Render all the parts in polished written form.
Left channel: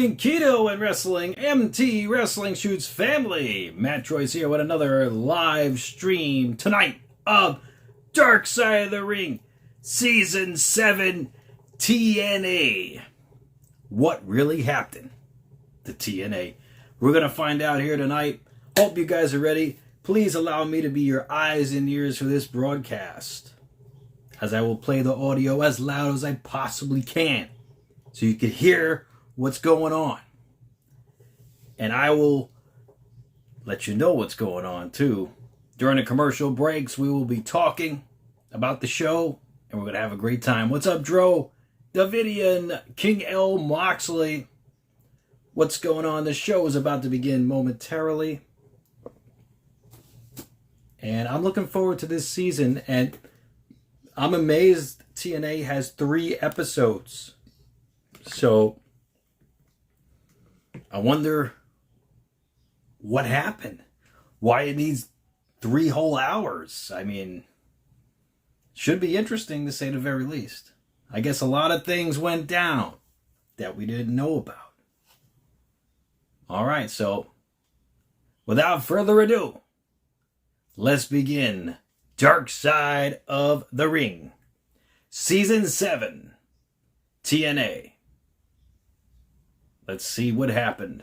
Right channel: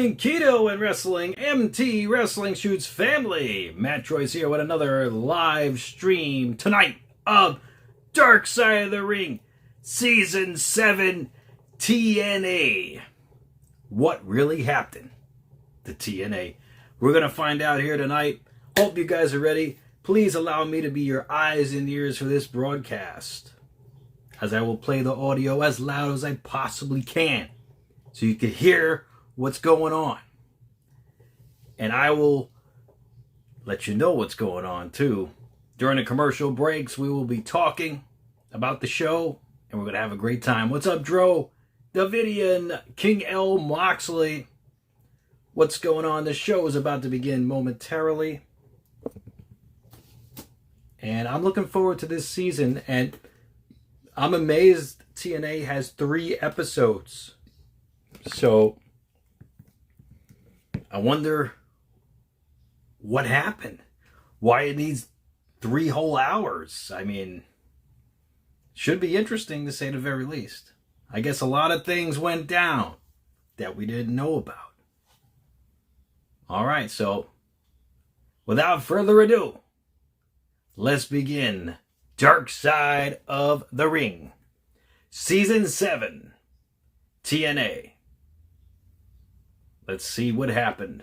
morning, Keto and Wrestling, MT Wrestling Shoots family. MATTROISE here with another live stream tonight of Dark Side of the Ring, Season 7 TNA. What really happened to TNA? We're going to find out here tonight. Hope you guys are ready. Please allow me to be your eyes and ears for this broadcast, as I will play the audio as loud as I possibly can, so you can hear what's going on. And I will let you know what's going on too. During the commercial breaks, we will be talking about the show, and we're going to have a great time. What's up, Dro? Davidian, King L. Moxley. What's going on? The show is about to begin momentarily. And I'm looking forward to this season, and I'm amazed TNA has 3 episodes. So I wonder what happened. Why it needs 3 whole hours. I mean, should be interesting to say the very least. I guess a lot of things went down that we didn't know about. All right, so without further ado, let's begin Dark Side of the Ring, Season 7 TNA. Let's see what happened.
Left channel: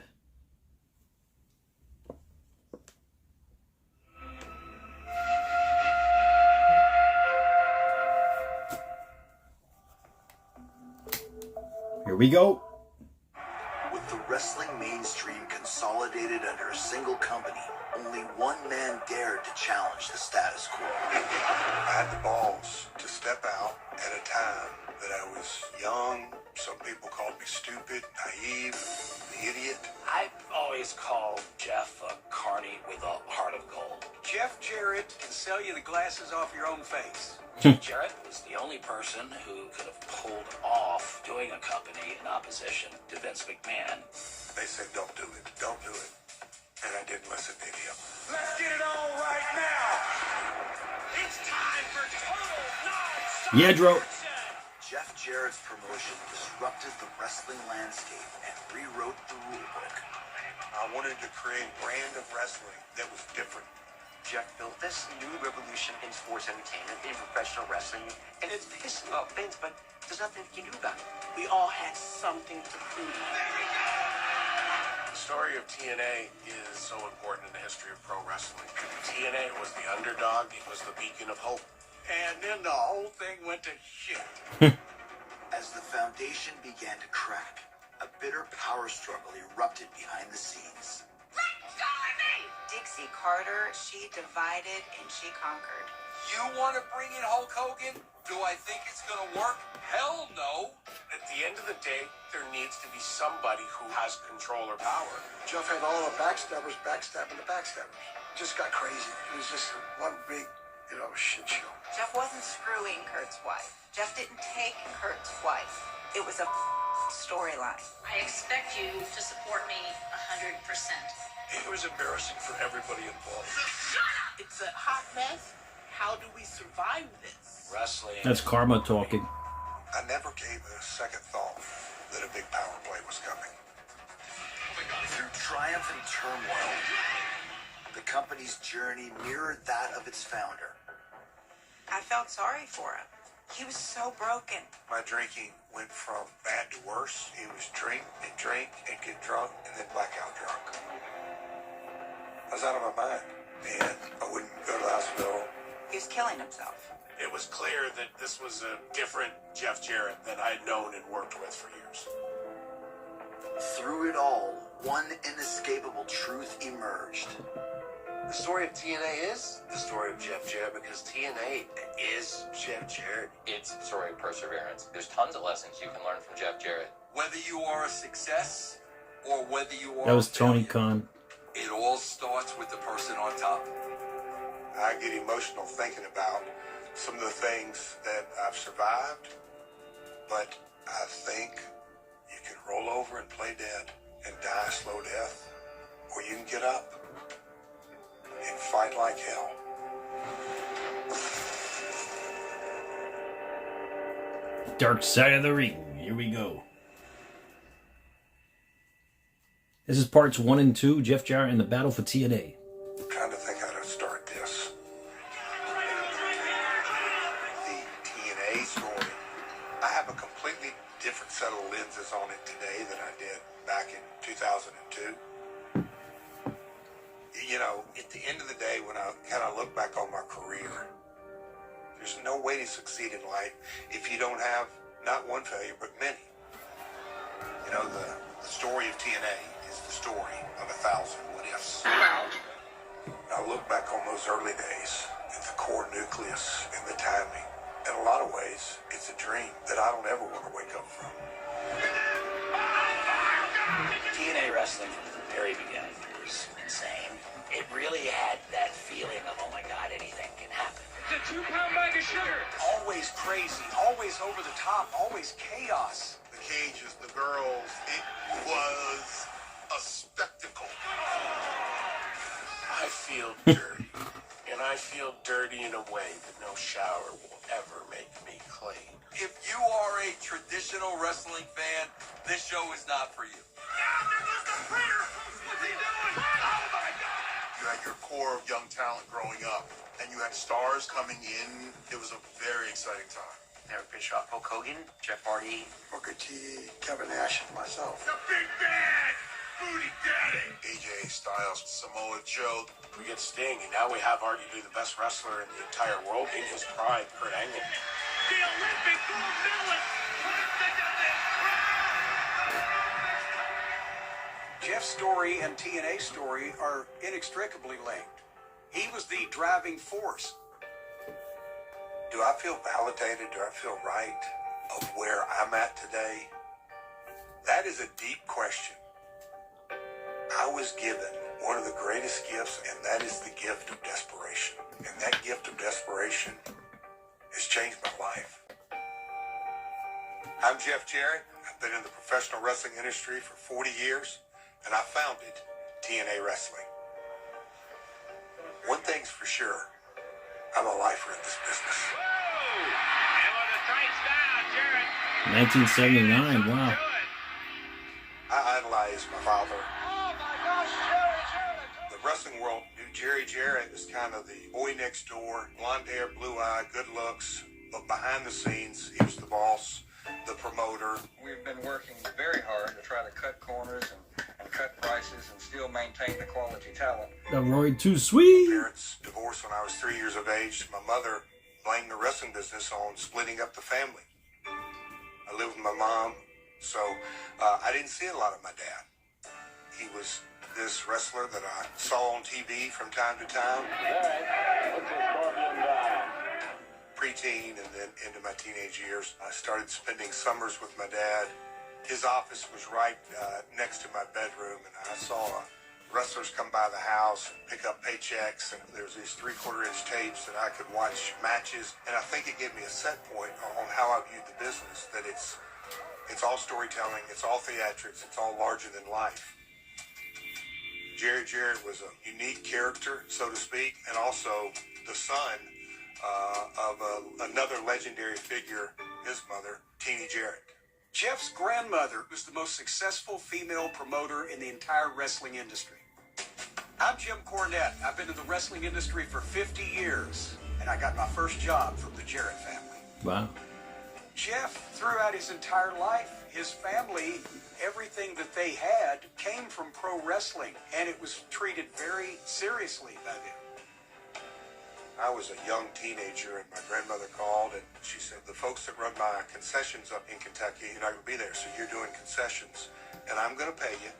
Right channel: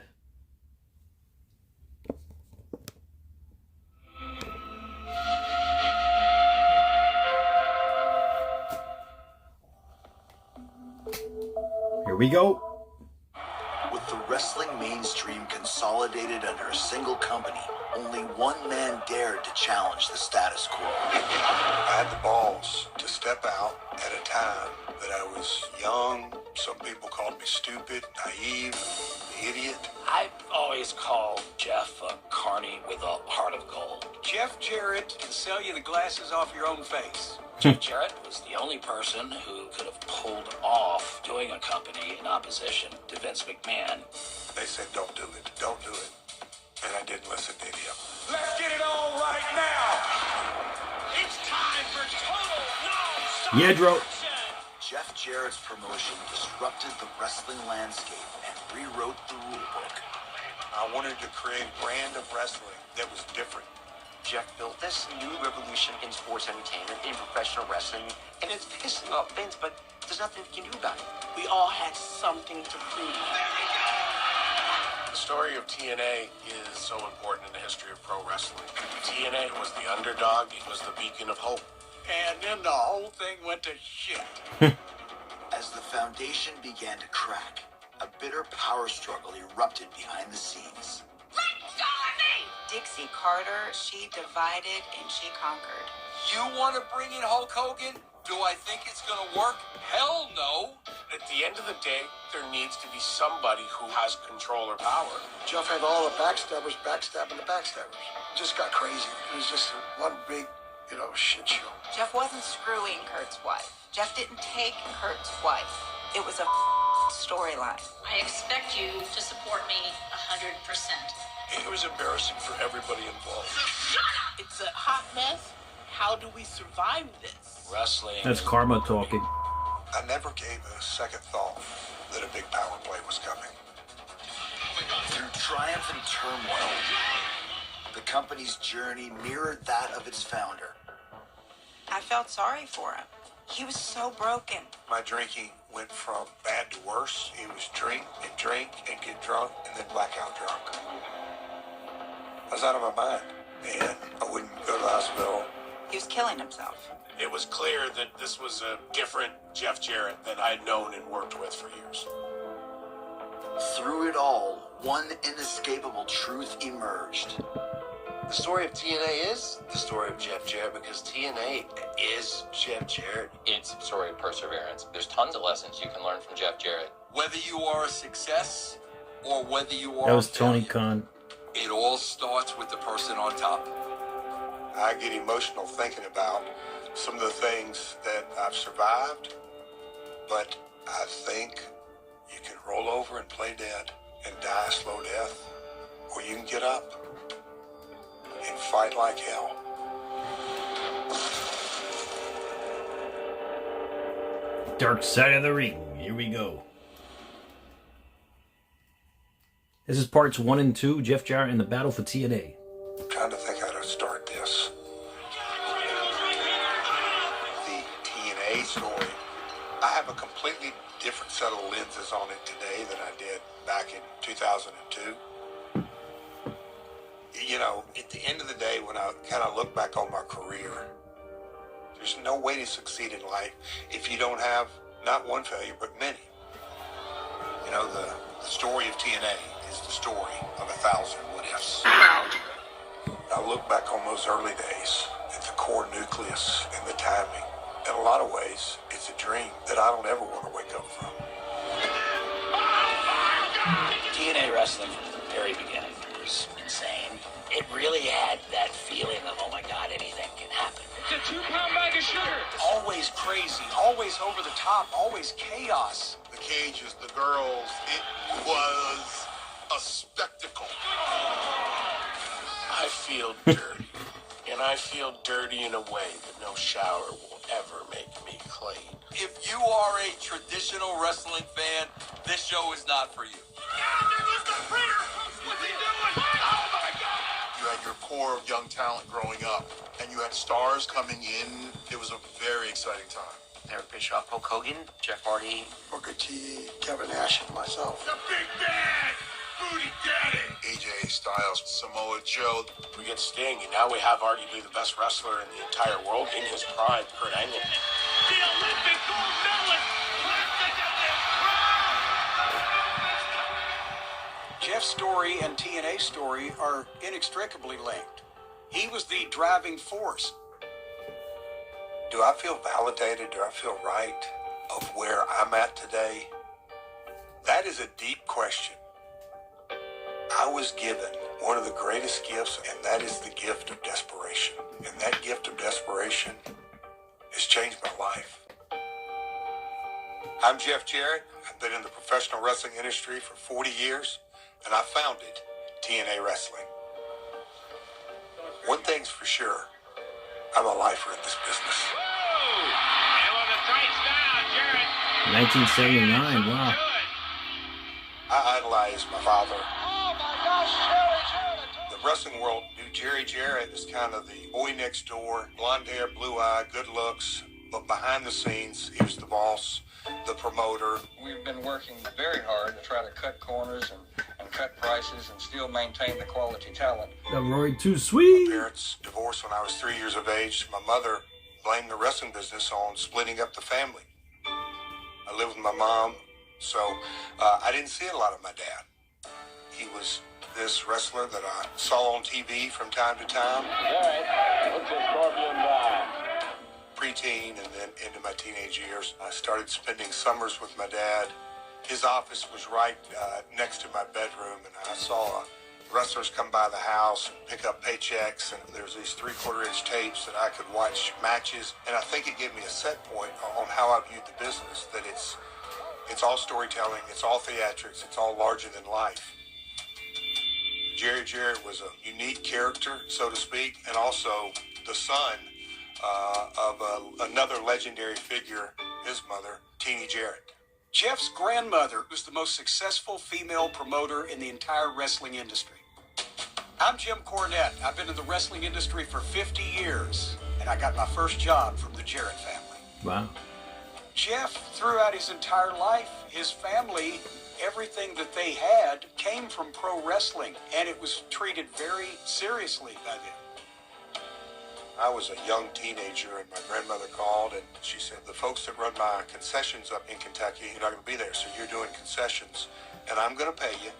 Here we go. With the wrestling mainstream consolidated under a single company, only one man dared to challenge the status quo. I had the balls to step out at a time that I was young. Some people called me stupid, naive, the idiot. I've always called Jeff a carny with a heart of gold. Jeff Jarrett can sell you the glasses off your own face. Jeff Jarrett was the only person who could have pulled off doing a company in opposition to Vince McMahon. They said, don't do it, don't do it. And I didn't listen to any of them. Let's get it on right now. It's time for total non-stop Yeah, Dro. action. Jeff Jarrett's promotion disrupted the wrestling landscape and rewrote the rulebook. I wanted to create a brand of wrestling that was different. Jeff built this new revolution in sports entertainment, in professional wrestling, and it's pissing off Vince, but there's nothing he can do about it. We all had something to prove. The story of TNA is so important in the history of pro wrestling. TNA was the underdog, it was the beacon of hope. And then the whole thing went to shit. As the foundation began to crack, a bitter power struggle erupted behind the scenes. Dixie Carter, she divided and she conquered. You want to bring in Hulk Hogan? Do I think it's going to work? Hell no. At the end of the day, there needs to be somebody who has control or power. Jeff had all the backstabbers backstabbing the backstabbers. It just got crazy. It was just one big, shit show. Jeff wasn't screwing Kurt's wife. Jeff didn't take Kurt's wife. It was a storyline. I expect you to support me 100%. It was embarrassing for everybody involved. It's a hot mess. How do we survive this? Wrestling. That's Karma talking. I never gave a second thought that a big power play was coming. Through triumph and turmoil, the company's journey mirrored that of its founder. I felt sorry for him. He was so broken. My drinking went from bad to worse. It was drink and get drunk and then blackout drunk. I was out of my mind, and I wouldn't go to the hospital. He was killing himself. It was clear that this was a different Jeff Jarrett that I'd known and worked with for years. Through it all, one inescapable truth emerged. The story of TNA is the story of Jeff Jarrett because TNA is Jeff Jarrett. It's a story of perseverance. There's tons of lessons you can learn from Jeff Jarrett. Whether you are a success or whether you are That was a Tony failure, Khan. it all starts with the person on top. I get emotional thinking about some of the things that I've survived, but I think you can roll over and play dead and die a slow death, or you can get up and fight like hell. Dark Side of the Ring. Here we go. This is parts 1 and 2, Jeff Jarrett and the battle for TNA. I'm trying to think how to start this. The TNA story, I have a completely different set of lenses on it today than I did back in 2002. You know, at the end of the day, when I kind of look back on my career, there's no way to succeed in life if you don't have not one failure, but many. You know, the story of TNA is the story of 1,000 what-ifs. I look back on those early days at the core nucleus and the timing. In a lot of ways, it's a dream that I don't ever want to wake up from. TNA wrestling from the very beginning was insane. It really had that feeling of, oh my God, anything can happen. It's a 2-pound bag of sugar. Always crazy, always over the top, always chaos. The cages, the girls, it was a spectacle. I feel dirty, and I feel dirty in a way that no shower will ever make me clean. If you are a traditional wrestling fan, this show is not for you. You had your core of young talent growing up, and you had stars coming in. It was a very exciting time. Eric Bischoff, Hulk Hogan, Jeff Hardy, Booker T, Kevin Nash, and myself. The Big Bad! Booty Daddy! AJ Styles, Samoa Joe. We get Sting, and now we have arguably the best wrestler in the entire world in his prime, Kurt Angle. The Olympic gold medalist! Jeff's story and TNA's story are inextricably linked. He was the driving force. Do I feel validated? Do I feel right of where I'm at today? That is a deep question. I was given one of the greatest gifts, and that is the gift of desperation. And that gift of desperation has changed my life. I'm Jeff Jarrett. I've been in the professional wrestling industry for 40 years, and I founded TNA Wrestling. One thing's for sure, I'm a lifer in this business. And when the sight's down, Jarrett. 1979, wow. I idolized my father. The wrestling world knew Jerry Jarrett as kind of the boy next door, blonde hair, blue eye, good looks, but behind the scenes, he was the boss, the promoter. We've been working very hard to try to cut corners and cut prices and still maintain the quality talent. The Roy Too Sweet. My parents divorced when I was 3 years of age. My mother blamed the wrestling business on splitting up the family. I lived with my mom, so I didn't see a lot of my dad. He was this wrestler that I saw on TV from time to time. Preteen and then into my teenage years, I started spending summers with my dad. His office was right next to my bedroom, and I saw wrestlers come by the house and pick up paychecks, and there's these 3/4-inch tapes that I could watch matches, and I think it gave me a set point on how I viewed the business, that it's all storytelling, it's all theatrics, it's all larger than life. Jerry Jarrett was a unique character, so to speak, and also the son of another legendary figure, his mother, Teenie Jarrett. Jeff's grandmother was the most successful female promoter in the entire wrestling industry. I'm Jim Cornette. I've been in the wrestling industry for 50 years, and I got my first job from the Jarrett family. Wow. Jeff, throughout his entire life, his family, everything that they had came from pro wrestling, and it was treated very seriously by them. I was a young teenager, and my grandmother called, and she said, the folks that run my concessions up in Kentucky, you're not going to be there, so you're doing concessions, and I'm going to pay you.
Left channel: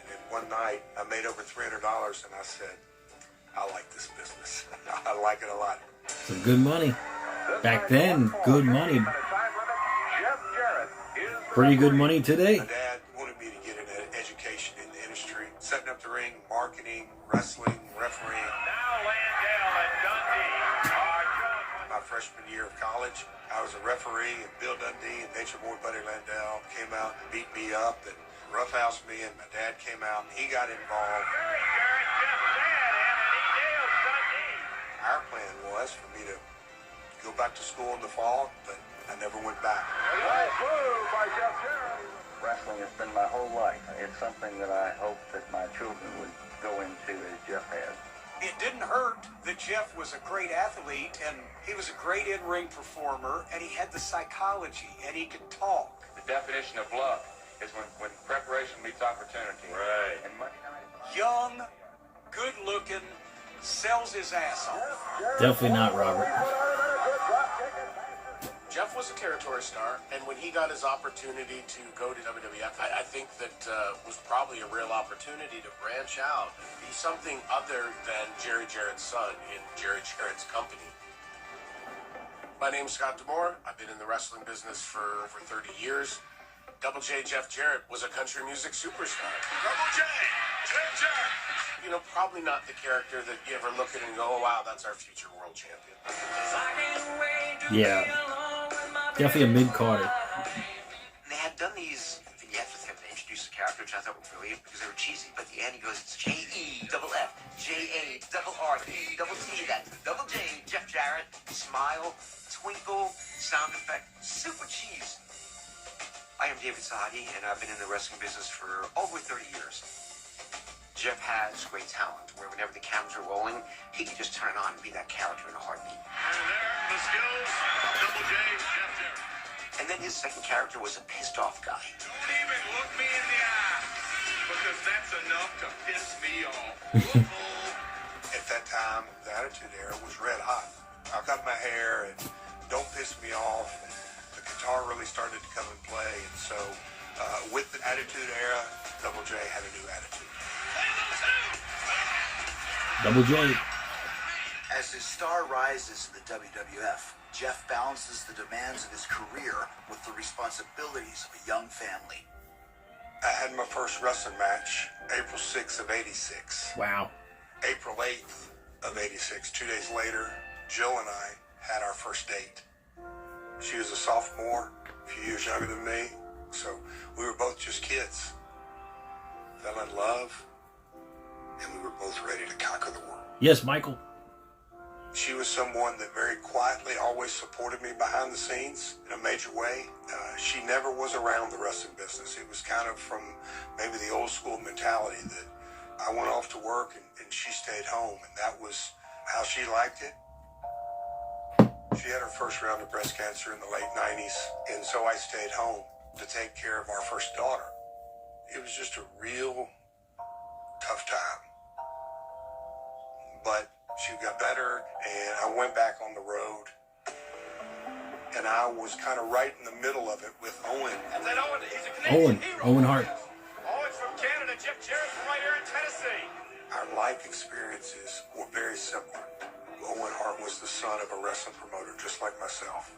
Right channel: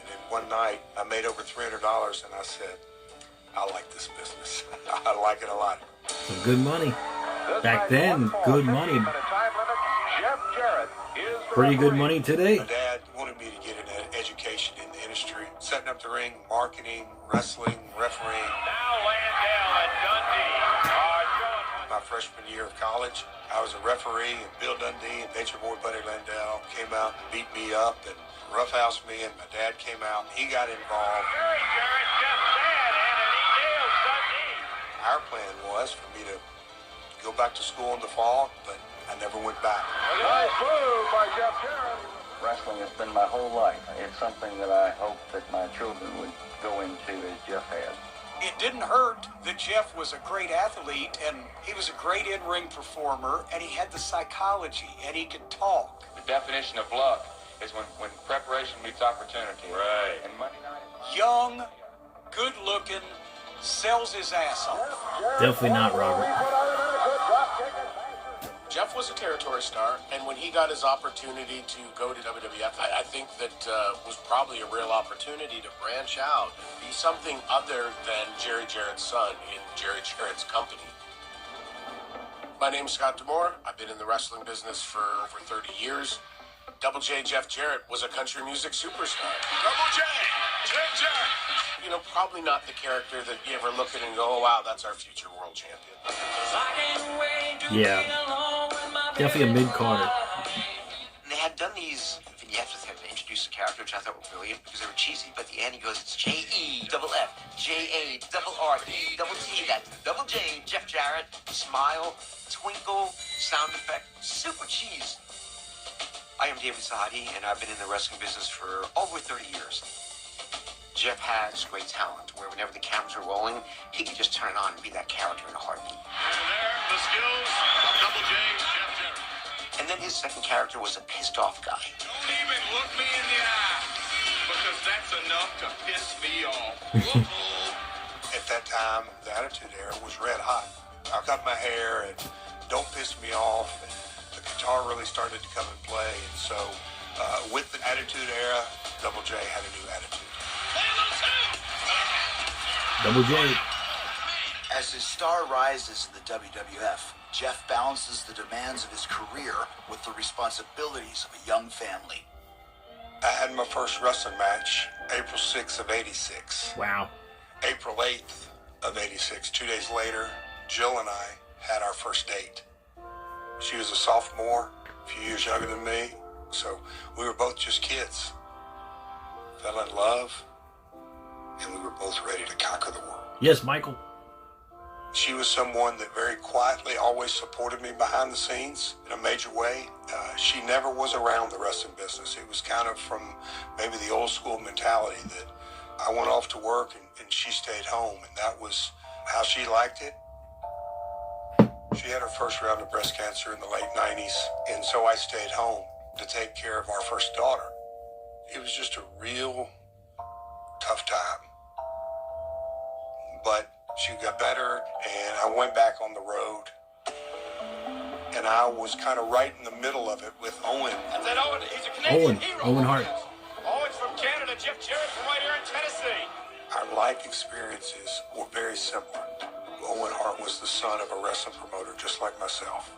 And then one night, I made over $300, and I said, I like this business. I like it a lot. Some good money. Back then, good money. Pretty good money today. My dad wanted me to get an education in the industry, setting up the ring, marketing, wrestling, refereeing. My freshman year of college, I was a referee, and Bill Dundee and Nature Boy Buddy Landell came out and beat me up and roughhoused me, and my dad came out and he got involved. Our plan was for me to go back to school in the fall, but I never went back. A nice move by Jeff Jarrett. Wrestling has been my whole life. It's something that I hope that my children would go into as Jeff has. It didn't hurt that Jeff was a great athlete, and he was a great in-ring performer, and he had the psychology, and he could talk. The definition of luck is when preparation meets opportunity. Right. And Monday night. Young, good-looking, sells his ass off. Definitely not Robert. Jeff was a territory star, and when he got his opportunity to go to WWF, I think that was probably a real opportunity to branch out and be something other than Jerry Jarrett's son in Jerry Jarrett's company. My name's Scott D'Amore. I've been in the wrestling business for over 30 years. Double J Jeff Jarrett was a country music superstar. Double J, Jeff Jarrett. You know, probably not the character that you ever look at and go, oh, wow, that's our future world champion. Yeah. Definitely a mid-carder. They had done these vignettes with him to introduce the character, which I thought were brilliant because they were cheesy. But at the end, he goes, it's J-E-double-F, J-A-double-R-E-double-T. That's Double J, Jeff Jarrett. Smile, twinkle, sound effect, super cheese. I am David Sahadi, and I've been in the wrestling business for over 30 years. Jeff has great talent, where whenever the cameras are rolling, he can just turn it on and be that character in a heartbeat. And there, the skills, Double J, Jeff Jarrett. And then his second character was a pissed-off guy. Don't even look me in the eye, because that's enough to piss me off. At that time, the Attitude Era was red hot. I cut my hair and Don't Piss Me Off, and the guitar really started to come in play. And so with the Attitude Era, Double J had a new attitude. Double J. As his star rises in the WWF, Jeff balances the demands of his career with the responsibilities of a young family. I had my first wrestling match April 6th of 86. Wow. April 8th of 86, 2 days later, Jill and I had our first date. She was a sophomore, a few years younger than me, so we were both just kids. Fell in love, and we were both ready to conquer the world. Yes, Michael. She was someone that very quietly always supported me behind the scenes in a major way. She never was around the wrestling business. It was kind of from maybe the old school mentality that I went off to work and she stayed home, and that was how she liked it. She had her first round of breast cancer in the late 90s, and so I stayed home to take care of our first daughter. It was just a real tough time. But she got better, and I went back on the road. And I was kind of right in the middle of it with Owen. And then Owen, he's a Canadian hero. Owen Hart. Owen's from Canada, Jeff Jarrett from right here in Tennessee. Our life experiences were very simple. Owen Hart was the son of a wrestling promoter, just like myself.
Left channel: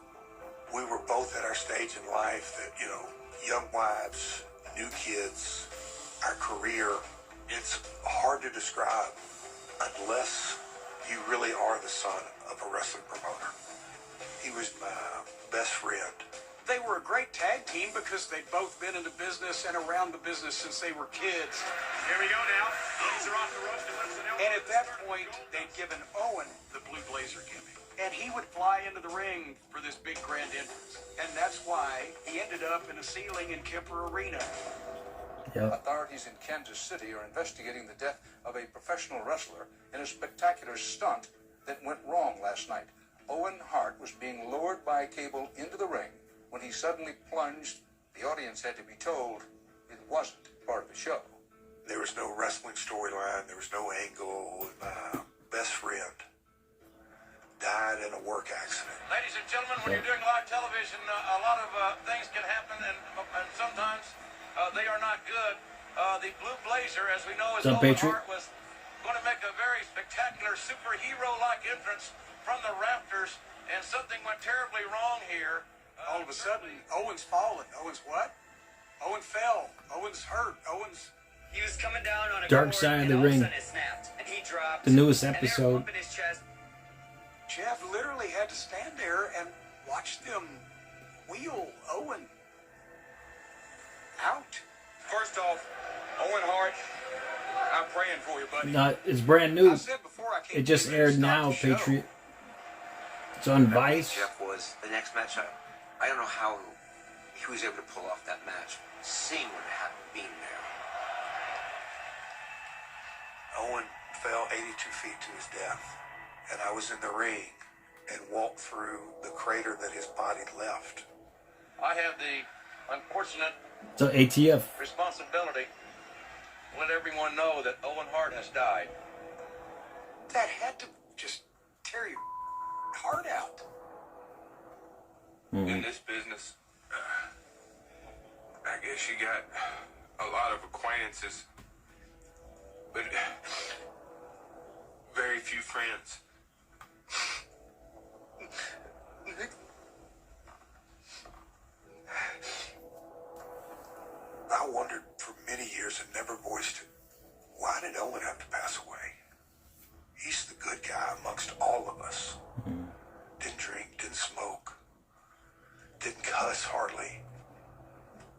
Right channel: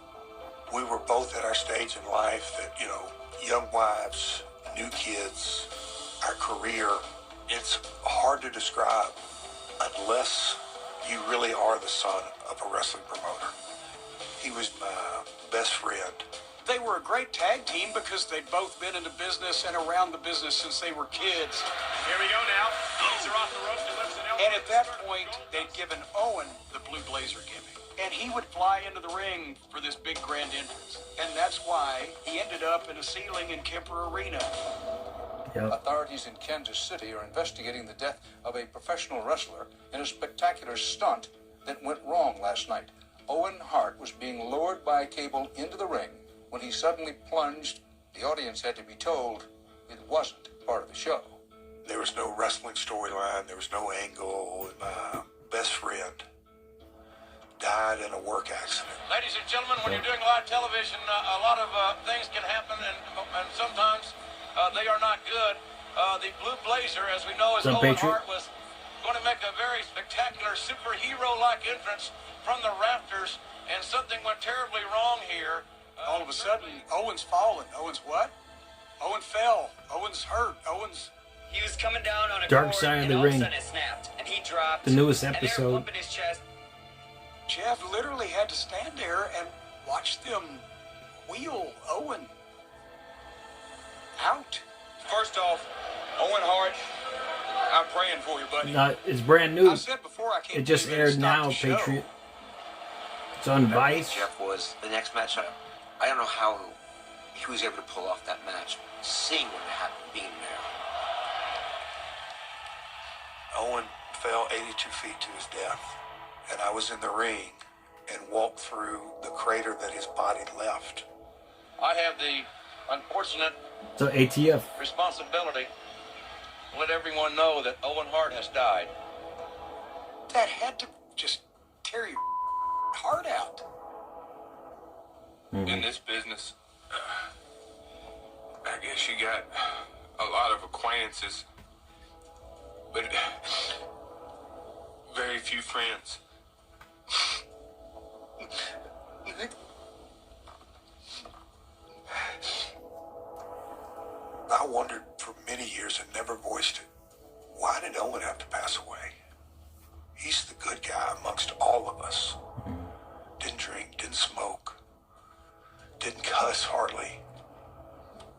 We were both at our stage in life that, you know, young wives, new kids, our career. It's hard to describe unless you really are the son of a wrestling promoter. He was my best friend. They were a great tag team because they'd both been in the business and around the business since they were kids. Here we go now. These are off the ropes. And at that point, they'd given Owen the blue blazer gimmick. And he would fly into the ring for this big grand entrance. And that's why he ended up in a ceiling in Kemper Arena. Yep. Authorities in Kansas City are investigating the death of a professional wrestler in a spectacular stunt that went wrong last night. Owen Hart was being lowered by a cable into the ring. When he suddenly plunged, the audience had to be told it wasn't part of the show. There was no wrestling storyline. There was no angle. My best friend died in a work accident. Ladies and gentlemen, when you're doing live television, a lot of things can happen, and sometimes they are not good. The blue blazer, as we know, is Owen Hart, was going to make a very spectacular superhero-like entrance from the rafters, and something went terribly wrong here. All of a sudden, Owen's fallen. Owen's what? Owen fell. Owen's hurt. Owen's... He was coming down on a Dark Side of the Ring. Snapped, and he dropped, the newest episode. Jeff literally had to stand there and watch them wheel Owen out. First off, Owen Hart, I'm praying for you, buddy. No, it's brand new. It just aired now, Patriot. It's on Vice. Jeff was the next match. I don't know how he was able to pull off that match, seeing what happened, being there. Owen fell 82 feet to his death, and I was in the ring and walked through the crater that his body left. I have the unfortunate So ATF. responsibility to let everyone know that Owen Hart has died. That had to just tear your heart out. In this business, I guess you got a lot of acquaintances, but very few friends. I wondered for many years and never voiced it. Why did Owen have to pass away? He's the good guy amongst all of us. Didn't drink, didn't smoke, didn't cuss hardly.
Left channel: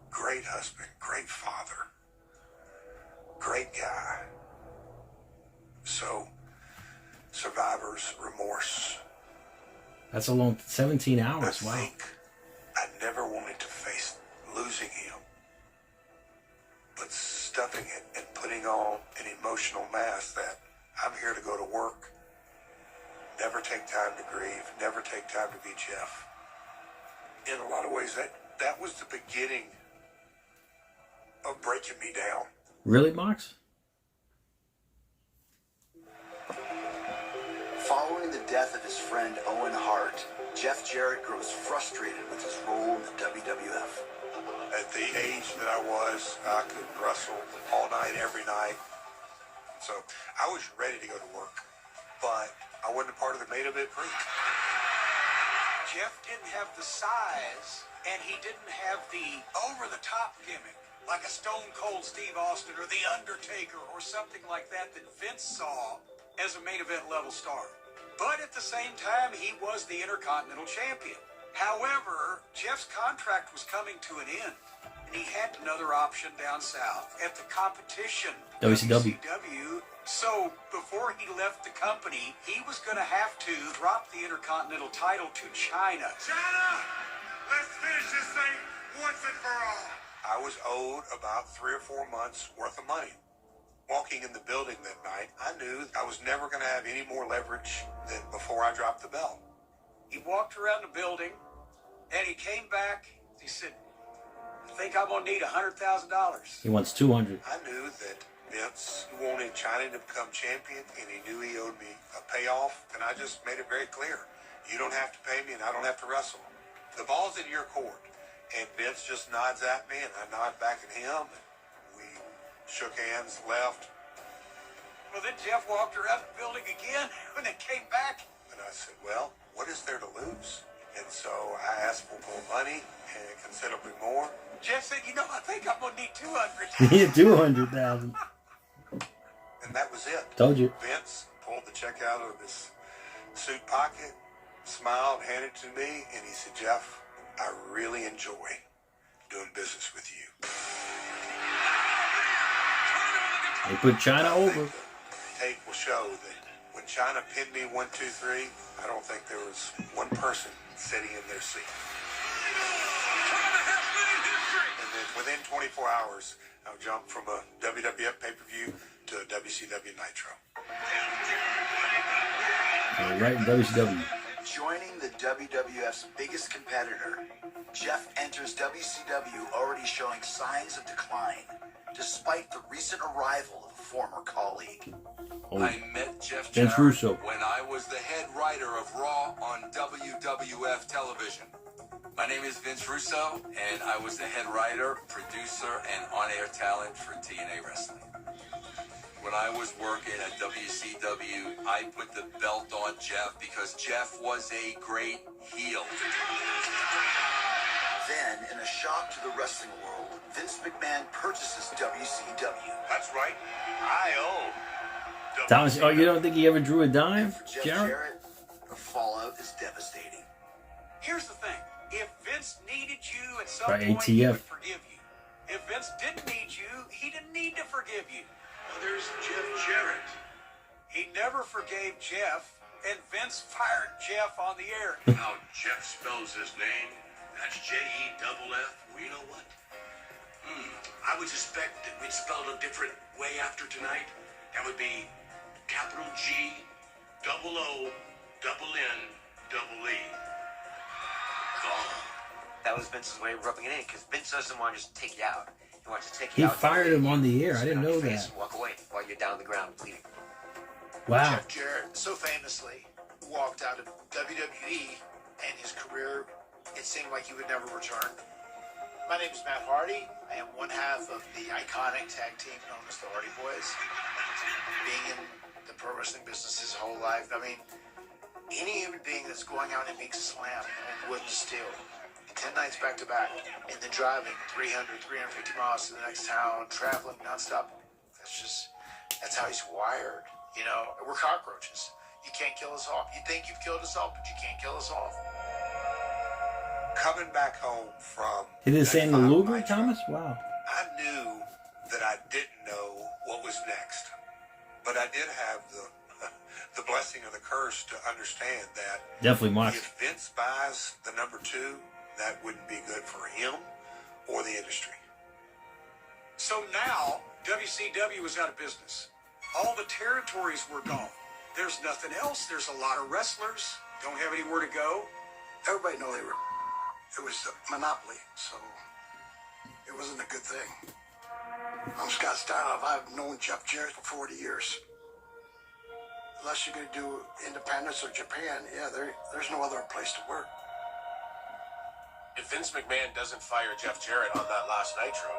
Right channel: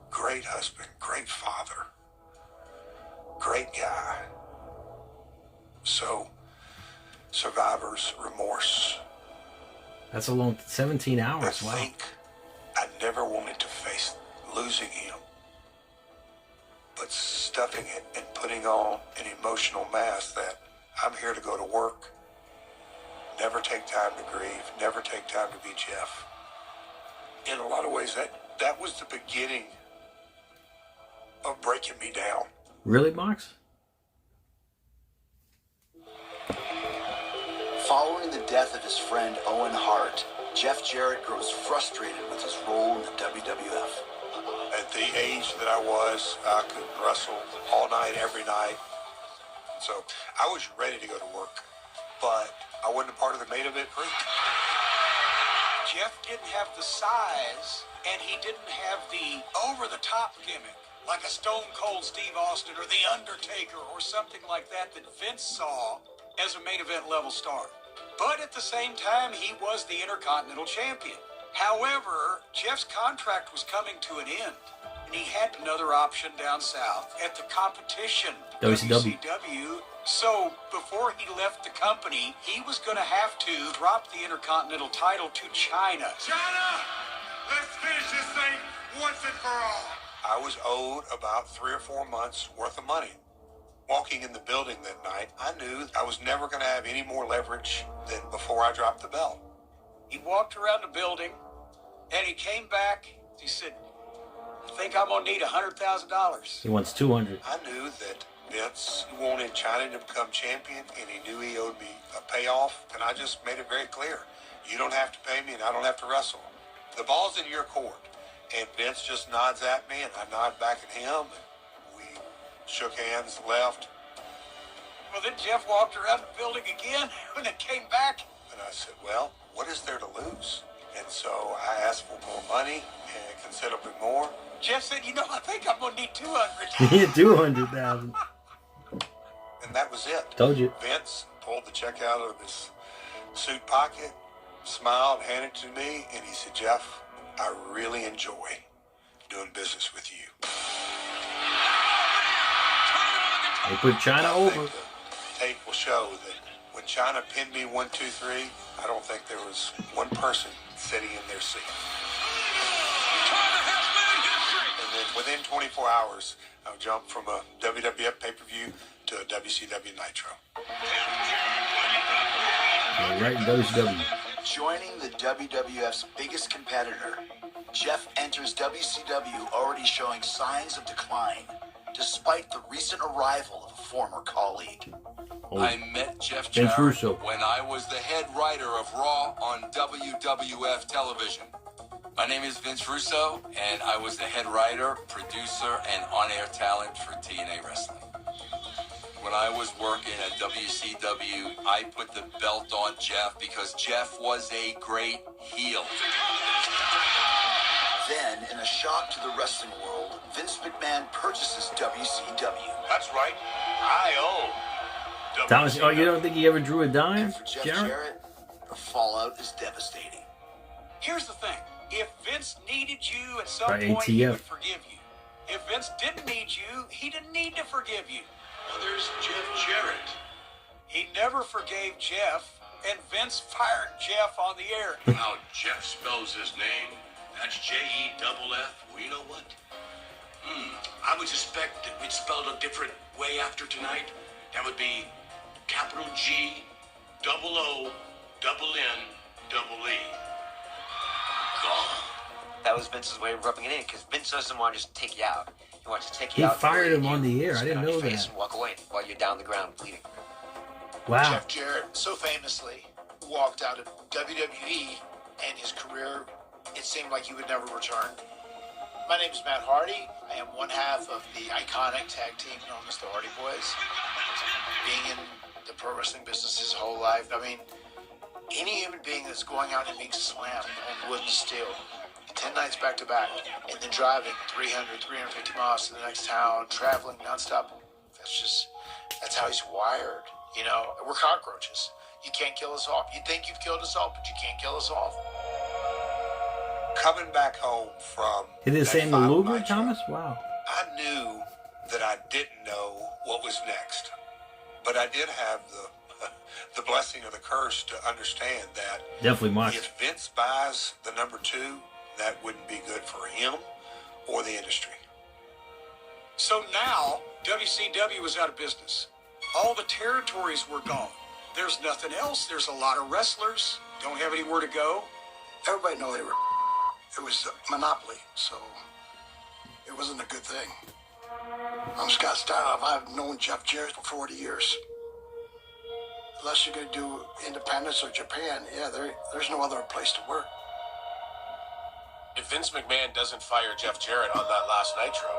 Great husband, great father, great guy. So, survivor's remorse. That's a long 17 hours. I Wow. think I never wanted to face losing him. But stuffing it and putting on an emotional mask that I'm here to go to work. Never take time to grieve. Never take time to be Jeff. In a lot of ways, that was the beginning of breaking me down. Really, Mox? Following the death of his friend Owen Hart, Jeff Jarrett grows frustrated with his role in the WWF. At the age that I was, I could wrestle all night, every night. So I was ready to go to work, but I wasn't a part of the main event group. Jeff didn't have the size, and he didn't have the over-the-top gimmick, like a Stone Cold Steve Austin or The Undertaker or something like that Vince saw as a main event level star. But at the same time, he was the Intercontinental Champion. However, Jeff's contract was coming to an end, and he had another option down south at the competition, WCW. So before he left the company, he was going to have to drop the Intercontinental title to China. China, let's finish this thing once and for all. I was owed about 3 or 4 months worth of money. Walking in the building that night, I knew I was never going to have any more leverage than before I dropped the belt. He walked around the building, and he came back. He said, I think I'm going to need $100,000. He wants 200. I knew that Vince wanted China to become champion, and he knew he owed me a payoff, and I just made it very clear. You don't have to pay me, and I don't have to wrestle. The ball's in your court. And Vince just nods at me, and I nod back at him, and we shook hands, left. Well, then Jeff walked around the building again, and then came back. And I said, well, what is there to lose? And so I asked for more money and considerably more. Jeff said, you know, I think I'm going to need $200,000. Yeah, 200,000. And that was it. Told you. Vince pulled the check out of his suit pocket, smiled, handed it to me, and he said, Jeff, I really enjoy doing business with you. They put China over. Tape will show that when China pinned me 1, 2, 3, I don't think there was one person sitting in their seat. And then within 24 hours, I jumped from a WWF pay-per-view to a WCW Nitro. Yeah, right in WCW. Joining the WWF's biggest competitor, Jeff enters WCW already showing signs of decline, despite the recent arrival of a former colleague. I met Jeff Vince Jarrett Russo. when I was the head writer of Raw on WWF television. My name is Vince Russo, and I was the head writer, producer, and on-air talent for TNA Wrestling. When I was working at WCW, I put the belt on Jeff because Jeff was a great heel. Then, in a shock to the wrestling world, Vince McMahon purchases WCW. That's right. I own Thomas, oh, you don't think he ever drew a dime, For Jeff Jarrett? Jarrett, the fallout is devastating. Here's the thing. If Vince needed you at some By point, he ATF. would forgive you. If Vince didn't need you, he didn't need to forgive you. Well, there's Jeff Jarrett. He never forgave Jeff, and Vince fired Jeff on the air. How Jeff spells his name, That's J-E-F-F. Well, you know what? I would suspect that we'd spell it a different way after tonight. That would be capital G, double O, double N, double E. Gone. That was Vince's way of rubbing it in, because Vince doesn't want to just take you out. He wants to take you He out. fired him on the air. I didn't know that. And walk away while you're down the ground bleeding. Wow. Jeff Jarrett so famously walked out of WWE, and his career, it seemed like he would never return. My name is Matt Hardy. I am one half of the iconic tag team known as the Hardy Boys. Being in the pro wrestling business his whole life, I mean, any human being that's going out and being slammed on wood and steel 10 nights back to back, and then driving 300, 350 miles to the next town, traveling nonstop, that's how he's wired. You know, we're cockroaches. You can't kill us off. You think you've killed us off, but you can't kill us off. Coming back home from... It is Sam the Luger, Thomas? Wow. I knew that I didn't know what was next. But I did have the blessing or the curse to understand that... Definitely Mox. If Vince buys the number 2, that wouldn't be good for him or the industry. So now, WCW was out of business. All the territories were gone. There's nothing else. There's a lot of wrestlers. Don't have anywhere to go. Everybody knew it was a monopoly, so it wasn't a good thing. I'm Scott Styles. I've known Jeff Jarrett for 40 years. Unless you're going to do independence or Japan, yeah, there's no other place to work. If Vince McMahon doesn't fire Jeff Jarrett on that last Nitro,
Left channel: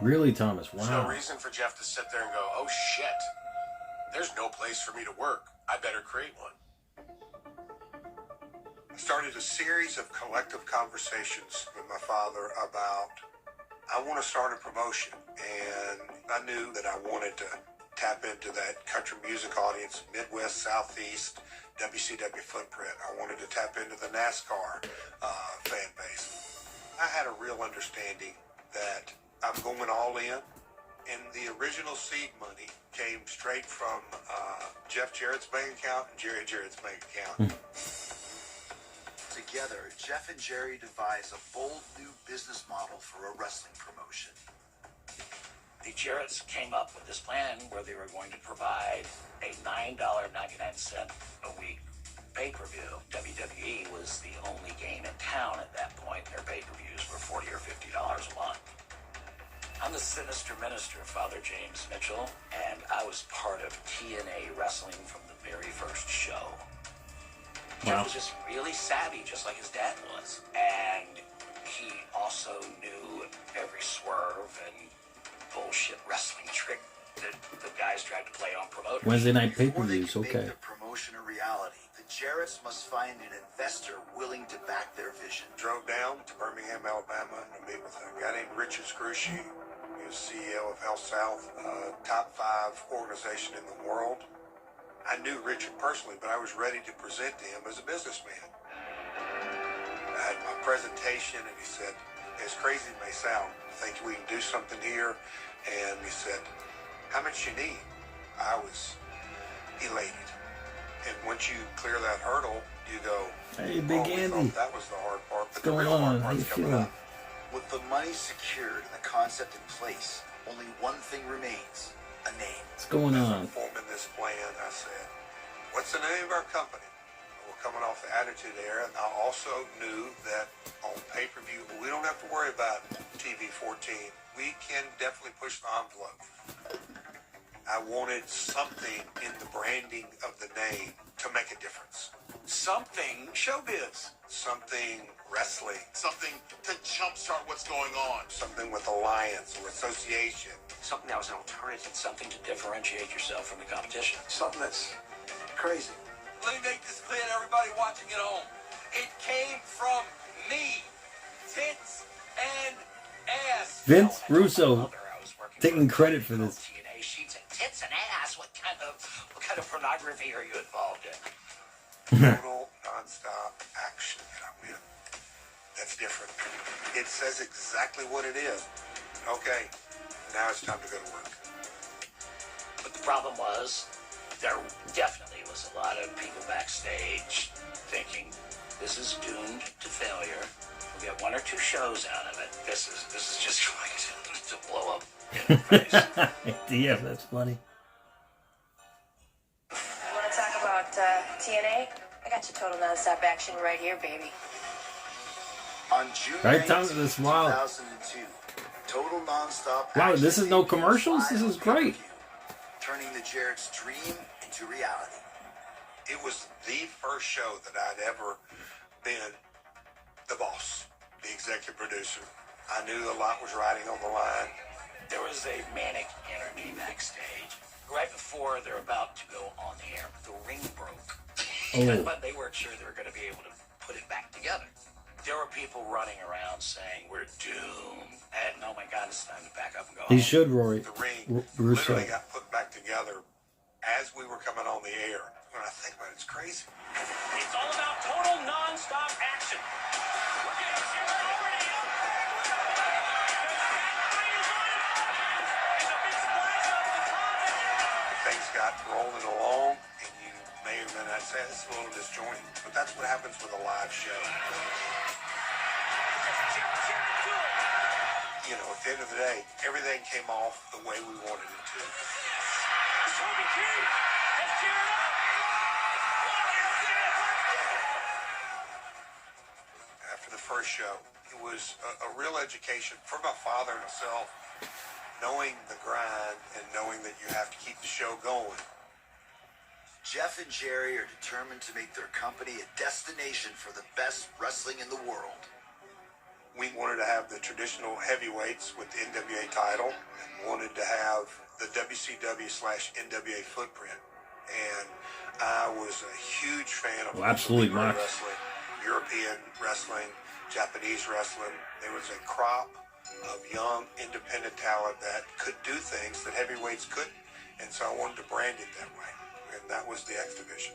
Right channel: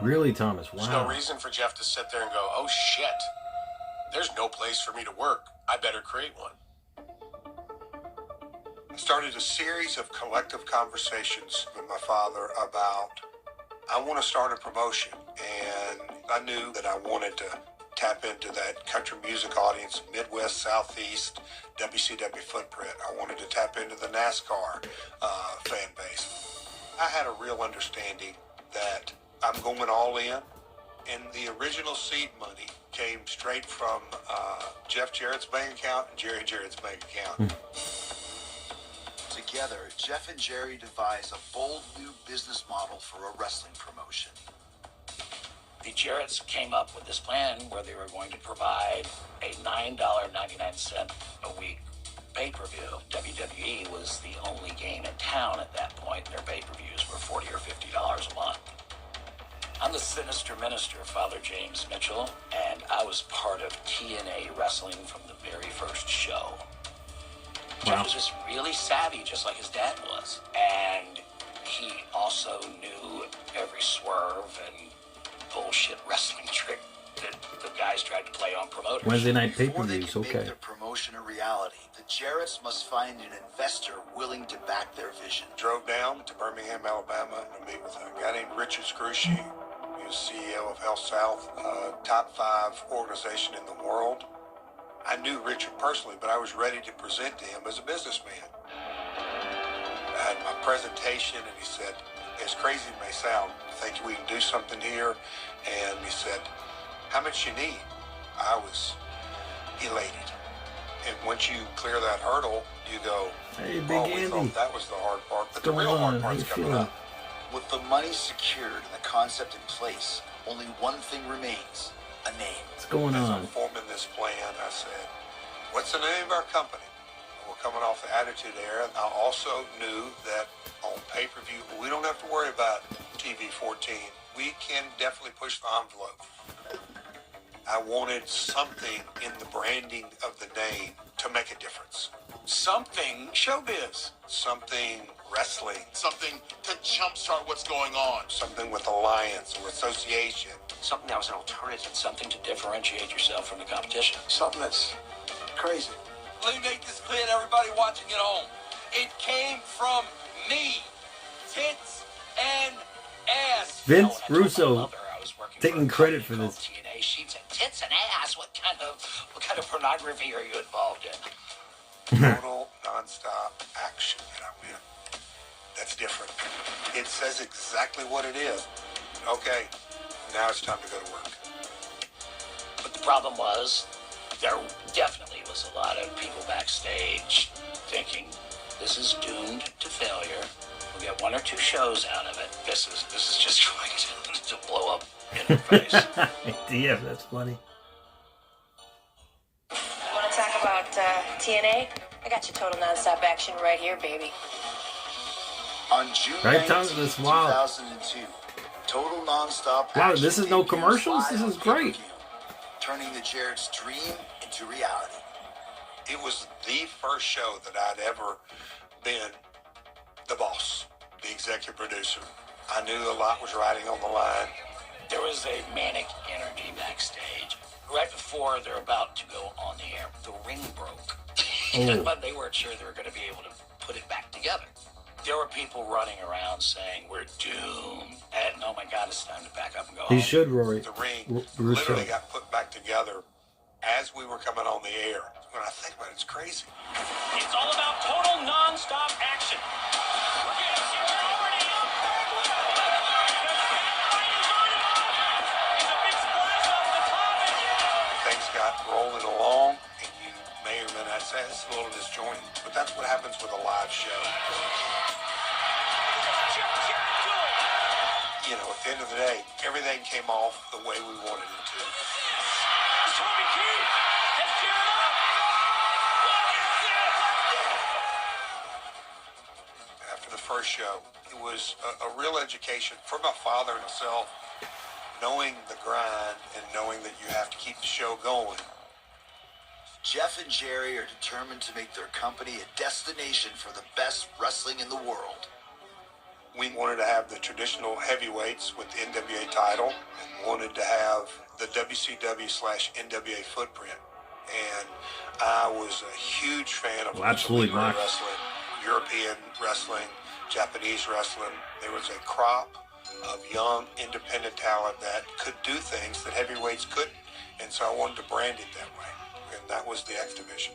Really, Thomas? there's no Wow. reason for Jeff to sit there and go, oh shit, there's no place for me to work. I better create one. I started a series of collective conversations with my father about, I want to start a promotion. And I knew that I wanted to tap into that country music audience, Midwest, Southeast, WCW footprint. I wanted to tap into the NASCAR fan base. I had a real understanding that I'm going all in, and the original seed money came straight from Jeff Jarrett's bank account and Jerry Jarrett's bank account. Together, Jeff and Jerry devise a bold new business model for a wrestling promotion. The Jarretts came up with this plan where they were going to provide a $9.99 a week pay-per-view. WWE was the only game in town at that point. Their pay-per-views were $40 or $50 a month. I'm the sinister minister, Father James Mitchell, and I was part of TNA Wrestling from the very first show. Wow. Jeff was just really savvy, just like his dad was. And he also knew every swerve and bullshit wrestling trick that the guys tried to play on promoters. Wednesday night Before they pay-per-views, can make okay. their promotion a reality, the Jarretts must find an investor willing to back their vision. Drove down to Birmingham, Alabama to meet with a guy named Richard Scrushy. He was CEO of Health South, top 5 organization in the world. I knew Richard personally, but I was ready to present to him as a businessman. I had my presentation, and he said, as crazy as it may sound, I think we can do something here. And he said, how much you need? I was elated. And once you clear that hurdle, you go, Hey, Big oh, we Andy. thought that was the hard part. What's going on? How you feeling? With the money secured and the concept in place, only one thing remains: a name. What's going on? Forming this plan, I said, what's the name of our company? We're coming off the Attitude Era. I also knew that on pay-per-view, we don't have to worry about TV 14. We can definitely push the envelope. I wanted something in the branding of the name to make a difference. Something showbiz. Something wrestling. Something to jumpstart what's going on. Something with alliance or association. Something that was an alternative, something to differentiate yourself from the competition. Something that's crazy. Let me make this clear to everybody watching at home. It came from me. Tits and ass. Vince Russo taking credit for this. TNA sheets and tits and ass. What kind of pornography are you involved in? Total, non-stop action. You know, that's different. It says exactly what it is. Okay, now it's time to go to work. But the problem was, there definitely was a lot of people backstage thinking, this is doomed to failure. We'll get 1 or 2 shows out of it. This is just going to blow up in the face. Yeah, that's funny. Want to talk about TNA? I got your total nonstop action right here, baby. On June Right, 19th, this wow. 2002, total nonstop Wow, action this is no debuts commercials. This live is on great. pay-per-view, turning the Jarrett's dream into reality. It was the first show that I'd ever been the boss, the executive producer. I knew a lot was riding on the line. There was a manic energy backstage. Right before they're about to go on the air, the ring broke. Oh. But they weren't sure they were going to be able to put it back together. There were people running around saying, we're doomed. And oh my God, it's time to back up and go He home. should, Rory. The ring Russo. literally got put back together as we were coming on the air. When I think about it, it's crazy. It's all about total non-stop action. Things got rolling along, and you may or may not say it's a little disjointed, but that's what happens with a live show. You know, at the end of the day, everything came off the way we wanted it to. After the first show, it was a real education for my father and myself, knowing the grind and knowing that you have to keep the show going. Jeff and Jerry are determined to make their company a destination for the best wrestling in the world. We wanted to have the traditional heavyweights with the NWA title and wanted to have the WCW/NWA footprint. And I was a huge fan of Absolutely, Mark. wrestling, European wrestling, Japanese wrestling. There was a crop of young, independent talent that could do things that heavyweights couldn't. And so I wanted to brand it that way. And that was the X Division.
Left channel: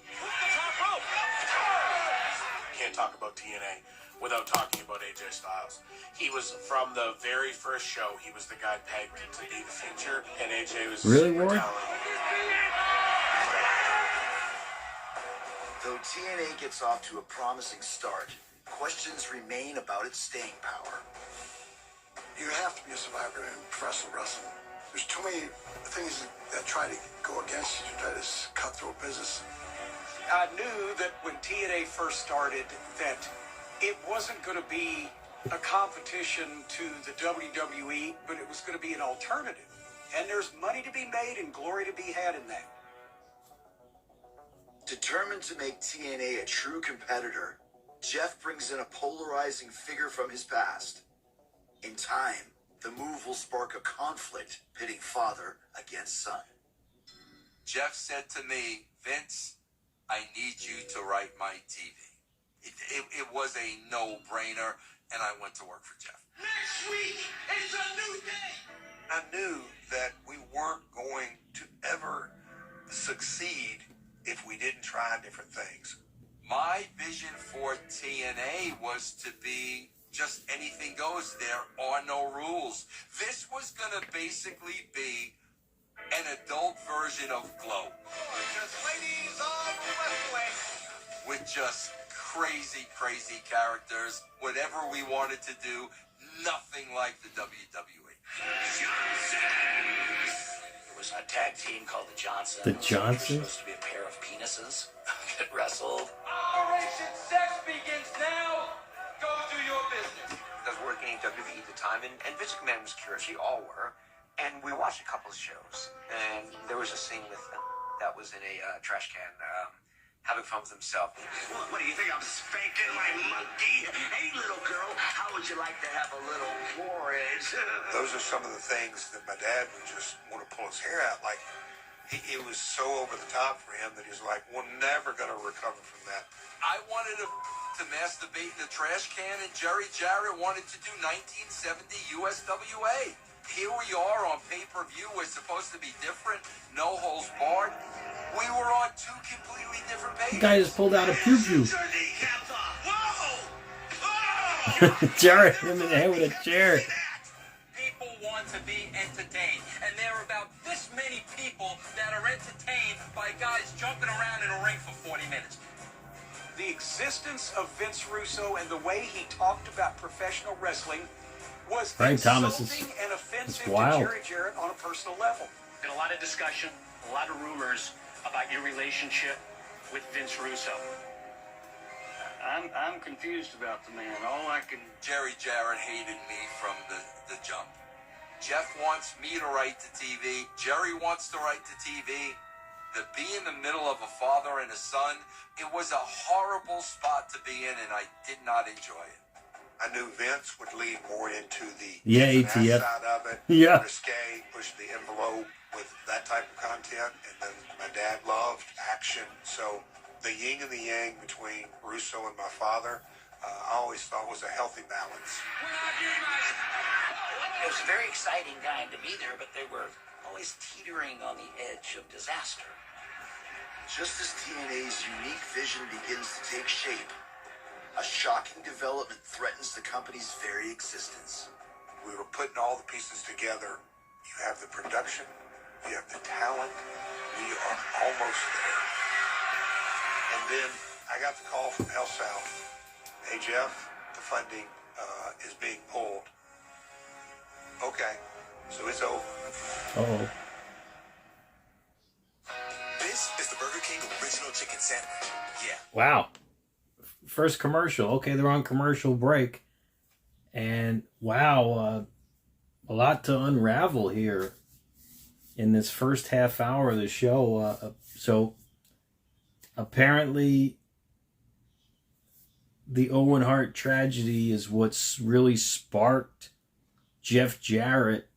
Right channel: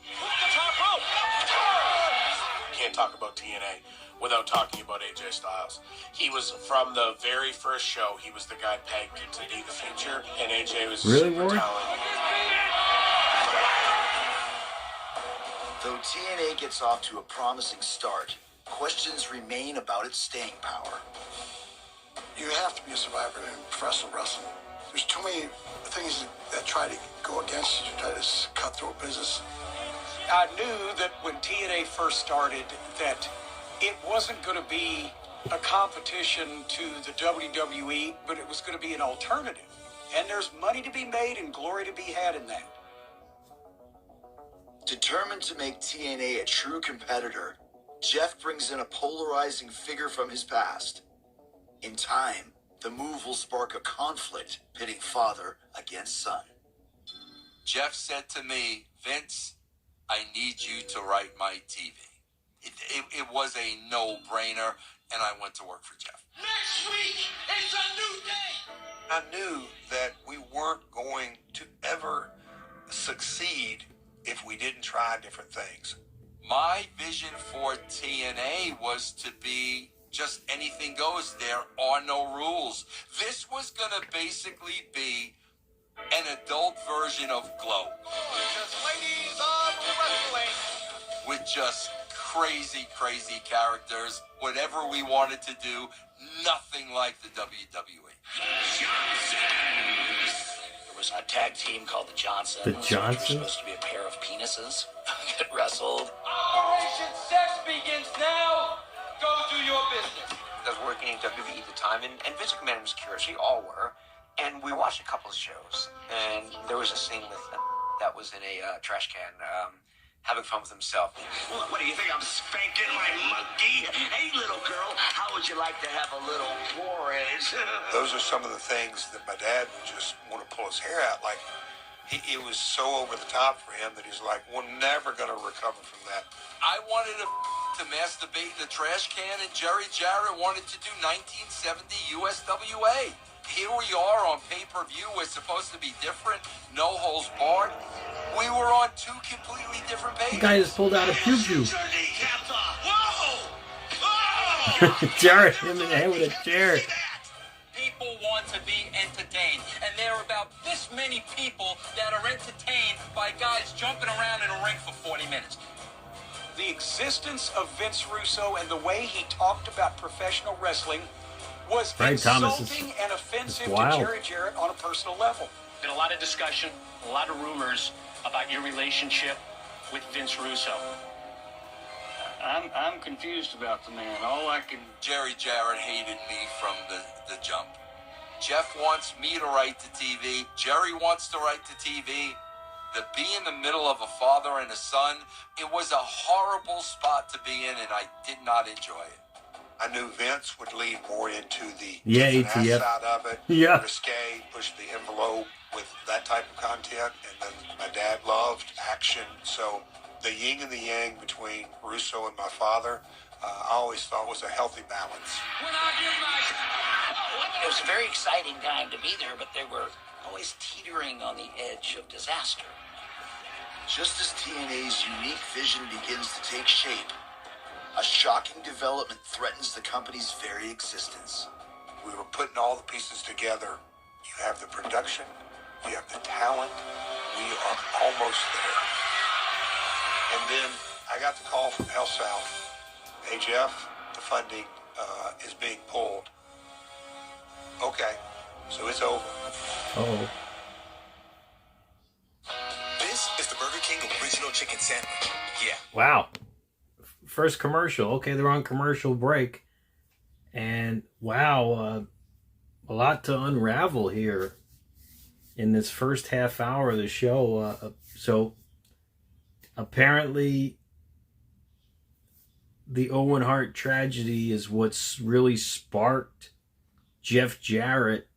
Can't talk about TNA without talking about AJ Styles. He was, from the very first show, he was the guy pegged to be the future, and AJ was Really, super Rory? talented. Though TNA gets off to a promising start, questions remain about its staying power. You have to be a survivor in professional wrestling. There's too many things that try to go against you, try to cut through a business. I knew that when TNA first started that it wasn't going to be a competition to the WWE, but it was going to be an alternative. And there's money to be made and glory to be had in that. Determined to make TNA a true competitor, Jeff brings in a polarizing figure from his past. In time, the move will spark a conflict pitting father against son. Jeff said to me, Vince, I need you to write my TV. It was a no-brainer, and I went to work for Jeff. Next week, it's a new day. I knew that we weren't going to ever succeed if we didn't try different things. My vision for TNA was to be just anything goes. There are no rules. This was going to basically be an adult version of Glow. Ladies of wrestling. With just crazy, crazy characters. Whatever we wanted to do, nothing like the WWE. There was a tag team called the Johnsons. The Johnsons? Which was supposed to be a pair of penises that wrestled. Operation Sex begins now. Go do your business. I was working in WWE at the time, and Vince McMahon was curious. We all were. And we watched a couple of shows, and there was a scene with them that was in a trash can, having fun with himself. What do you think? I'm spanking my monkey? Hey, little girl, how would you like to have a little porridge? Those are some of the things that my dad would just want to pull his hair out. Like, it was so over the top for him that he's like, we're never going to recover from that. I wanted to masturbate in the trash can, and Jarrett wanted to do 1970 USWA. Here we are on pay-per-view. We're supposed to be different. No holds barred. We were on two completely different pages. The guy just pulled out a pew-pew. Jarrett hit him in the head with a chair. People want to be entertained, and there are about this many people that are entertained by guys jumping around in a ring for 40 minutes. the existence of Vince Russo and the way he talked about professional wrestling was insulting and offensive to Jerry Jarrett on a personal level. Been a lot of discussion, a lot of rumors about your relationship with Vince Russo. I'm confused about the man. Jerry Jarrett hated me from the jump. Jeff wants me to write to TV. Jerry wants to write to TV. To be in the middle of a father and a son, it was a horrible spot to be in, and I did not enjoy it. I knew Vince would lead more into the ATF side of it, risque, push the envelope with that type of content, and then my dad loved action. So the yin and the yang between Russo and my father, I always thought was a healthy balance. It was a very exciting time to be there, but they were always teetering on the edge of disaster. Just as TNA's unique vision begins to take shape, a shocking development threatens the company's very existence. We were putting all the pieces together. You have the production, you have the talent, we are almost there. And then I got the call from El South. Hey Jeff, the funding is being pulled. Okay, so it's over. Uh-oh. This is the Burger King original chicken sandwich. Yeah. Wow. First commercial. Okay, they're on commercial break. And wow, a lot to unravel here in this first half hour of the show. So apparently the Owen Hart tragedy is what's really sparked Jeff Jarrett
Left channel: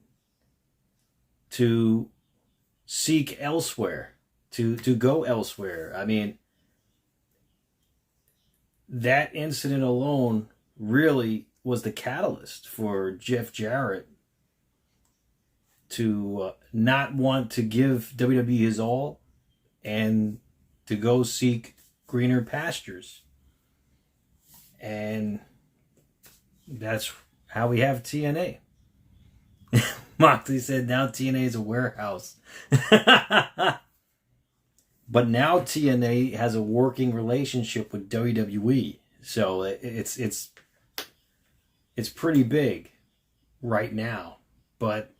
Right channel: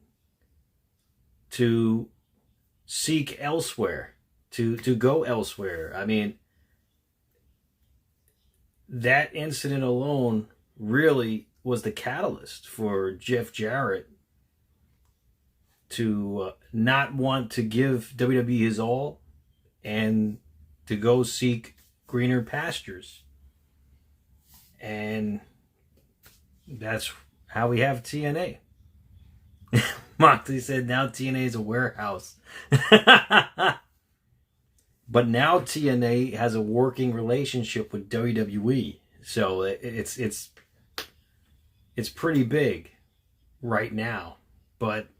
to seek elsewhere, to go elsewhere. I mean, that incident alone really was the catalyst for Jeff Jarrett to not want to give WWE his all and to go seek greener pastures. And that's how we have TNA. Moxley said now TNA is a warehouse. But now TNA has a working relationship with WWE. So it's pretty big right now. But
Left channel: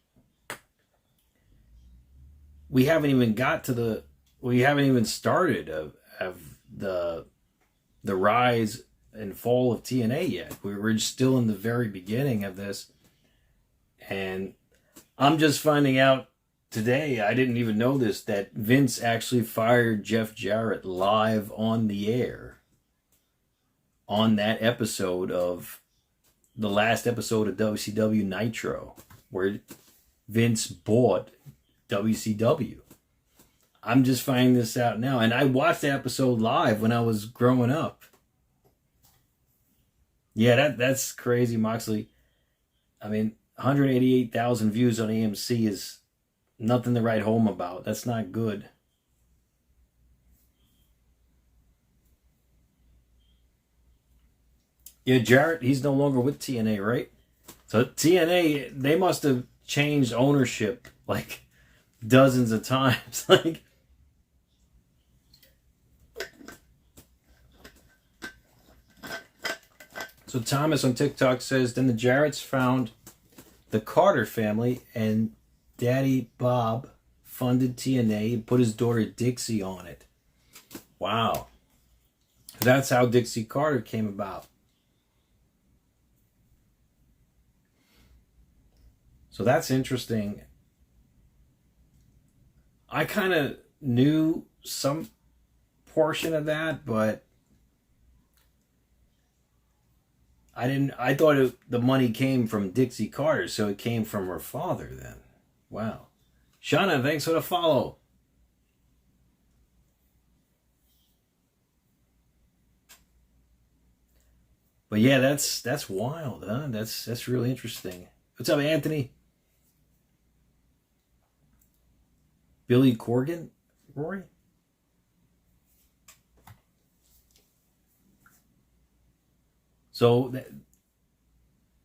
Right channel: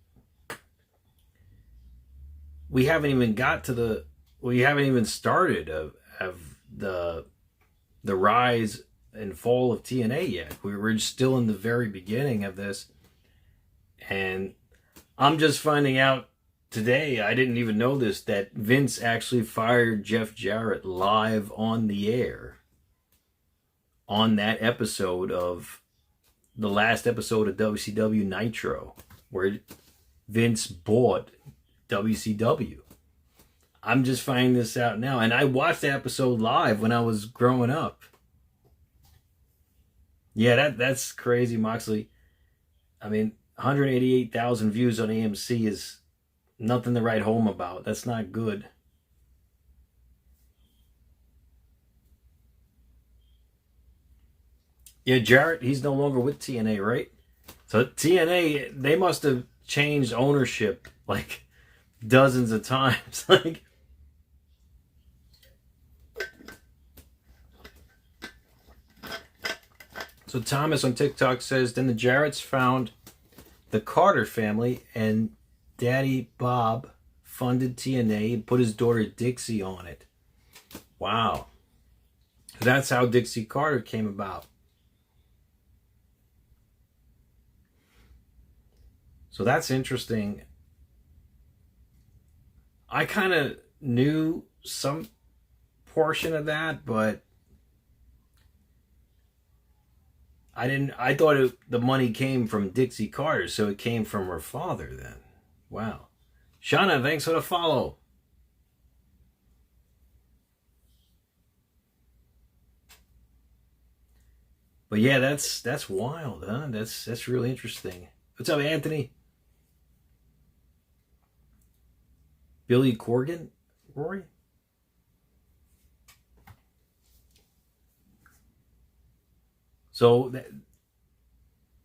we haven't even started of the rise and fall of TNA yet. We're still in the very beginning of this. And I'm just finding out today, I didn't even know this, that Vince actually fired Jeff Jarrett live on the air on that episode of the last episode of WCW Nitro, where Vince bought WCW. I'm just finding this out now. And I watched that episode live when I was growing up. Yeah, that's crazy, Moxley. I mean, 188,000 views on AMC is nothing to write home about. That's not good. Yeah, Jarrett, he's no longer with TNA, right? So TNA, they must have changed ownership like dozens of times. Like, so Thomas on TikTok says, then the Jarretts found the Carter family and Daddy Bob funded TNA and put his daughter Dixie on it. Wow. That's how Dixie Carter came about. So that's interesting. I kind of knew some portion of that, but I thought the money came from Dixie Carter, so it came from her father then. Wow. Shauna, thanks for the follow. But yeah, that's wild, huh? That's really interesting. What's up, Anthony? Billy Corgan? Rory? So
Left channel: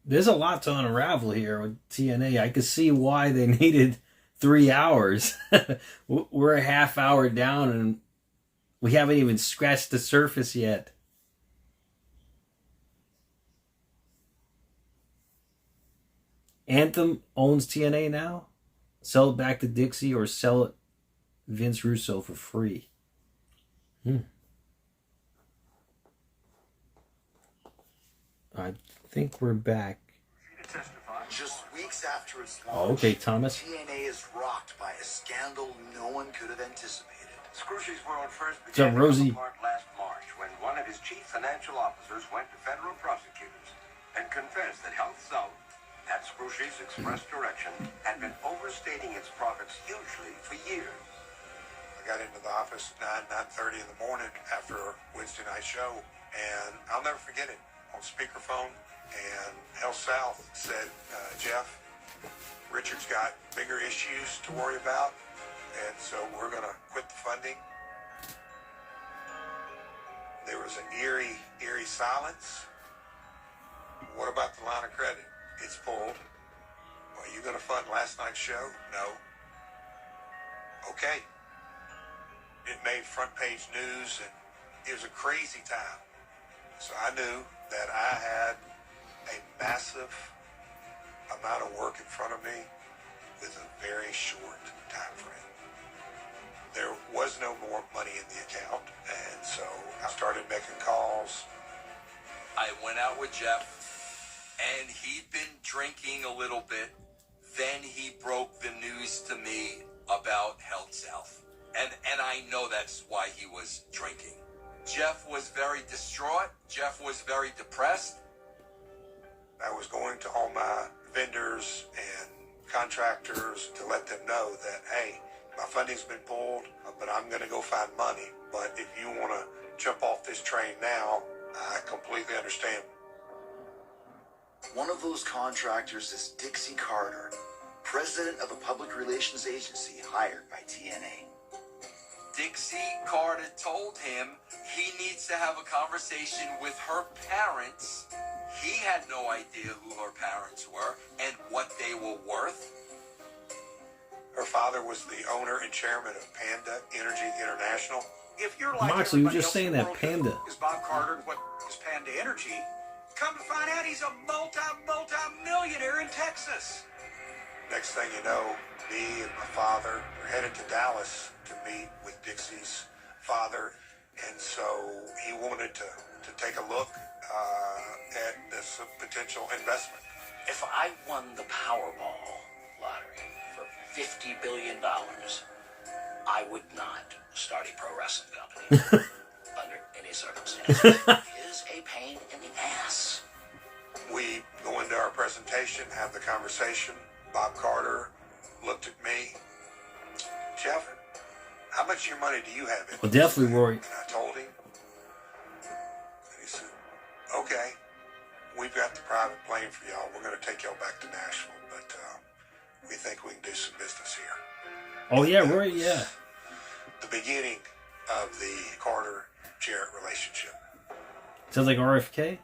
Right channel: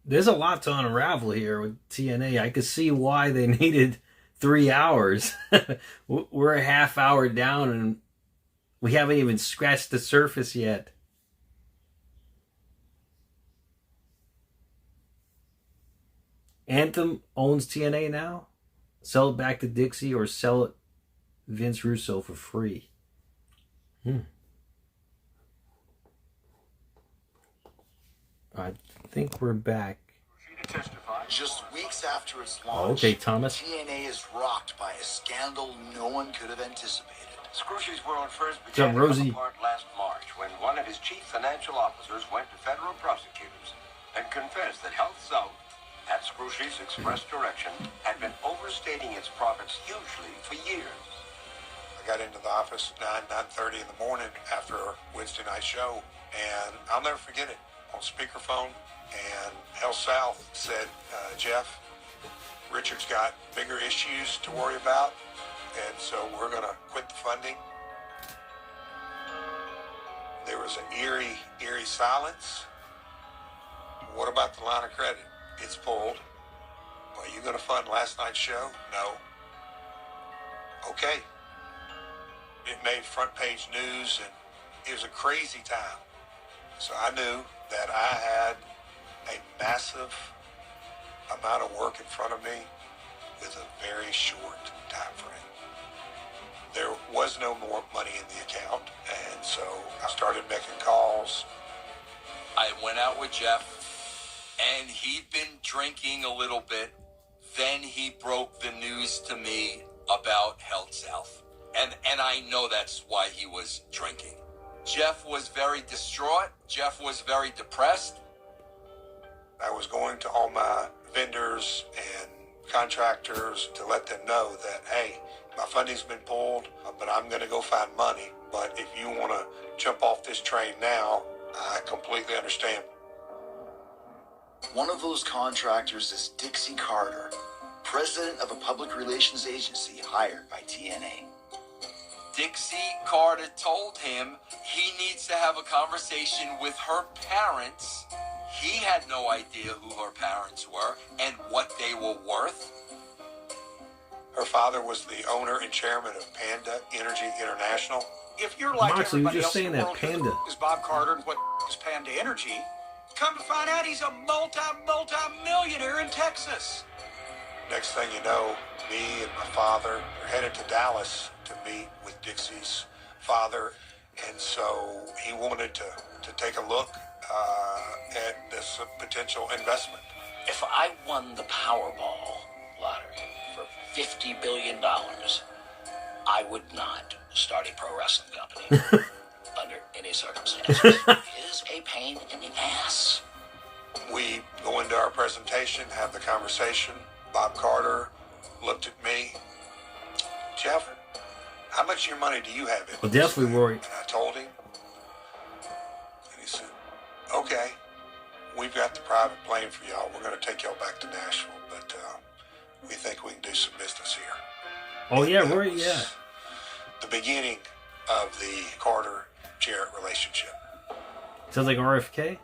there's a lot to unravel here with TNA. I could see why they needed 3 hours. We're a half hour down and we haven't even scratched the surface yet. Anthem owns TNA now. Sell it back to Dixie or sell it Vince Russo for free. I think we're back. Just weeks after its launch, Oh, okay, Thomas. TNA is rocked by a scandal no one could have anticipated. Scrooge's world first What's up, Rosie? last March when one of his chief financial officers went to federal prosecutors and confessed that Health South, at Scrooge's express direction, had been overstating its profits hugely for years. I got into the office at 9:30 in the morning after Wednesday night show, and I'll never forget it. On speakerphone, and Health South said, Jeff, Richard's got bigger issues to worry about, and so we're going to quit the funding. There was an eerie silence. What about the line of credit? It's pulled. Are you going to fund last night's show? No. Okay. It made front page news, and it was a crazy time. So I knew that I had a massive amount of work in front of me with a very short time frame. There was no more money in the account, and so I started making calls. I went out with Jeff, and he'd been drinking a little bit. Then he broke the news to me about Health South. And I know that's why he was drinking. Jeff was very distraught. Jeff was very depressed. I was going to all my vendors and contractors to let them know that, hey, my funding's been pulled, but I'm going to go find money. But if you want to jump off this train now, I completely understand. One of those contractors is Dixie Carter, president of a public relations agency hired by TNA. Dixie Carter told him he needs to have a conversation with her parents. He had no idea who her parents were and what they were worth. Her father was the owner and chairman of Panda Energy International. If you're like Moxley, you were just saying that Panda. Is Bob Carter and what is Panda Energy? Come to find out he's a multi-millionaire in Texas. Next thing you know, me and my father are headed to Dallas to meet with Dixie's father, and so he wanted to take a look at this potential investment. If I won the Powerball lottery for $50 billion, I would not start a pro wrestling company under any circumstances. It is a pain in the ass. We go into our presentation, have the conversation. Bob Carter looked at me. Jeff, how much of your money do you have in Well, definitely, Rory. And I told him. And he said, okay, we've got the private plane for y'all. We're going to take y'all back to Nashville, but we think we can do some business here. Oh, yeah, Rory, yeah. The beginning of the Carter-Jarrett relationship. Sounds like RFK.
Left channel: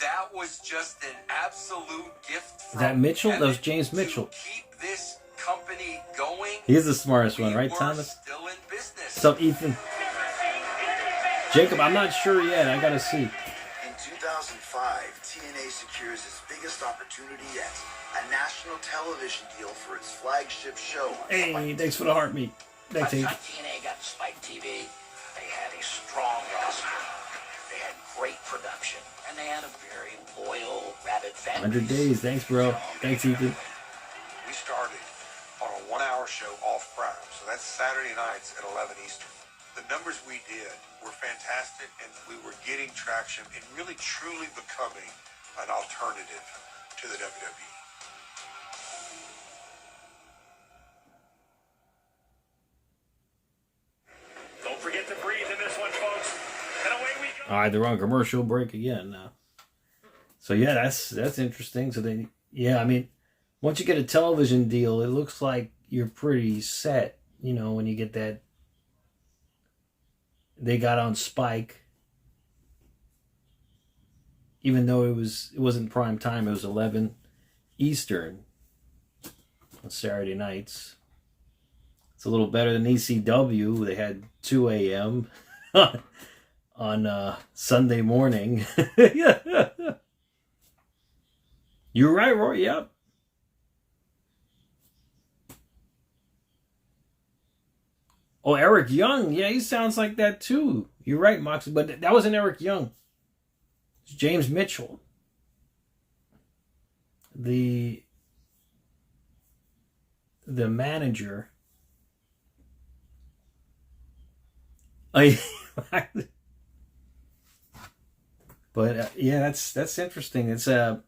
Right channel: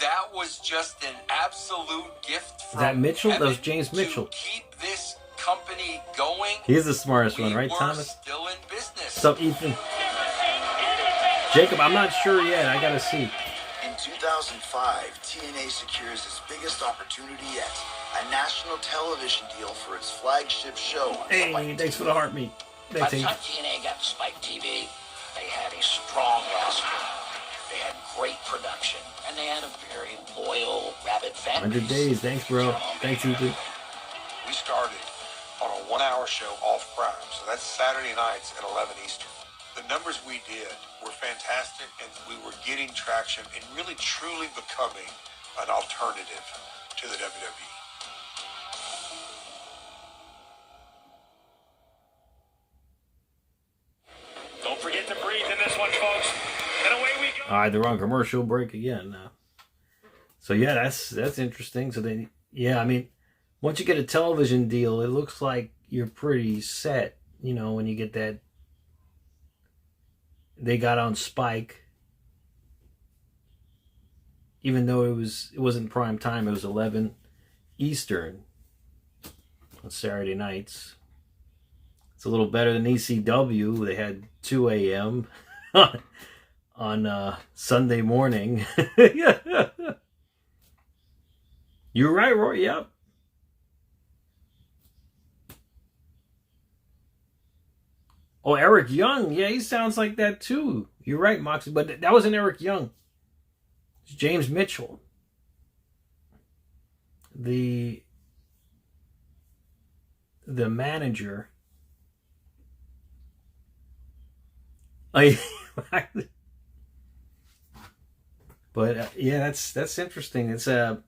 That was just an absolute gift. Is that Mitchell? That was James Mitchell. Keep this company going. He's the smartest one, right, Thomas? Still in business. What's up, Ethan? Jacob, I'm not sure yet. I gotta see. In 2005, TNA secures its biggest opportunity yet, a national television deal for its flagship show. Hey, thanks for the heart meat. By Thanks, the Ethan. time TNA got to Spike TV, they had a strong roster. They had great production, and they had a very loyal, rabid fan 100 days. Thanks, bro. Thanks, Ethan. We started on a 1-hour show off Prime, so that's Saturday nights at 11 Eastern. The numbers we did were fantastic, and we were getting traction and really truly becoming an alternative to the WWE. Don't forget to breathe in this one, folks. And away we go. All right, they're on commercial break again now. So yeah, that's interesting. So they, yeah, I mean, once you get a television deal, it looks like you're pretty set. You know, when you get that, they got on Spike, even though it wasn't prime time. It was 11 Eastern on Saturday nights. It's a little better than ECW. They had 2 a.m. on Sunday morning. Yeah. You're right, Roy. Yep. Oh, Eric Young. Yeah, he sounds like that too. You're right, Moxie. But that wasn't Eric Young. It's James Mitchell. The manager. But yeah, that's interesting. It's so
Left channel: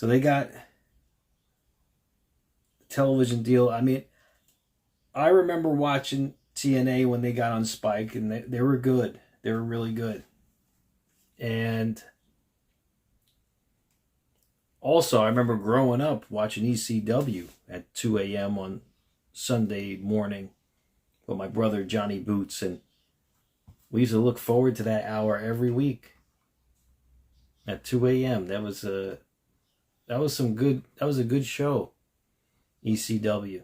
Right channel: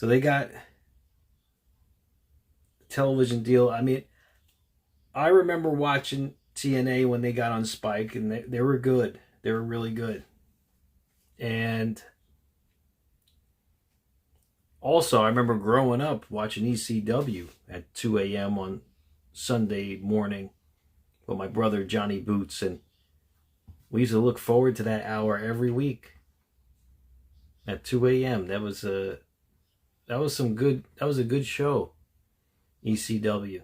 they got a television deal. I mean, I remember watching TNA when they got on Spike, and they were good. They were really good. And also, I remember growing up watching ECW at 2 a.m. on Sunday morning with my brother Johnny Boots, and we used to look forward to that hour every week at 2 a.m. That was a good show, ECW.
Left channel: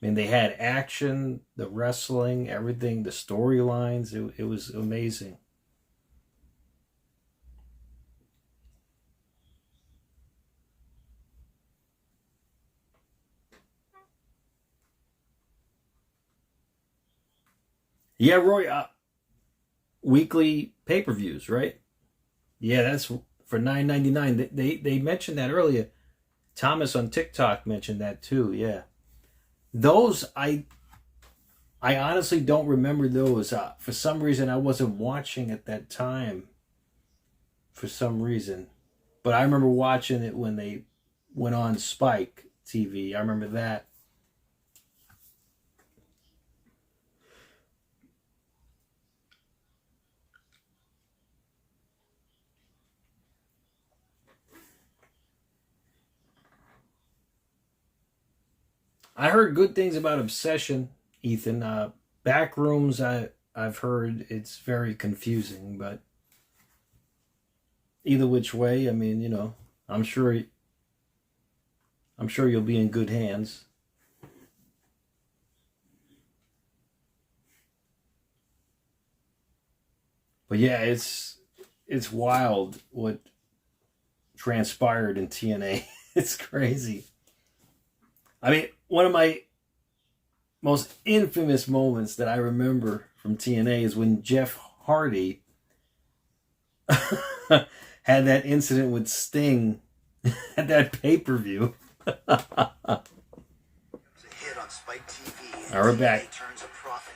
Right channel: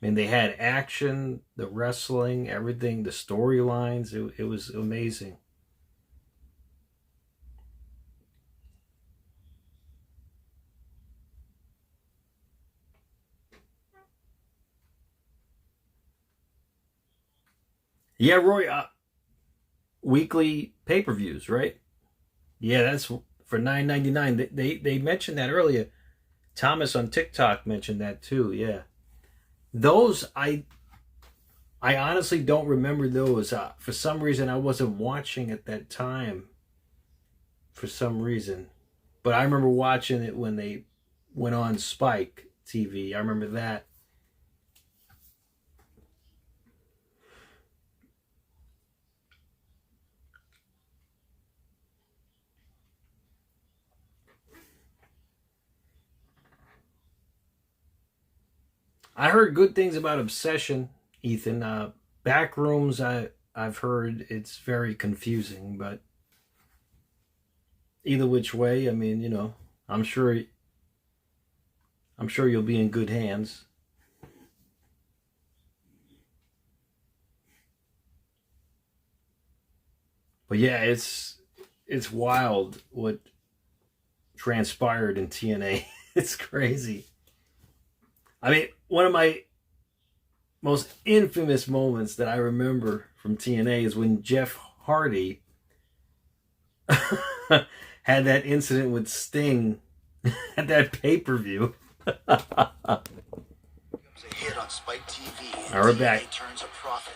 I mean, they had action, the wrestling, everything, the storylines. It was amazing. Yeah, Roy, weekly pay-per-views, right? Yeah, that's for $9.99. They mentioned that earlier. Thomas on TikTok mentioned that too. Yeah, those I honestly don't remember those. For some reason, I wasn't watching at that time. For some reason, but I remember watching it when they went on Spike TV. I remember that. I heard good things about Obsession, Ethan. Backrooms, I've heard it's very confusing, but either which way, I mean, you know, I'm sure you'll be in good hands. But yeah, it's wild what transpired in TNA. It's crazy. I mean, one of my most infamous moments that I remember from TNA is when Jeff Hardy had that incident with Sting at that pay-per-view. It's a hit on Spike TV. All right, we're back. Turns a profit.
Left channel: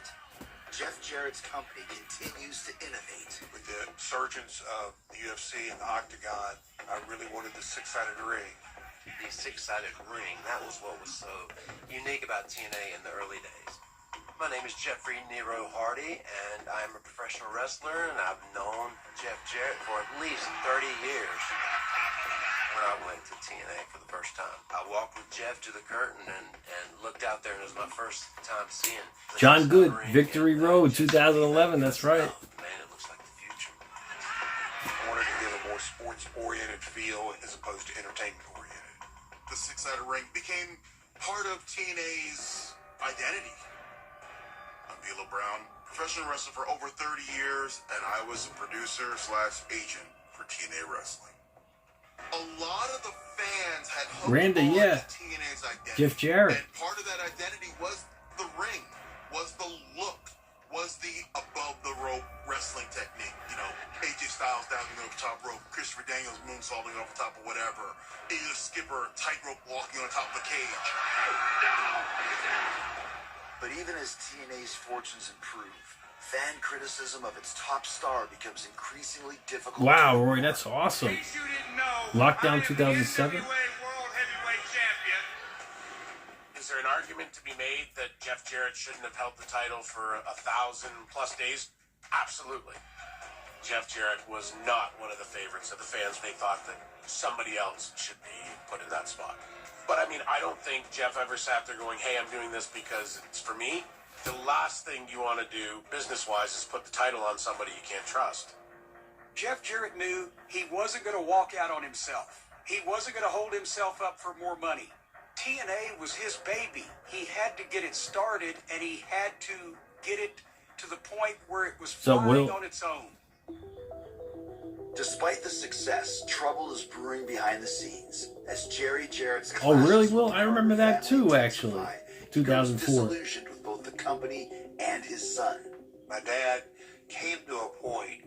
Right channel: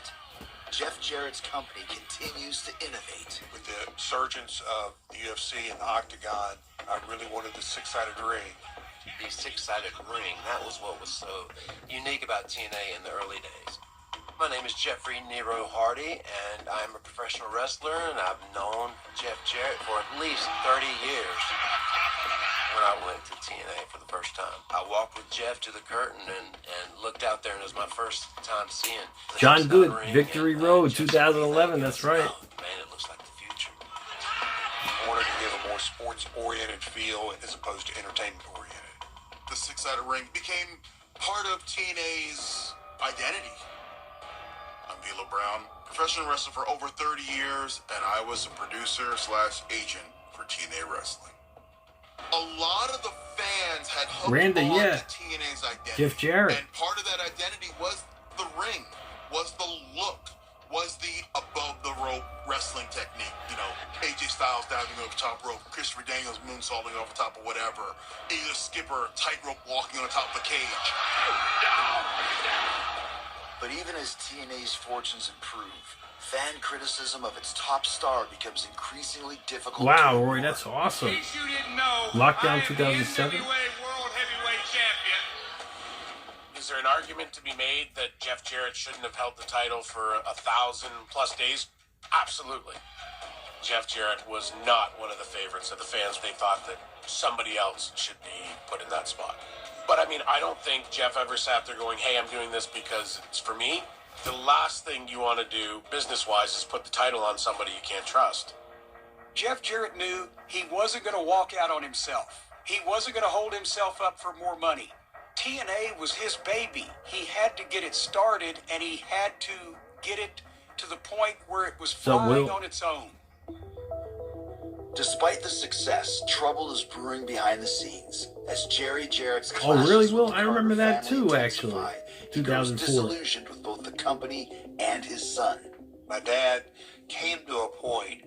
Jeff Jarrett's company continues to innovate. With the surgence of the UFC and the Octagon, I really wanted the six-sided ring. The six-sided ring, that was what was so unique about TNA in the early days. My name is Jeffrey Nero Hardy, and I'm a professional wrestler, and I've known Jeff Jarrett for at least 30 years. When I went to TNA for the first time, I walked with Jeff to the curtain and looked out there, and it was my first time seeing John Good, Victory Road, 2011, that's right. Man, it looks like the future. I wanted to give a more sports-oriented feel as opposed to entertainment-oriented. The six-sided ring became part of TNA's identity. I'm Vila Brown, professional wrestler for over 30 years, and I was a producer/agent for TNA Wrestling. A lot of the fans had hoped Randy, yeah. to TNA's identity. Jeff Jarrett. And part of that identity was the ring, was the look, was the above-the-rope wrestling technique. You know, AJ Styles diving over the top rope, Christopher Daniels moonsaulting over top of whatever, either Skipper tightrope walking on top of the cage. But even as TNA's fortunes improve, fan criticism of its top star becomes increasingly difficult. Wow, Roy, that's awesome. Lockdown 2007. Is there an argument to be made that Jeff Jarrett shouldn't have held the title for 1,000+ days? Absolutely. Jeff Jarrett was not one of the favorites of the fans. They thought that somebody else should be put in that spot. But I mean, I don't think Jeff ever sat there going, hey, I'm doing this because it's for me. The last thing you want to do business-wise is put the title on somebody you can't trust. Jeff Jarrett knew he wasn't going to walk out on himself. He wasn't going to hold himself up for more money. TNA was his baby. He had to get it started, and he had to get it to the point where it was flying on its own. Despite the success, trouble is brewing behind the scenes as Jarrett's Oh, really, Will? I remember that too, actually. 2004. Disillusioned with both the company and his son. My dad came to a point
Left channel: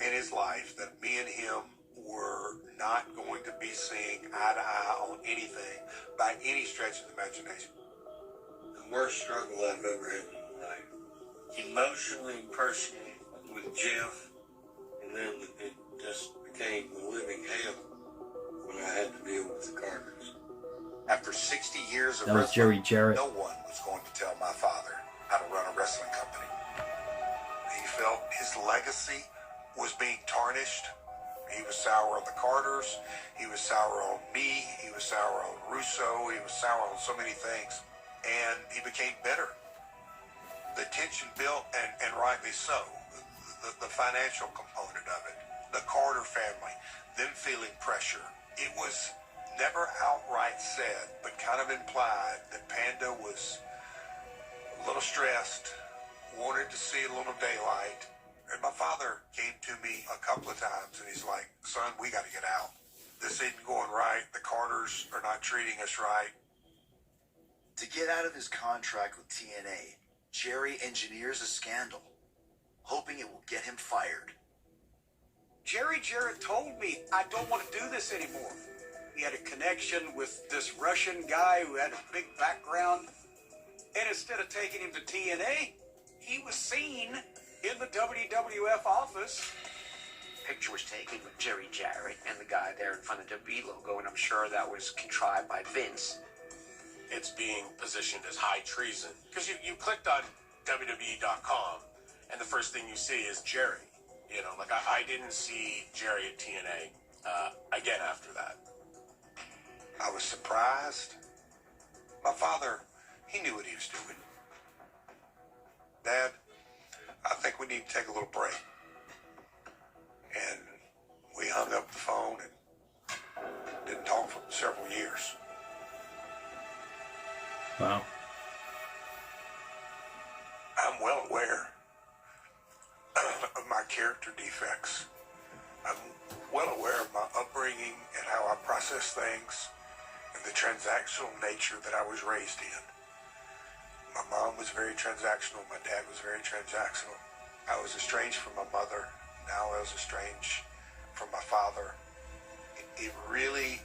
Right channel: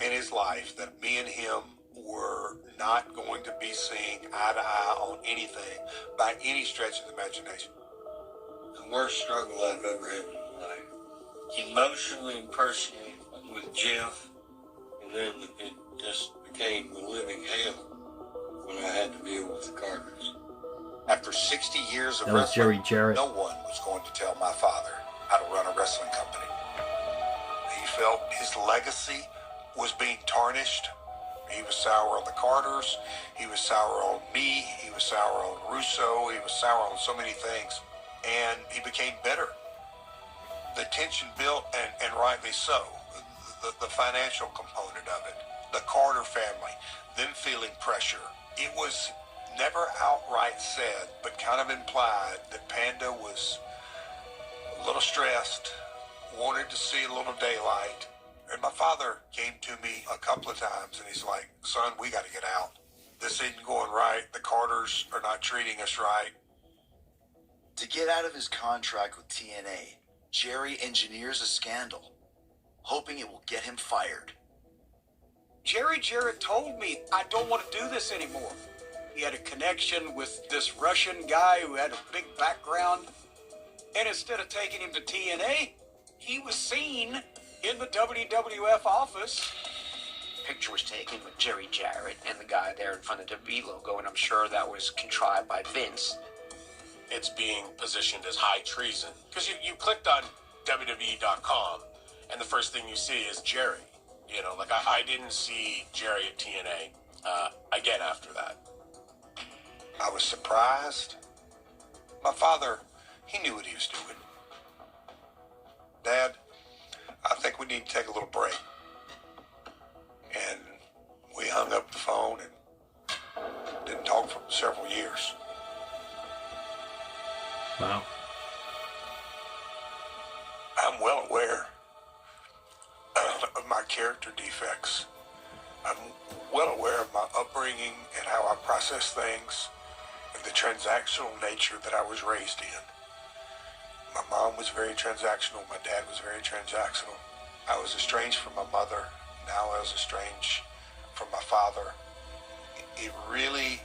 in his life that me and him were not going to be seeing eye to eye on anything by any stretch of the imagination. The worst struggle I've ever had in my life. Emotionally and personally with Jeff, and then it just became a living hell when I had to deal with the Carters. After 60 years of That was Jerry Jarrett. no one was going to tell my father how to run a wrestling company. He felt his legacy was being tarnished. He was sour on the Carters. He was sour on me. He was sour on Russo. He was sour on so many things. And he became bitter. The tension built, and rightly so. The financial component of it. The Carter family, them feeling pressure. It was never outright said, but kind of implied that Panda was a little stressed, wanted to see a little daylight. And my father came to me a couple of times, and he's like, son, we got to get out. This isn't going right. The Carters are not treating us right. To get out of his contract with TNA, Jerry engineers a scandal, hoping it will get him fired. Jerry Jarrett told me I don't want to do this anymore. He had a connection with this Russian guy who had a big background. And instead of taking him to TNA, he was seen in the WWF office. Picture was taken with Jerry Jarrett and the guy there in front of the WWE logo, and I'm sure that was contrived by Vince. It's being positioned as high treason. Because you clicked on WWE.com, and the first thing you see is Jerry. You know, like I didn't see Jerry at TNA again after that. I was surprised. My father, he knew what he was doing. Dad, I think we need to take a little break. And we hung up the phone and didn't talk for several years. Wow. I'm well aware of my character defects. I'm well aware of my upbringing and how I process things and the transactional nature that I was raised in. My mom was very transactional. My dad was very transactional. I was estranged from my mother. Now I was estranged from my father. It really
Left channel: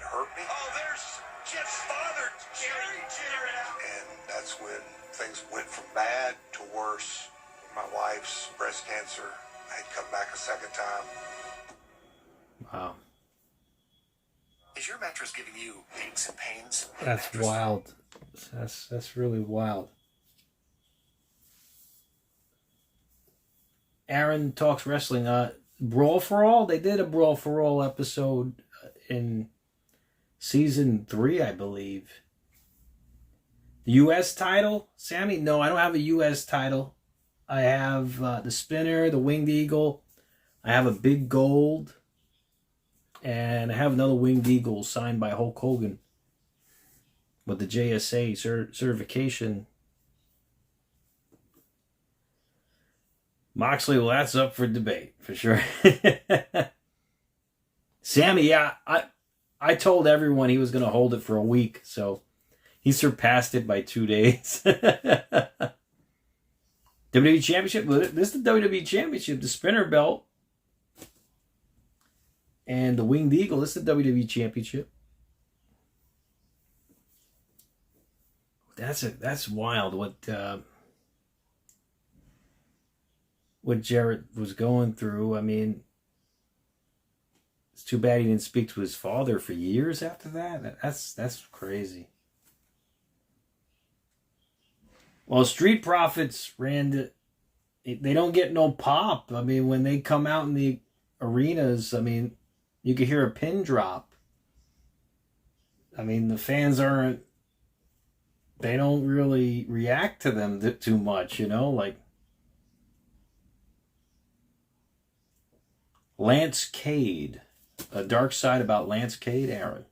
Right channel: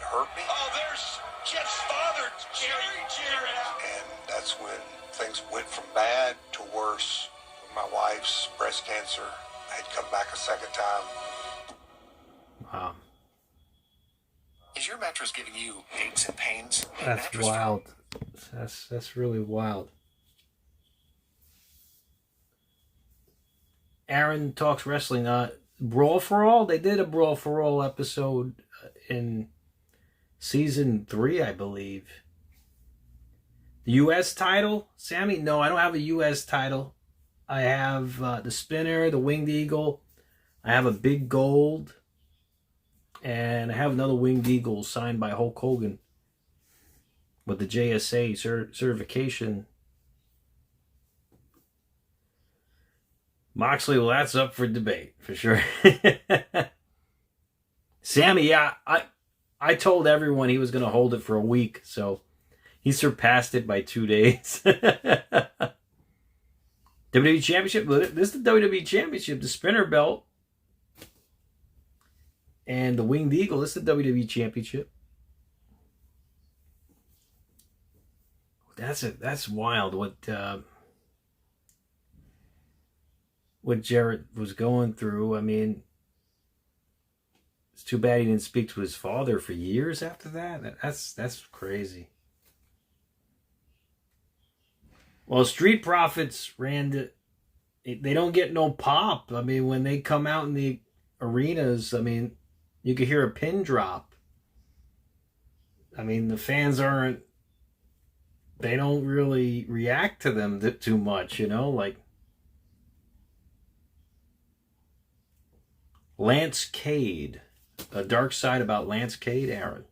hurt me. Oh, there's Jeff's father, Jerry Jarrett. And that's when things went from bad to worse. My wife's breast cancer had come back a second time. Wow. Is your mattress giving you aches and pains? That's wild. That's really wild. Aaron Talks Wrestling. Brawl for All? They did a Brawl for All episode in season 3, I believe. The U.S. title? Sammy? No, I don't have a U.S. title. I have the Spinner, the Winged Eagle. I have a Big Gold. And I have another Winged Eagle signed by Hulk Hogan with the JSA certification. Moxley, well, that's up for debate, for sure. Sammy, yeah, I told everyone he was going to hold it for a week, so he surpassed it by 2 days. WWE Championship, this is the WWE Championship, the Spinner belt. And the Winged Eagle, this is the WWE Championship. That's wild what Jarrett was going through. I mean, it's too bad he didn't speak to his father for years after that. That's crazy. Well, Street Profits they don't get no pop. I mean, when they come out in the arenas, I mean, you could hear a pin drop. I mean, the fans they don't really react to them too much, you know, like Lance Cade, a dark side about Lance Cade, Aaron.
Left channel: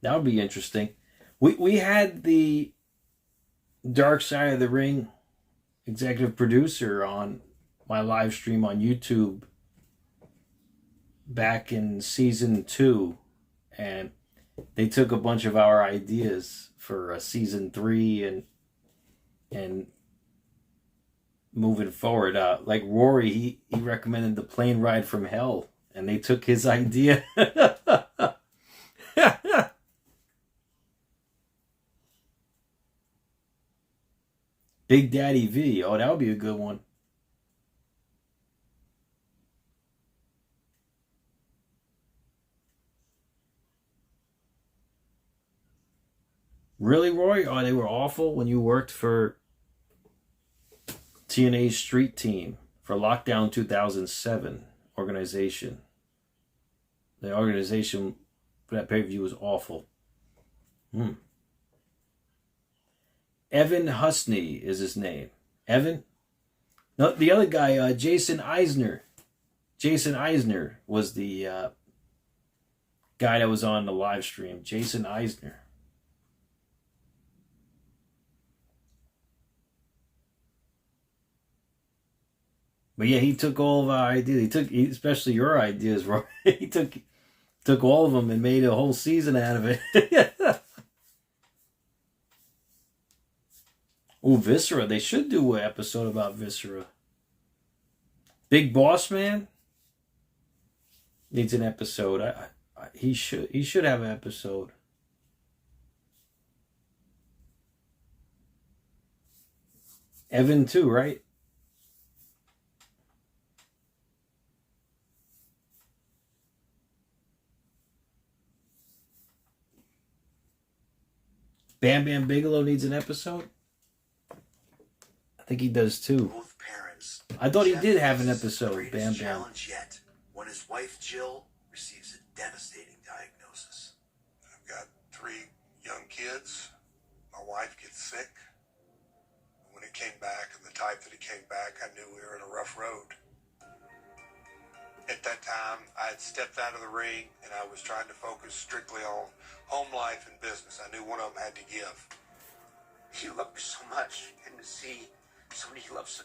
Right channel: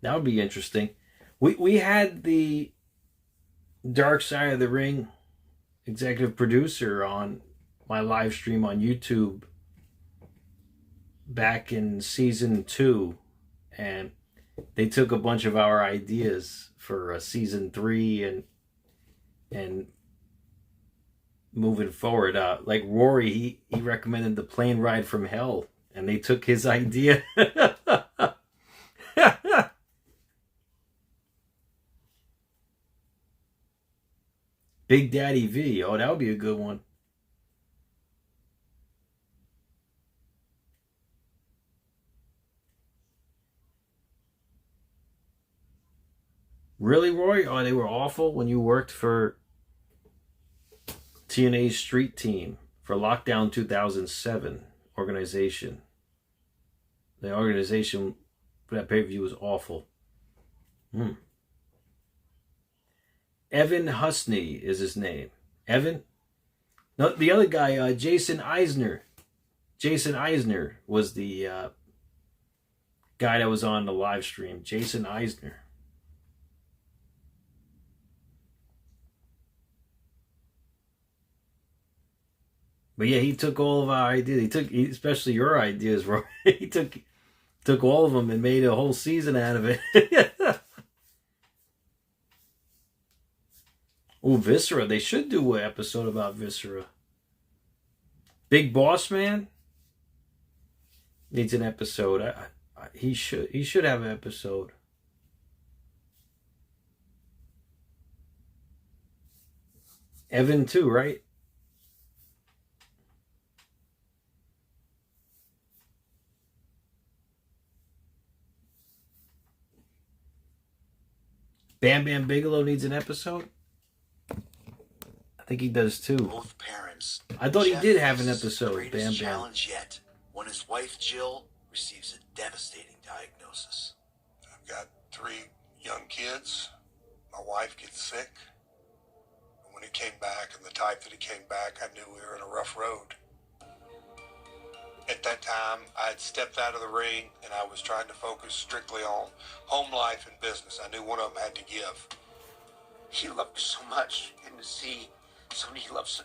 That would be interesting. We had the Dark Side of the Ring executive producer on my live stream on YouTube back in season 2, and they took a bunch of our ideas for season 3 and moving forward. Like Rory, he recommended the plane ride from hell, and they took his idea. Big Daddy V. Oh, that would be a good one. Really, Roy? Oh, they were awful when you worked for TNA's Street Team for Lockdown 2007 organization. The organization for that pay-per-view was awful. Evan Husney is his name. Evan? No, the other guy, Jason Eisner. Jason Eisner was the guy that was on the live stream. Jason Eisner. But yeah, he took all of our ideas. Especially your ideas, Roy. He took all of them and made a whole season out of it. Oh, Viscera. They should do an episode about Viscera. Big Boss Man needs an episode. He should have an episode. Evan too, right? Bam Bam Bigelow needs an episode? I think he does too. Both parents. I thought he Jeff did have an faces the episode, greatest Bam Bam. challenge yet, when his wife Jill receives a devastating diagnosis. I've got 3 young kids. My wife gets sick. When it came back, and the type that it came back, I knew we were in a rough road. At that time, I had stepped out of the ring, and I was trying to focus strictly on home life and business. I knew one of them had to give. He loved me so much, and to see somebody he loves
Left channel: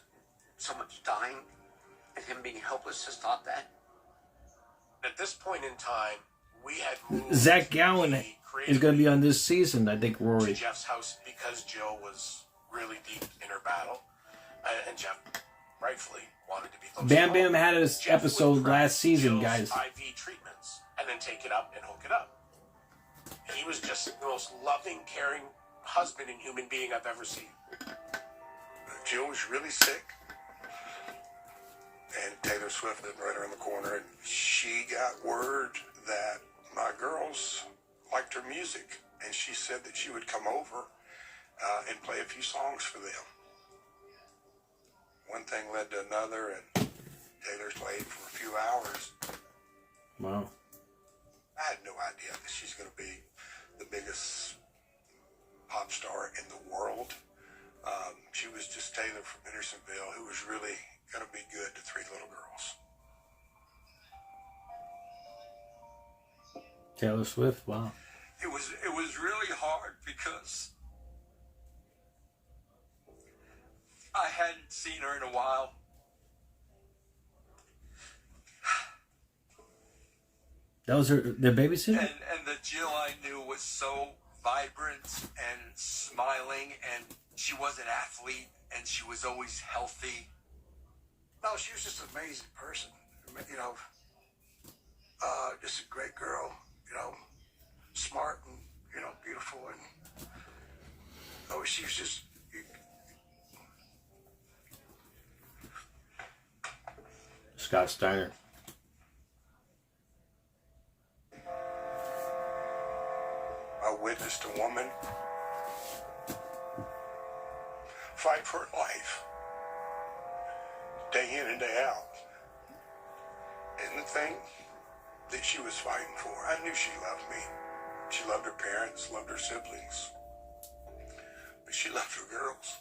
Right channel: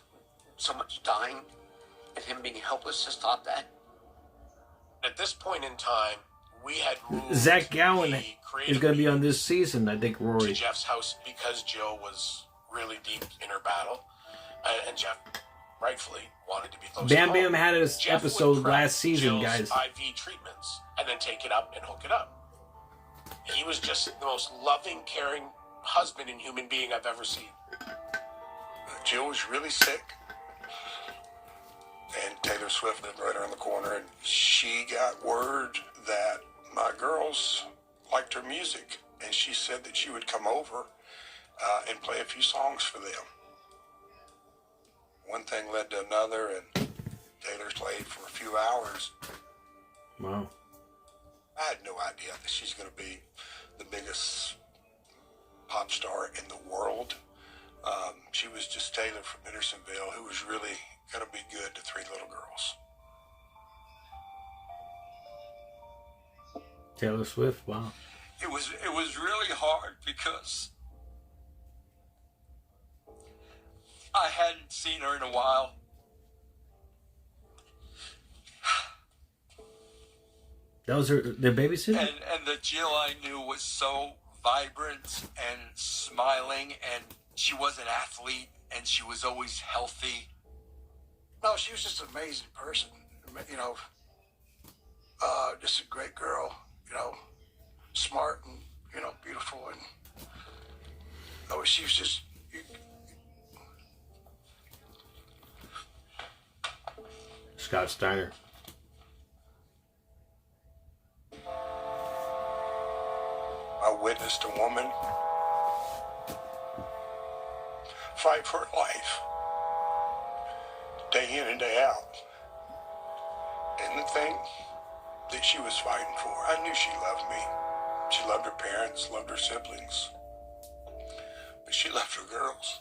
so much dying, and him being helpless has taught that. At this point in time, we had Zach Gowen is going to be on this season, I think, to Rory. Jeff's house because Jill was really deep in her battle, and Jeff rightfully wanted to be close Bam to Bam home. had his Jeff episode would prep last season, Jill's guys. IV treatments and then take it up and hook it up. He was just the most loving, caring husband and human being I've ever seen. Jill was really sick, and Taylor Swift lived right around the corner, and she got word that my girls liked her music, and she said that she would come over and play a few songs for them. One thing led to another, and Taylor played for a few hours. Wow. I had no idea that she's going to be the biggest pop star in the world. She was just Taylor from Hendersonville, who was really going to be good to 3 little girls. Taylor Swift, wow. It was really hard because I hadn't seen her in a while. That was their babysitter? And the Jill I knew was so vibrant and smiling, and she was an athlete, and she was always healthy. No, she was just an amazing person. You know, just a great girl. You know, smart and, you know, beautiful. And no, she was just... Scott Steiner. I witnessed a woman fight for her life, day in and day out. And the thing that she was fighting for, I knew she loved me. She loved her parents, loved her siblings. But she loved her girls.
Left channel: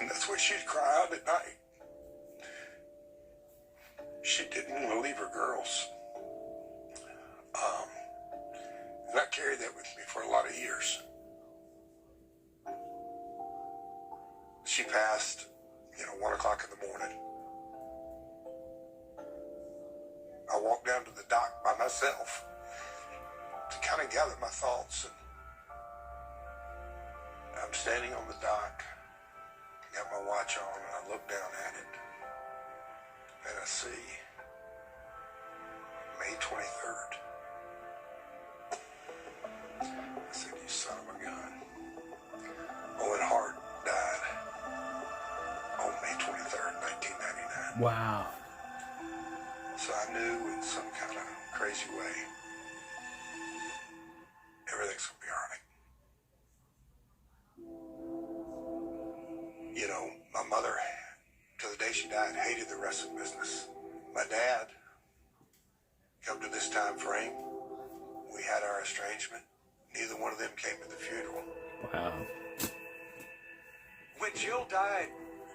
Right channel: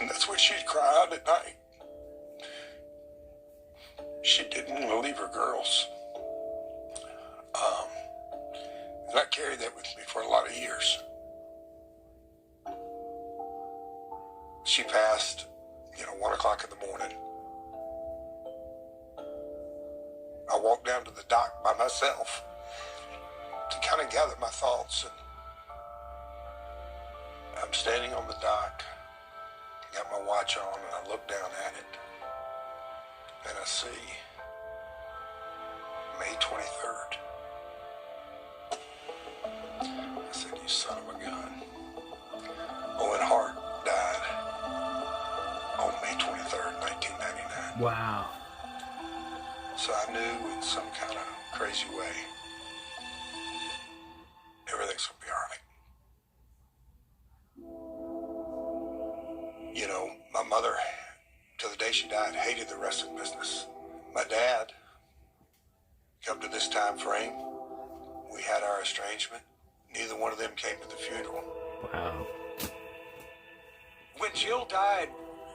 And that's what she'd cry out at night. She didn't want to leave her girls. And I carried that with me for a lot of years. walked down to the dock by myself to kind of gather my thoughts. And I'm standing on the dock, got my watch on, and I look down at it, and I see May 23rd. I said, you son of a gun. Owen Hart died on May 23rd, 1999. Wow. So I knew in some kind of crazy way, everything's going to be all right. You know, my mother, to the day she died, hated the wrestling business. My dad, up to this time frame, we had our estrangement. Neither one of them came to the funeral. Wow. When Jill died,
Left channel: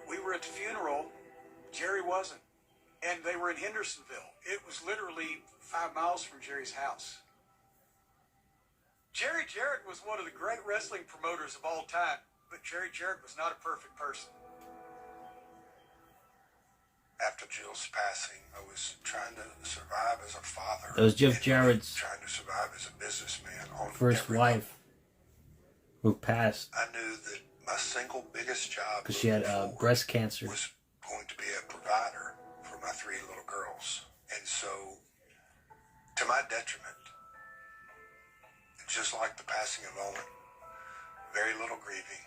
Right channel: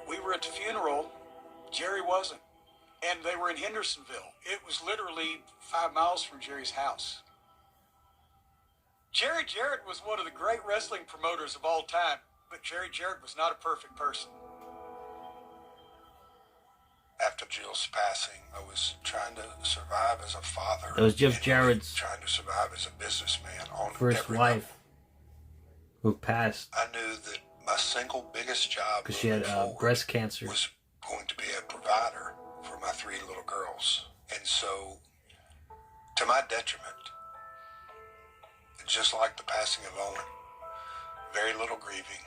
we were at the funeral. Jerry wasn't. And they were in Hendersonville. It was literally 5 miles from Jerry's house. Jerry Jarrett was one of the great wrestling promoters of all time, but Jerry Jarrett was not a perfect person. After Jill's passing, I was trying to survive as a father. That was Jeff Jarrett's trying to survive as a businessman on first wife who passed I knew that my single biggest job because she had breast cancer. was going to be a provider for my 3 little girls. And so, to my detriment, just like the passing of Owen, very little grieving,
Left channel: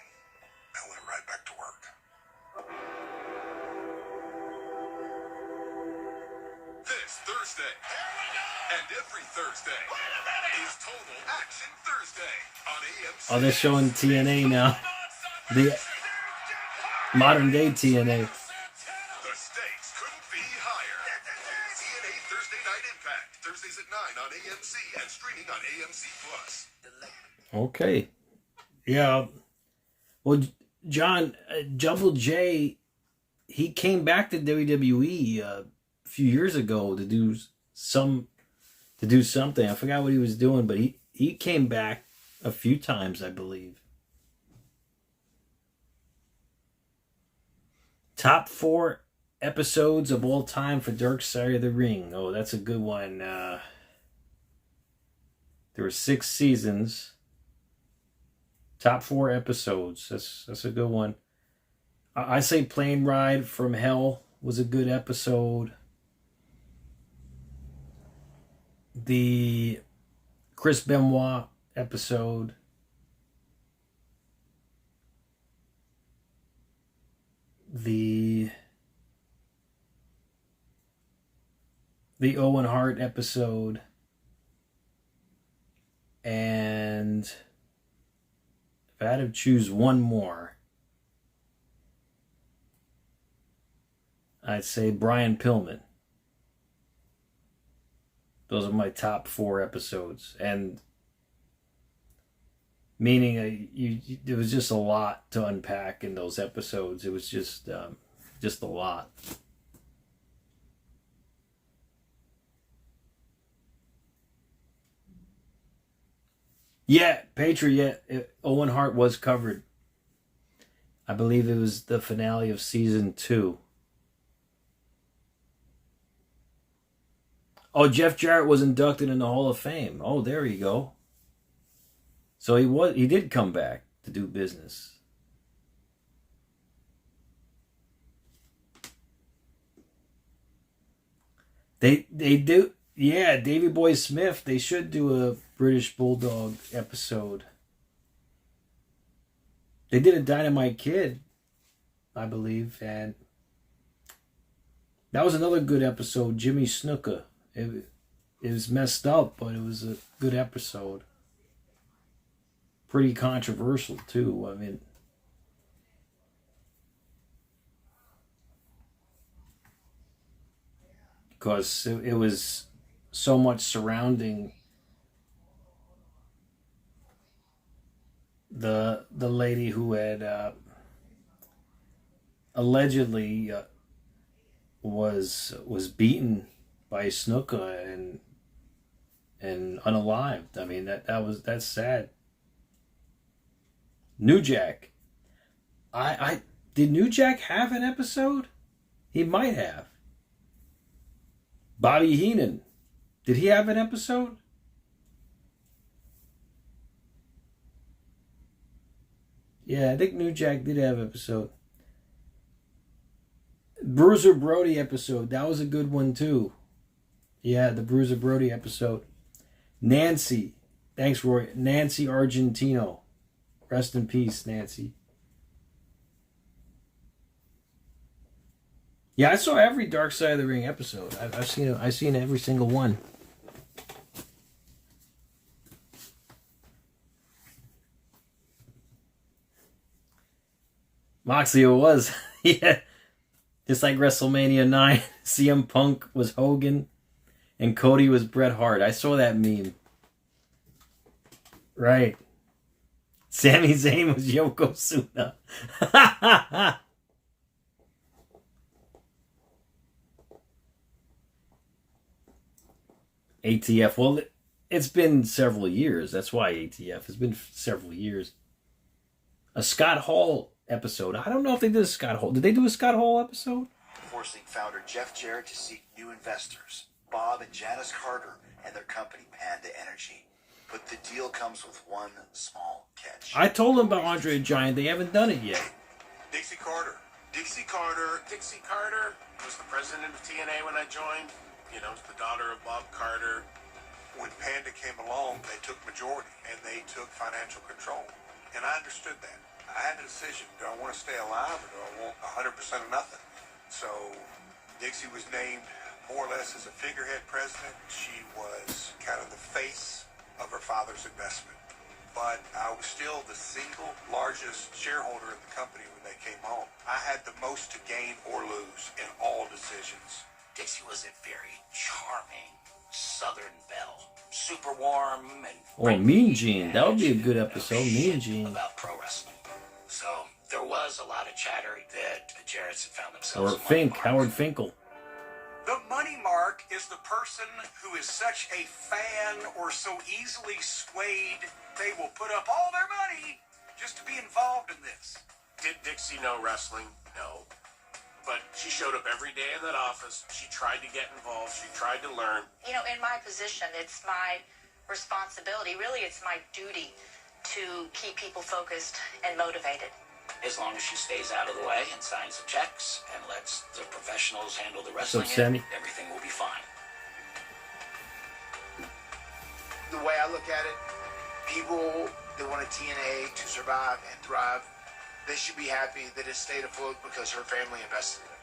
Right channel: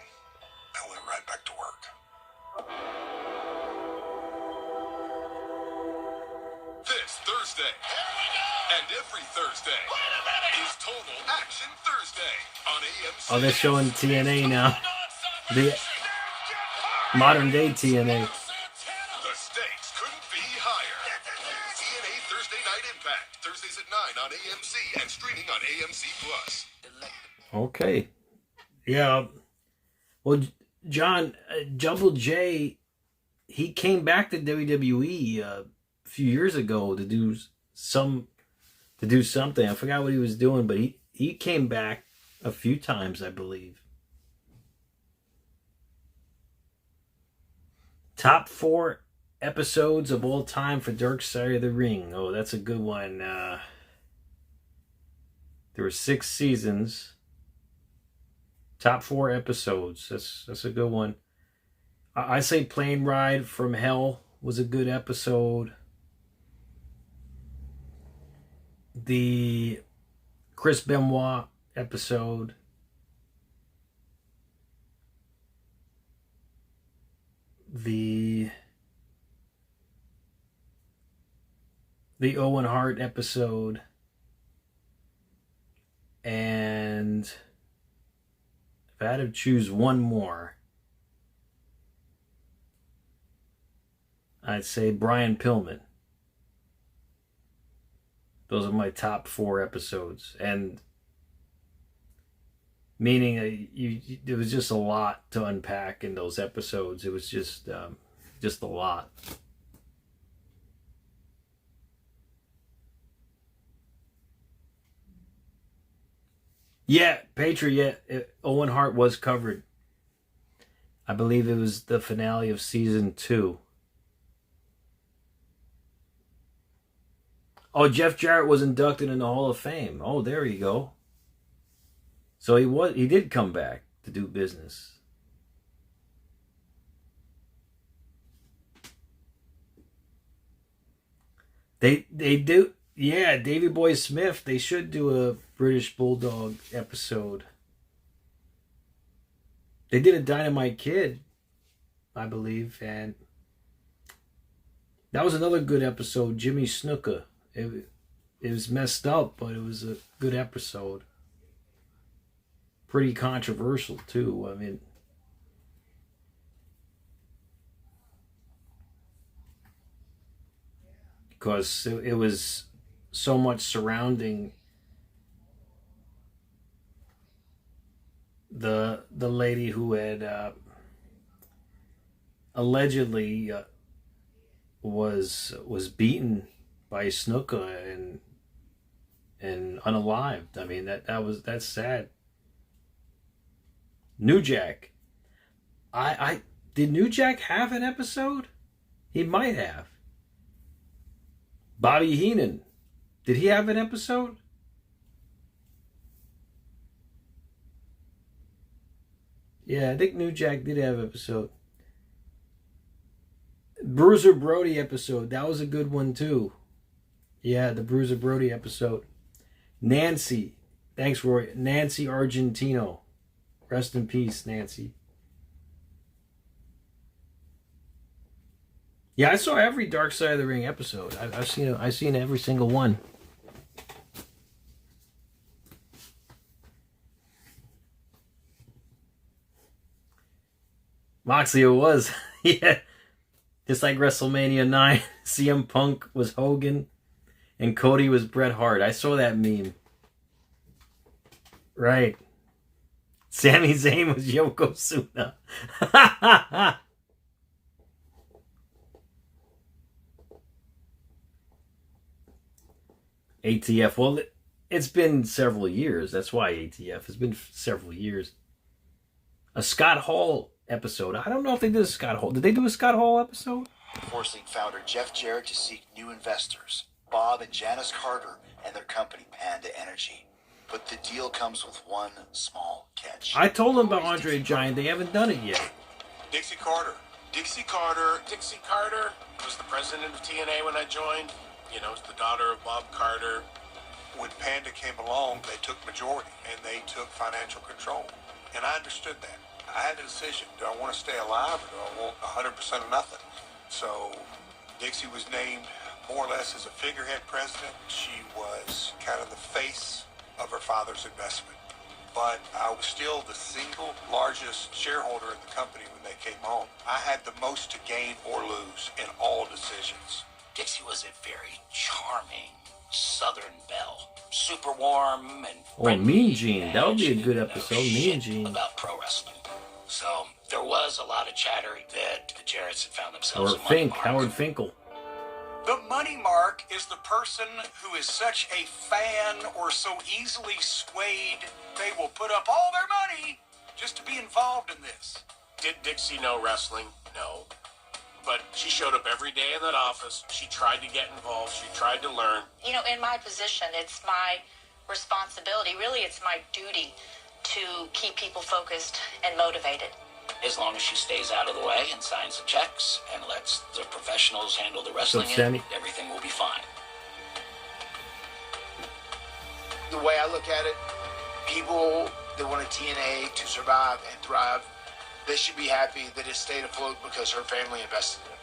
I went right back to work. This Thursday, and every Thursday, is Total Action Thursday on AMC. Oh, they're showing TNA now. The modern day TNA. The stakes couldn't be higher. TNA Thursday Night Impact, Thursdays at 9 on AMC and streaming on AMC Plus. Okay. Yeah. Well, John, Double J, he came back to WWE a few years ago to do something. I forgot what he was doing, but he came back a few times, I believe. Top 4 episodes of all time for Dark Side of the Ring. Oh, that's a good one. There were 6 seasons. Top 4 episodes. That's a good one. I say Plane Ride from Hell was a good episode. The Chris Benoit episode. The Owen Hart episode. And if I had to choose one more, I'd say Brian Pillman. Those are my top 4 episodes. And meaning there was just a lot to unpack in those episodes. It was just a lot. Yeah, Patriot. Owen Hart was covered. I believe it was the finale of season 2. Oh, Jeff Jarrett was inducted in the Hall of Fame. Oh, there you go. So he did come back to do business. They do. Yeah, Davey Boy Smith, they should do a British Bulldog episode. They did a Dynamite Kid, I believe, and that was another good episode, Jimmy Snuka. It was messed up, but it was a good episode. Pretty controversial, too. I mean, because it was so much surrounding the lady who had allegedly was beaten by Snuka and unalived. I mean that's sad. New Jack. Did New Jack have an episode? He might have. Bobby Heenan Did he have an episode? Yeah, I think New Jack did have an episode. Bruiser Brody episode. That was a good one too. Yeah, the Bruiser Brody episode. Nancy. Thanks, Roy. Nancy Argentino. Rest in peace, Nancy. Yeah, I saw every Dark Side of the Ring episode. I've seen every single one. Moxley, it was. Yeah. Just like WrestleMania 9. CM Punk was Hogan. And Cody was Bret Hart. I saw that meme. Right. Sami Zayn was Yokozuna. ATF. Well, it's been several years. That's why ATF. It's been several years. A Scott Hall episode. I don't know if they did a Scott Hall. Did they do a Scott Hall episode? Forcing founder Jeff Jarrett to seek new investors, Bob and Janice Carter, and their company Panda Energy. But the deal comes with one small catch. I told them about Andre the Giant. They haven't done it yet. Dixie Carter. Dixie Carter was the president of TNA when I joined. You know, the daughter of Bob Carter. When Panda came along, they took majority, and they took financial control. And I understood that. I had a decision. Do I want to stay alive, or do I want 100% of nothing? So Dixie was named more or less as a figurehead president. She was kind of the face of her father's investment. But I was still the single largest shareholder in the company when they came home. I had the most to gain or lose in all decisions. Dixie was a very charming Southern belle. Super warm and... Oh, Mean Gene. That would be a good episode. Mean Gene. About pro wrestling. So there was a lot of chatter that the Jarretts had found themselves... Or Fink. Howard Finkel. The money mark is the person who is such a fan or so easily swayed they will put up all their money just to be involved in this. Did Dixie know wrestling? No. But she showed up every day in that office. She tried to get involved. She tried to learn. You know, in my position, it's my responsibility. Really, it's my duty to keep people focused and motivated. As long as she stays out of the way and signs the checks and lets the professionals handle the wrestling, everything will be fine. The way I look at it, people that want a TNA to survive and thrive, they should be happy that it stayed afloat because her family invested in it.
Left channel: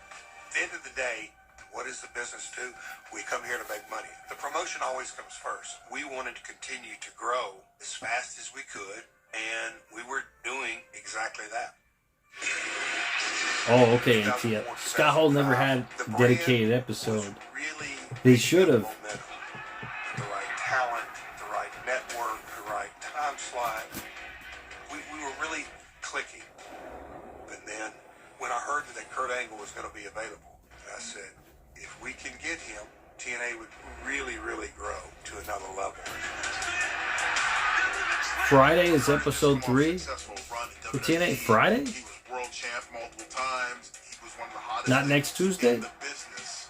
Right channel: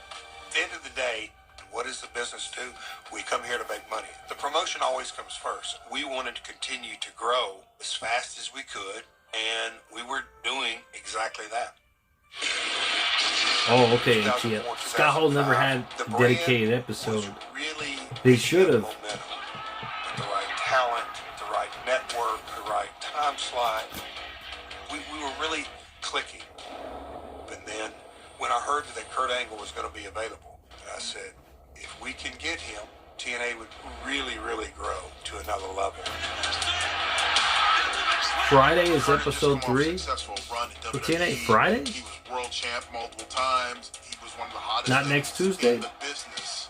At the end of the day, what does the business do? We come here to make money. The promotion always comes first. We wanted to continue to grow as fast as we could, and we were doing exactly that. Oh, okay, ATF. Scott Hall never had a dedicated episode. They should have. The right talent, the right network, the right time slot. We were really clicking. But then, when I heard that Kurt Angle was going to be available, I said, if we can get him, TNA would really, really grow to another level. Friday is episode 3 for TNA. Friday? He was world champ multiple times. He was one of the hottest. Not next Tuesday? In the business.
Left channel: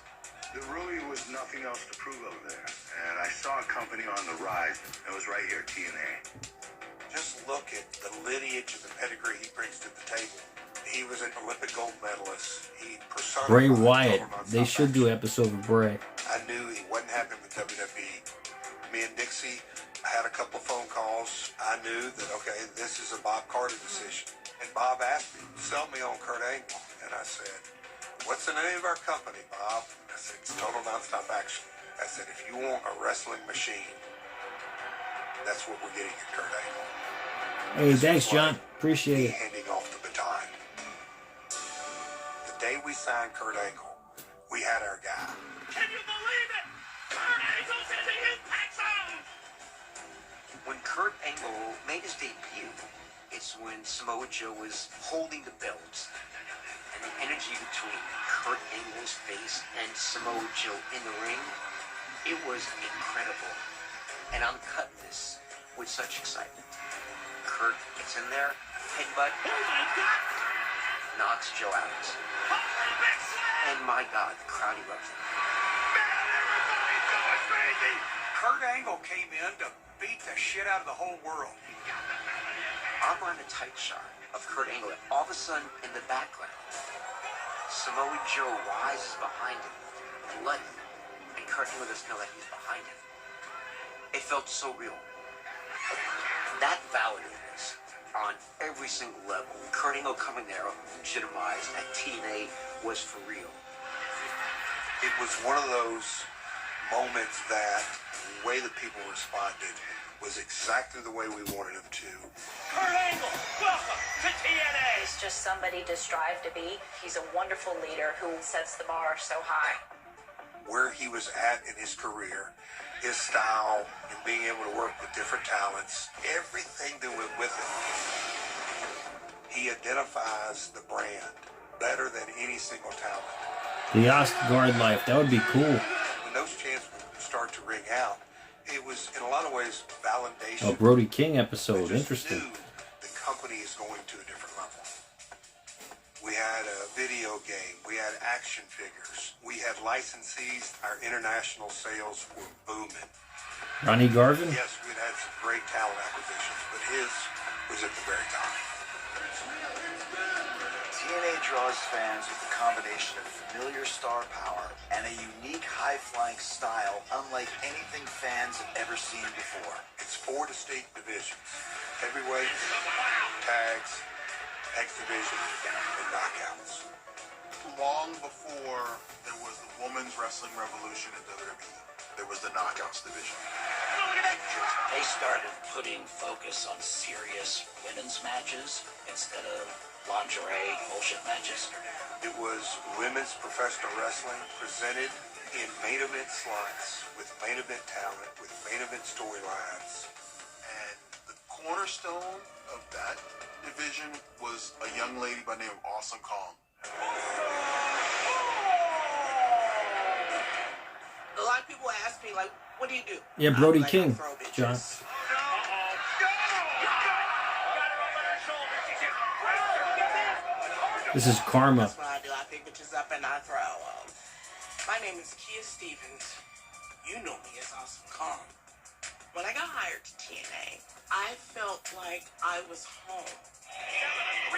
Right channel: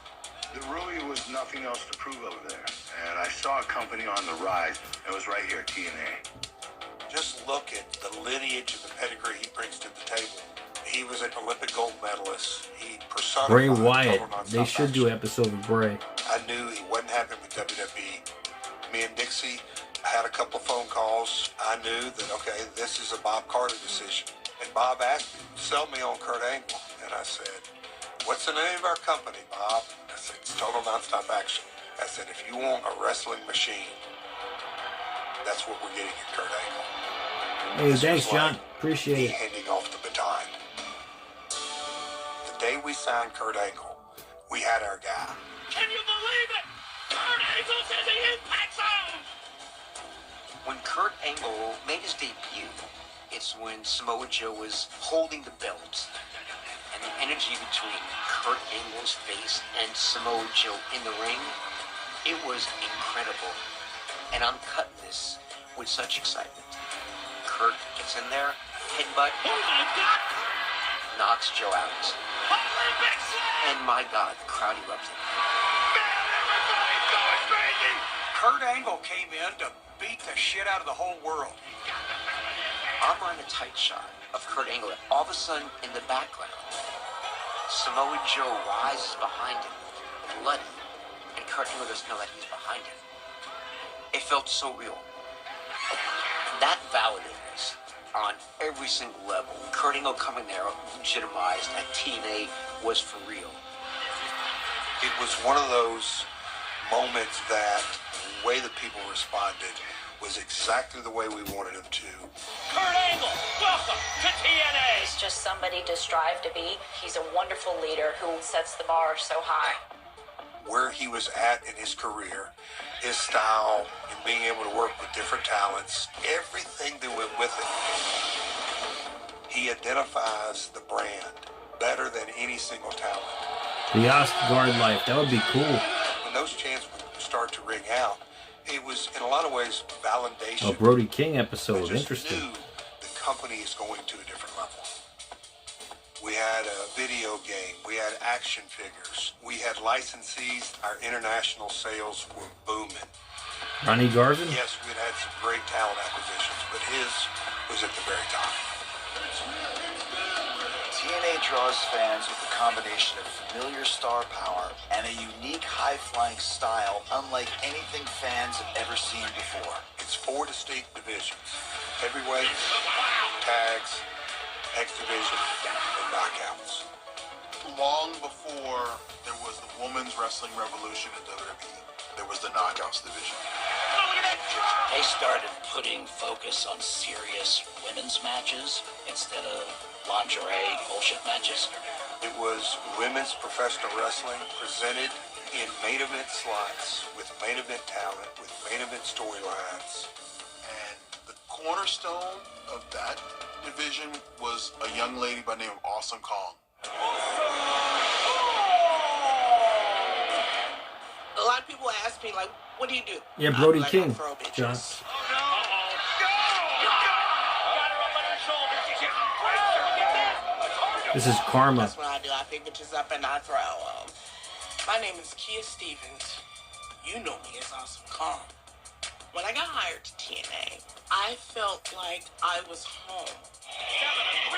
There really was nothing else to prove over there. And I saw a company on the rise. It was right here, TNA. Just look at the lineage and the pedigree he brings to the table. He was an Olympic gold medalist. He personified Bray Wyatt. They should do an episode with Bray. I knew he wasn't happy with WWE. Me and Dixie had a couple of phone calls. I knew that, okay, this is a Bob Carter decision. And Bob asked me, sell me on Kurt Angle. And I said, what's the name of our company, Bob? I said, it's Total Nonstop Action. I said, if you want a wrestling machine, that's what we're getting at Kurt Angle. Hey, thanks, John. Appreciate it. Handing off the baton. The day we signed Kurt Angle, we had our guy. Can you believe it? Kurt Angle's in the Impact Zone! When Kurt Angle made his debut, it's when Samoa Joe was holding the belt. And the energy between Kurt Angle's face and Samoa Joe in the ring, it was incredible. And I'm cutting this with such excitement. Kurt gets in there, headbutt, knocks Joe out. And my God, the crowd erupted. Everybody's going crazy! Kurt Angle came in to beat the shit out of the whole world. I'm on a tight shot of Kurt Angle, and all of a sudden, in the background, Samoa Joe rises behind him, bloody, and Kurt Angle doesn't know that he's behind him. It felt so real. That validated us on every single level. Kurt Angle coming there legitimized that TNA was for real. It was one of those moments that the way that people responded was exactly the way we wanted them to. Kurt Angle, welcome to TNA. He's just somebody to strive to be. He's a wonderful leader who sets the bar so high. Where he was at in his career, his style, and being able to work with different talents, everything that went with it. He identifies the brand better than any single talent. The Ostgard life, that would be cool. When those chants start to ring out, it was in a lot of ways validation. A Brody King episode, interesting. The company is going to a different level. We had a video game, we had action figures, we had licensees. Our international sales were booming. Ronnie Garvin? Yes, we'd had some great talent acquisitions, but his was at the very top. TNA draws fans with a combination of familiar star power and a unique high-flying style unlike anything fans have ever seen before. It's 4 distinct divisions: heavyweights, tags, X division, and knockouts. Long before there was the women's wrestling revolution in WWE, there was the knockouts division. They started putting focus on serious women's matches instead of lingerie bullshit matches. It was women's professional wrestling presented in main event slots with main event talent, with main event storylines. And the cornerstone of that division was a young lady by the name of Awesome Kong. A lot of people ask me, like, what do you do? Yeah, Brody King, John. This is karma. That's what I do. I pick bitches up and I throw. My name is Kia Stevens. You know me as Awesome Kong. When I got hired to TNA, I felt like I was home.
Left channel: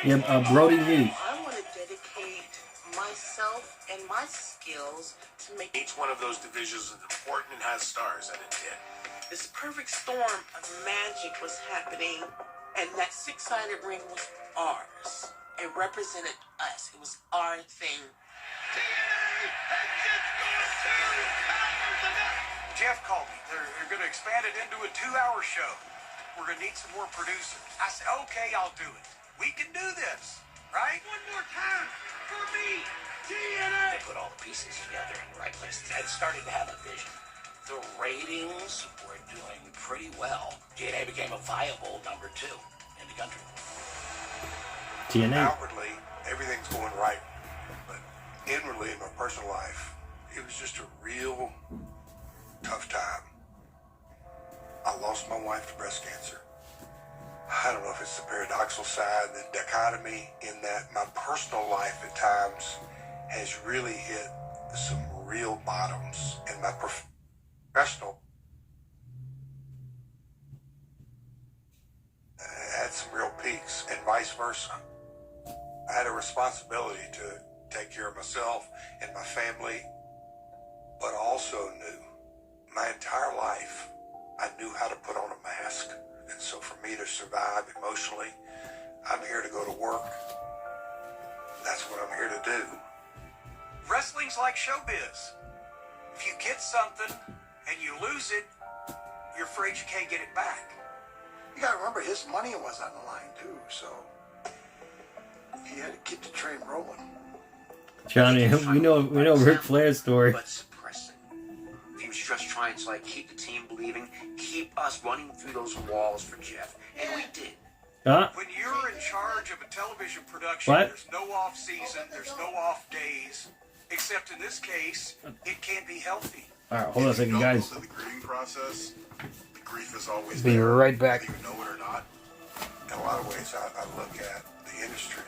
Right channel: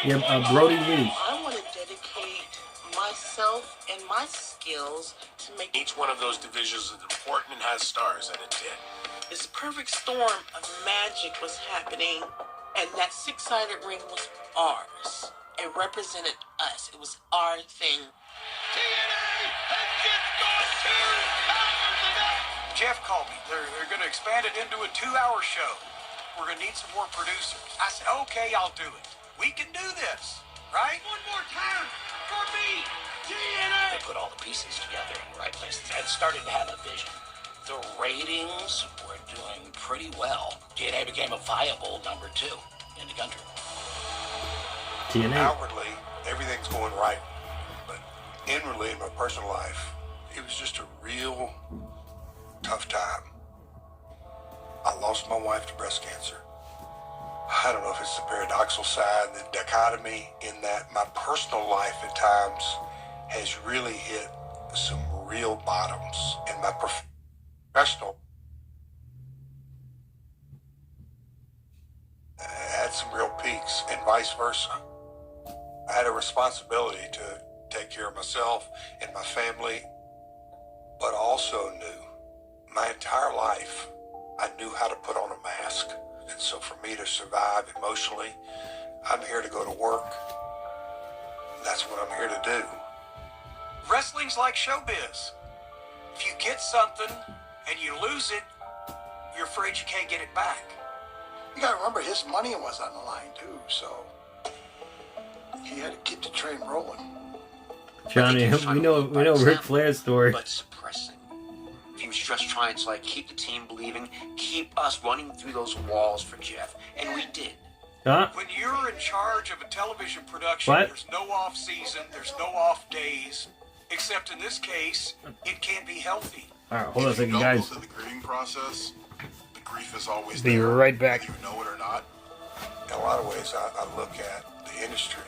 Yeah, Brody Lee. I want to dedicate myself and my skills to make Each one of those divisions is important and has stars, and it did. this perfect storm of magic was happening, and that six-sided ring was ours. It represented us. It was our thing. Jeff called me. They're going to expand it into a 2-hour show. We're going to need some more producers. I said, okay, I'll do it. We can do this, right? One more time for me, TNA. They put all the pieces together in the right place and started to have a vision. The ratings were doing pretty well. TNA became a viable number 2 in the country. TNA. Outwardly, everything's going right, but inwardly, in my personal life, it was just a real tough time. I lost my wife to breast cancer. I don't know if it's the paradoxical side, the dichotomy in that my personal life at times has really hit some real bottoms, and my professional had some real peaks, and vice versa. I had a responsibility to take care of myself and my family, but also knew my entire life I knew how to put on a mask. And so for me to survive emotionally, I'm here to go to work. That's what I'm here to do. Wrestling's like showbiz. If you get something and you lose it, you're afraid you can't get it back. You gotta remember, his money was on the line too, so he had to keep the train rolling. Johnny, we know Ric Flair's story. But suppressing. He was just trying to keep the team believing, keep us running through those walls for Jeff, and we did. Huh? When you're in charge of a television production, What? There's no off season, there's no off days, except in this case, it can't be healthy. All right, hold on a second, guys. The grieving process, the grief is always Be there, right back. whether you know it or not. In a lot of ways, I look at the industry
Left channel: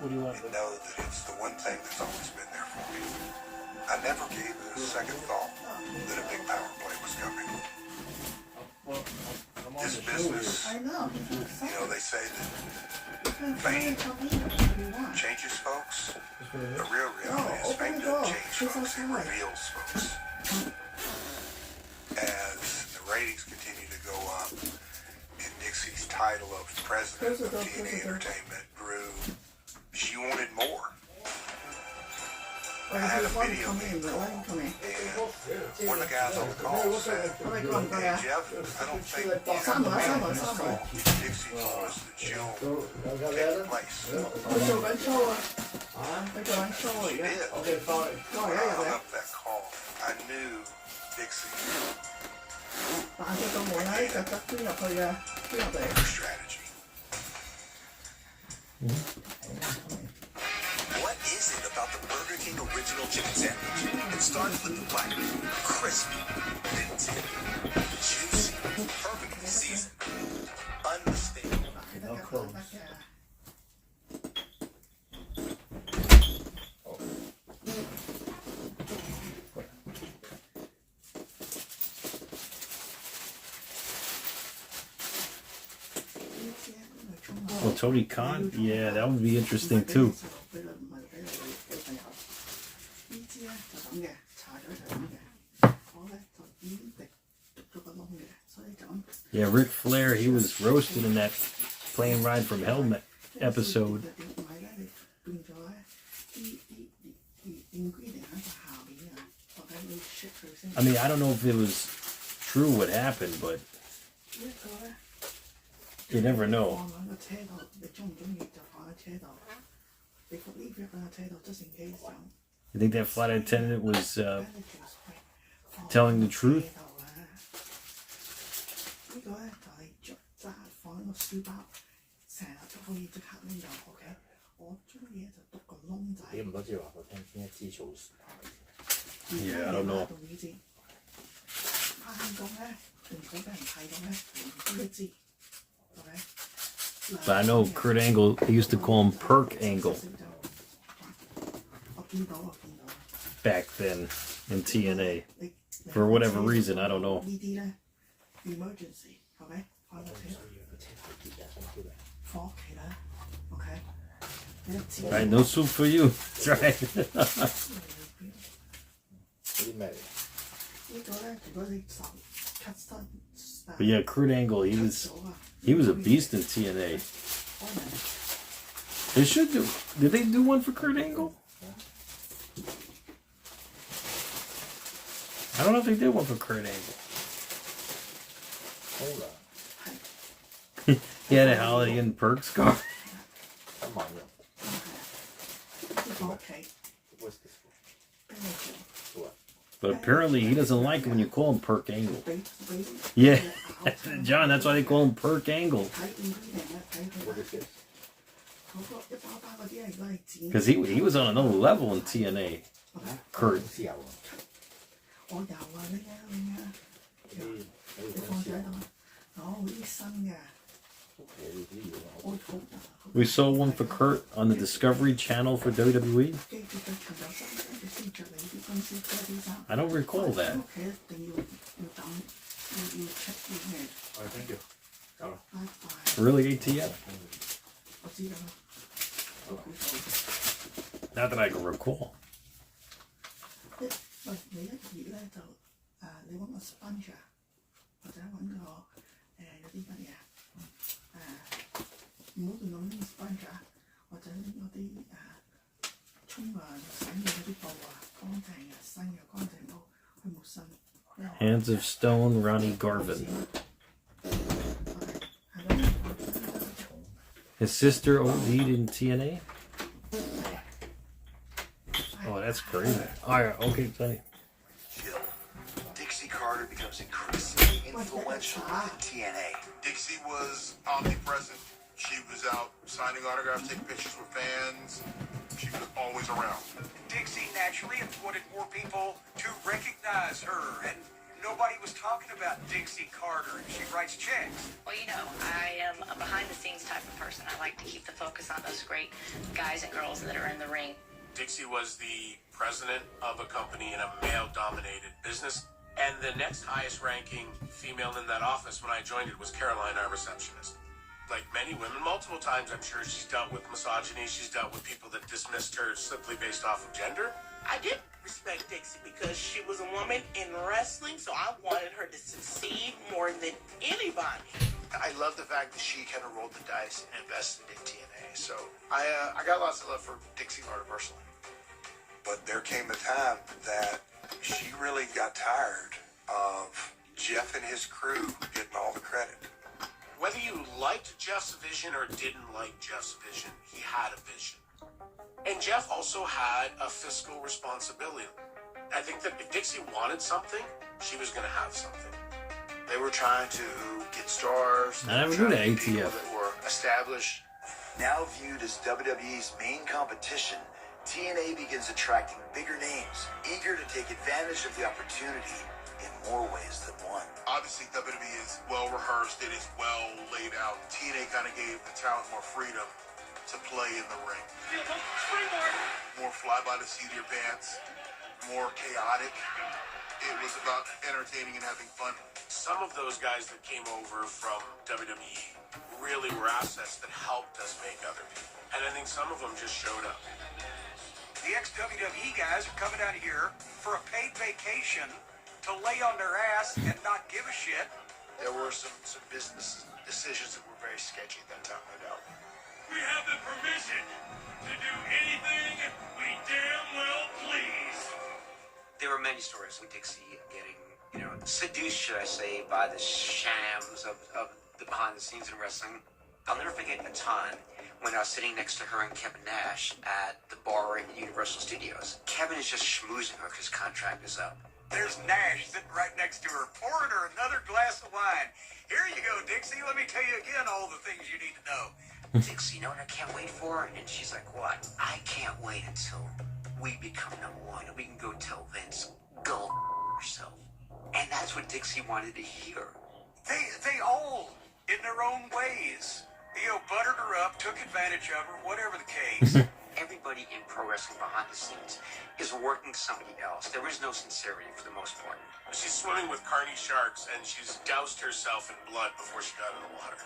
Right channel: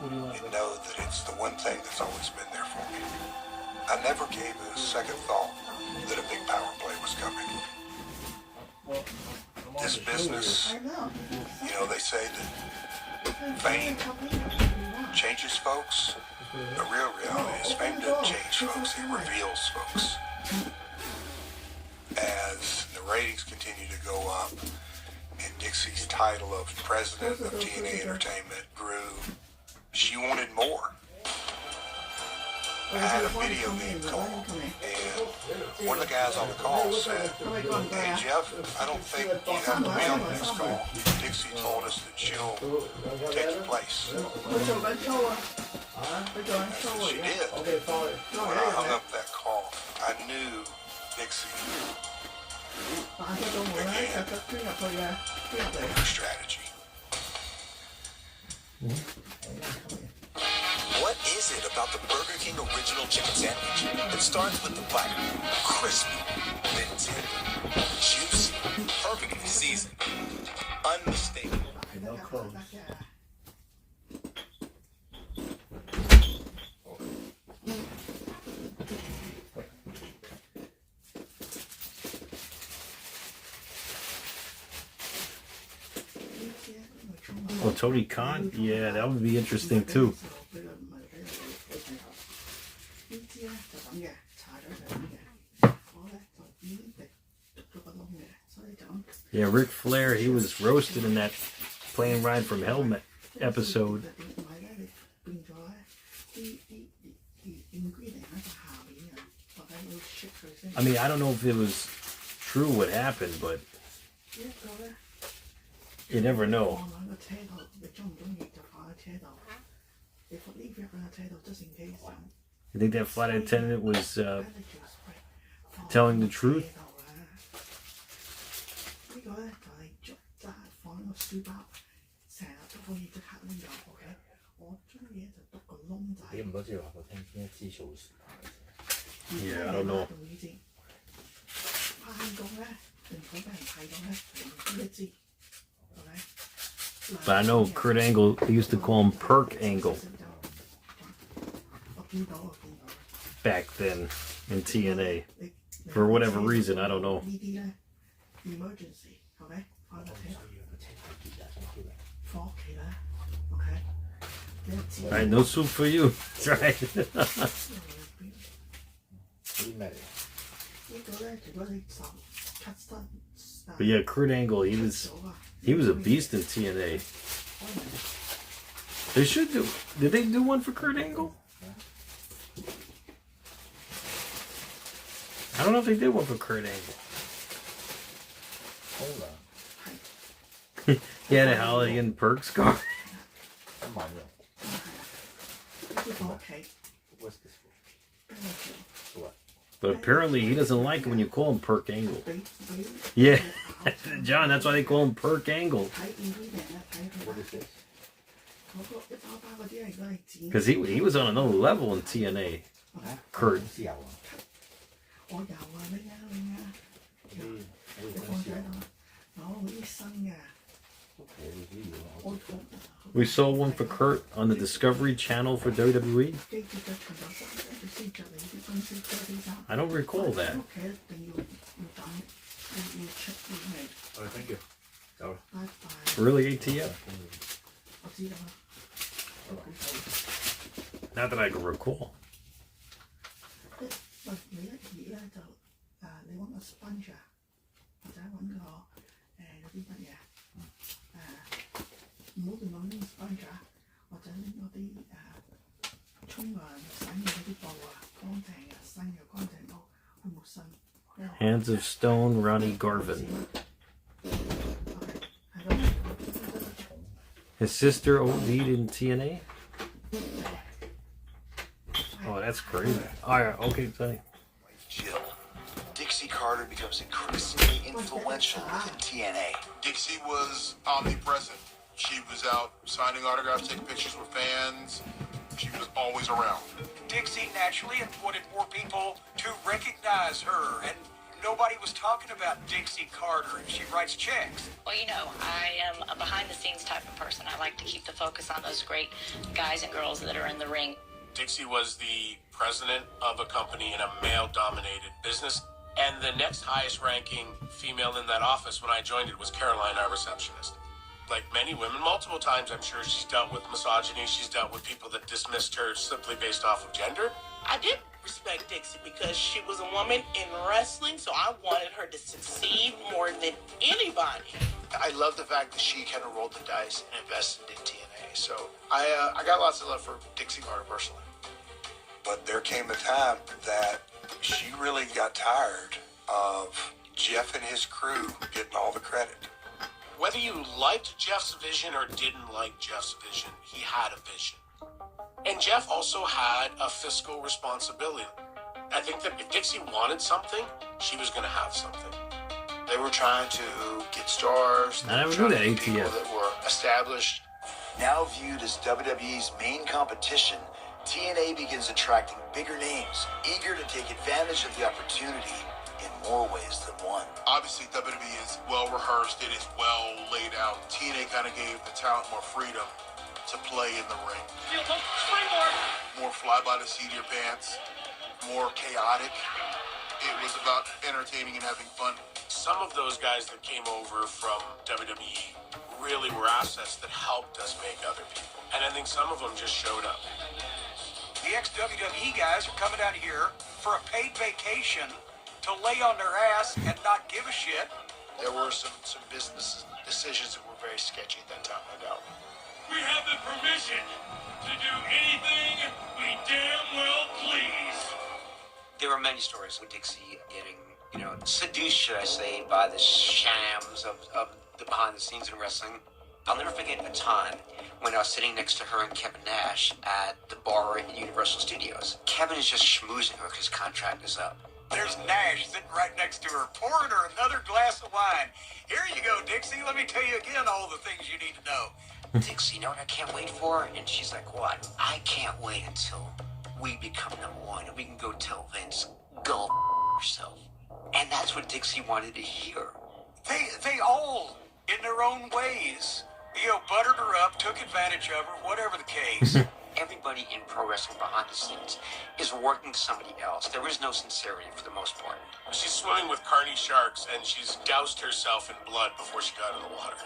What do you want? and know that it's the one thing that's always been there for me. I never gave it a second thought that a big power play was coming. this business, you know, they say that fame changes folks. The real reality is fame doesn't change folks, it reveals folks. As the ratings continue to go up and Dixie's title of president of TNA Entertainment grew, she wanted more. I had a video game call, and one of the guys on the call said, "Hey Jeff, I don't think you have to win this call. Dixie told us that she'll take your place." She did. I hung up that call. I knew Dixie had her strategy. What is it about the Burger King original chicken sandwich? It starts with the bite, crispy, minty, juicy, perfectly seasoned, unmistakable. No clothes. Oh, Tony Khan? Yeah, that would be interesting too. Yeah, Ric Flair, he was roasted in that plane ride from Hell episode. I mean, I don't know if it was true what happened, but you never know. You think that flight attendant was telling the truth? Yeah, I don't know. But I know Kurt Angle, they used to call him Perk Angle back then in TNA. For whatever reason, I don't know. Alright, no soup for you. That's right. But yeah, Kurt Angle, he was a beast in TNA. They should do. Did they do one for Kurt Angle? I don't know if they did one for Kurt Angle. He had a Holiday Inn Perk scar. But apparently he doesn't like it when you call him Perk Angle. Yeah, John, that's why they call him Perk Angle. Because he was on another level in TNA. Kurt. We saw one for Kurt on the Discovery Channel for WWE. I don't recall that. Oh, thank you. Really, ATF? Not that I can recall. Hands of Stone, Ronnie Garvin. His sister OD'd in TNA? Oh, that's crazy. Alright, okay, sorry. Dixie Carter becomes increasingly influential within TNA. Dixie was omnipresent. She was out signing autographs, taking pictures with fans. She was always around. Dixie naturally wanted more people to recognize her, and nobody was talking about Dixie Carter, and she writes checks. Well, you know, I am a behind-the-scenes type of person. I like to keep the focus on those great guys and girls that are in the ring. Dixie was the president of a company in a male-dominated business. And the next highest ranking female in that office when I joined it was Caroline, our receptionist. Like many women, multiple times I'm sure she's dealt with misogyny. She's dealt with people that dismissed her simply based off of gender. I did respect Dixie because she was a woman in wrestling, so I wanted her to succeed more than anybody. I love the fact that she kind of rolled the dice and invested in TNA. So I got lots of love for Dixie Carter personally. But there came a time that she really got tired of Jeff and his crew getting all the credit. Whether you liked Jeff's vision or didn't like Jeff's vision, he had a vision. And Jeff also had a fiscal responsibility. I think that if Dixie wanted something, she was going to have something. They were trying to get stars. I never knew that, People ATF. that were established. Now viewed as WWE's main competition, TNA begins attracting bigger names, eager to take advantage of the opportunity in more ways than one. Obviously, WWE is well rehearsed. It is well laid out. TNA kind of gave the talent more freedom to play in the ring. More fly by the seat of your pants, more chaotic. It was about entertaining and having fun. Some of those guys that came over from WWE really were assets that helped us make other people. And I think some of them just showed up. The ex-WWE guys are coming out here for a paid vacation to lay on their ass and not give a shit. There were some business decisions that were very sketchy at that time, no doubt. We have the permission to do anything we damn well please. There were many stories of Dixie getting, seduced, should I say, by the shams of the behind the scenes of wrestling. I'll never forget a time when I was sitting next to her and Kevin Nash at the bar at Universal Studios. Kevin is just schmoozing her because his contract is up. There's Nash sitting right next to her, pouring her another glass of wine. Here you go, Dixie. Let me tell you again all the things you need to know. Dixie, you know what I can't wait for? And she's like, what? I can't wait until we become #1 and we can go tell Vince, go yourself. And that's what Dixie wanted to hear. They all, in their own ways, buttered her up, took advantage of her, whatever the case. Everybody in pro wrestling behind the scenes is working somebody else. There is no sincerity for the most part. She's swimming with carny sharks, and she's doused herself in blood before she got in the water.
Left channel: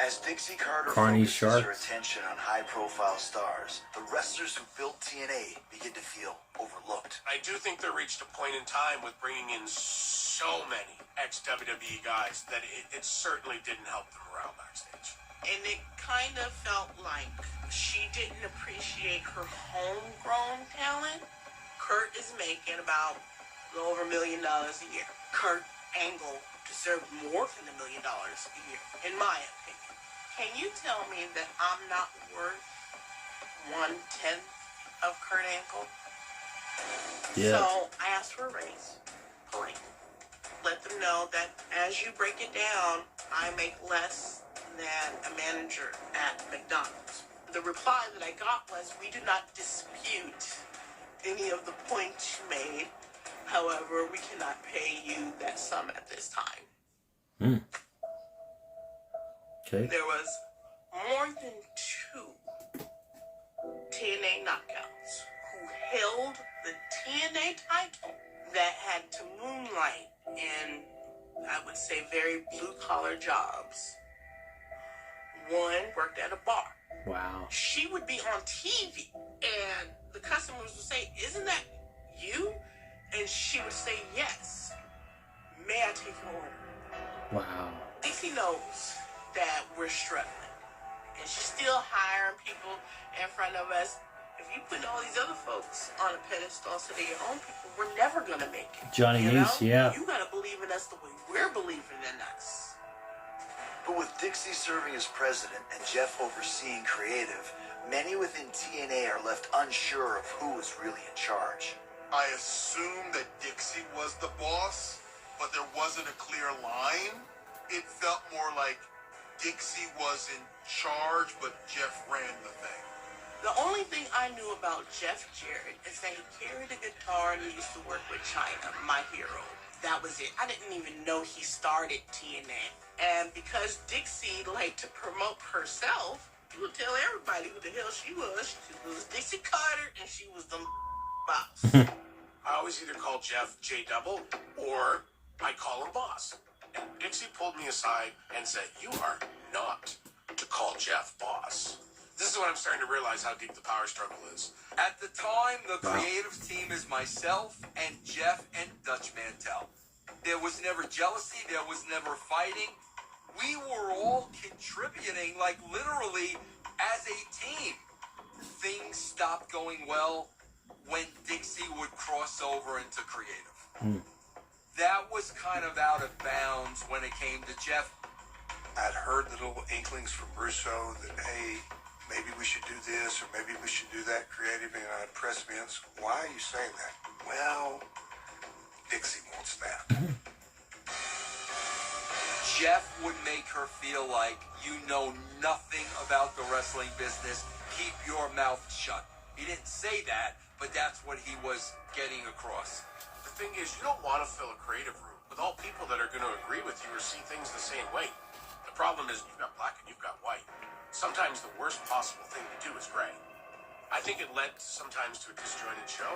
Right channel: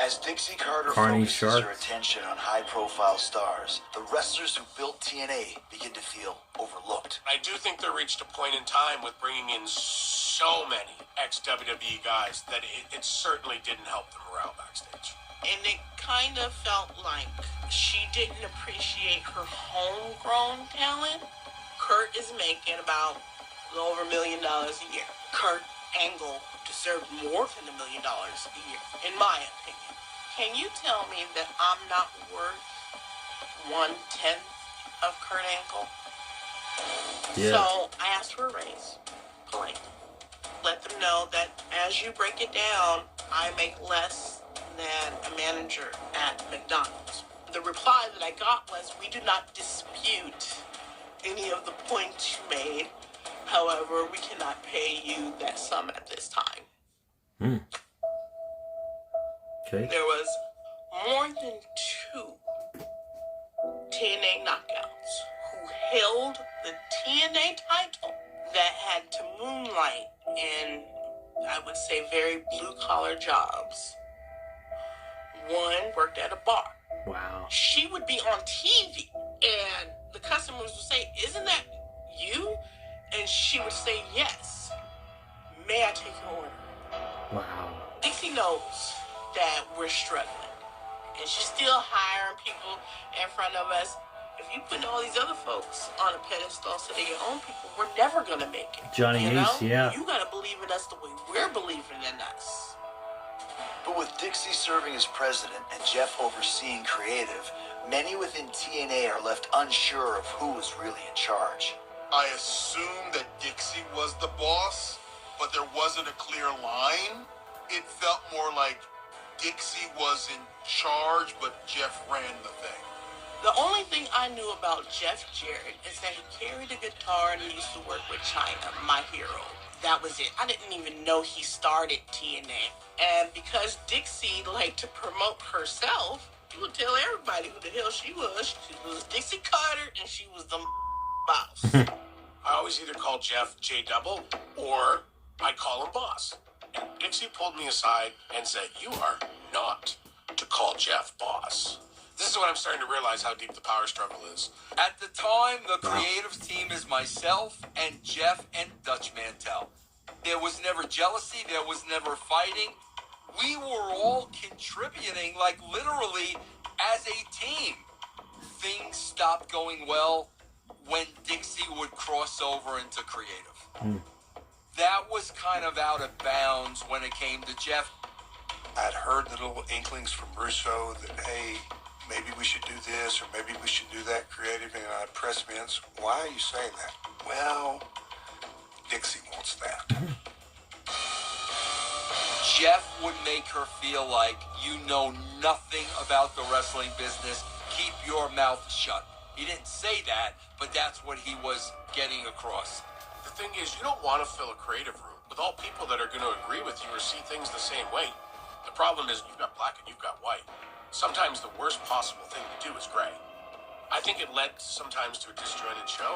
As Dixie Carter Carny focuses sharks. her attention on high-profile stars, the wrestlers who built TNA begin to feel overlooked. I do think they reached a point in time with bringing in so many ex-WWE guys that it certainly didn't help them morale backstage. And it kind of felt like she didn't appreciate her homegrown talent. Kurt is making about a little over $1 million a year. Kurt Angle deserved more than $1 million a year, in my opinion. Can you tell me that I'm not worth 1/10 of Kurt Angle? Yeah. So I asked for a raise. Plain. Let them know that as you break it down, I make less than a manager at McDonald's. The reply that I got was, we do not dispute any of the points you made. However, we cannot pay you that sum at this time. Okay. There was more than 2 TNA knockouts who held the TNA title that had to moonlight in, I would say, very blue-collar jobs. One worked at a bar. Wow. She would be on TV, and the customers would say, isn't that you? And she would say, yes. May I take your order? Wow. Dixie knows that we're struggling, and she's still hiring people in front of us. If you put all these other folks on a pedestal instead of your own people, we're never going to make it. Johnny Ace, yeah. You got to believe in us the way we're believing in us. But with Dixie serving as president and Jeff overseeing creative, many within TNA are left unsure of who was really in charge. I assumed that Dixie was the boss, but there wasn't a clear line. It felt more like Dixie was in charge, but Jeff ran the thing. The only thing I knew about Jeff Jarrett is that he carried a guitar and he used to work with China, my hero. That was it. I didn't even know he started TNA. And because Dixie liked to promote herself, she would tell everybody who the hell she was. She was Dixie Carter, and she was the boss. I always either call Jeff J Double or I'd call him boss. And Dixie pulled me aside and said, "You are not to call Jeff boss." This is when I'm starting to realize how deep the power struggle is. At the time, the creative team is myself and Jeff and Dutch Mantel. There was never jealousy. There was never fighting. We were all contributing, like literally as a team. Things stopped going well when Dixie would cross over into creative. That was kind of out of bounds when it came to Jeff. I'd heard little inklings from Russo that, hey, maybe we should do this or maybe we should do that creative, and I'd press me and say, why are you saying that? Well, Dixie wants that. Jeff would make her feel like you know nothing about the wrestling business. Keep your mouth shut. He didn't say that, but that's what he was getting across. The thing is, you don't want to fill a creative room with all people that are going to agree with you or see things the same way. The problem is you've got black and you've got white. Sometimes the worst possible thing to do is gray. I think it led sometimes to a disjointed show.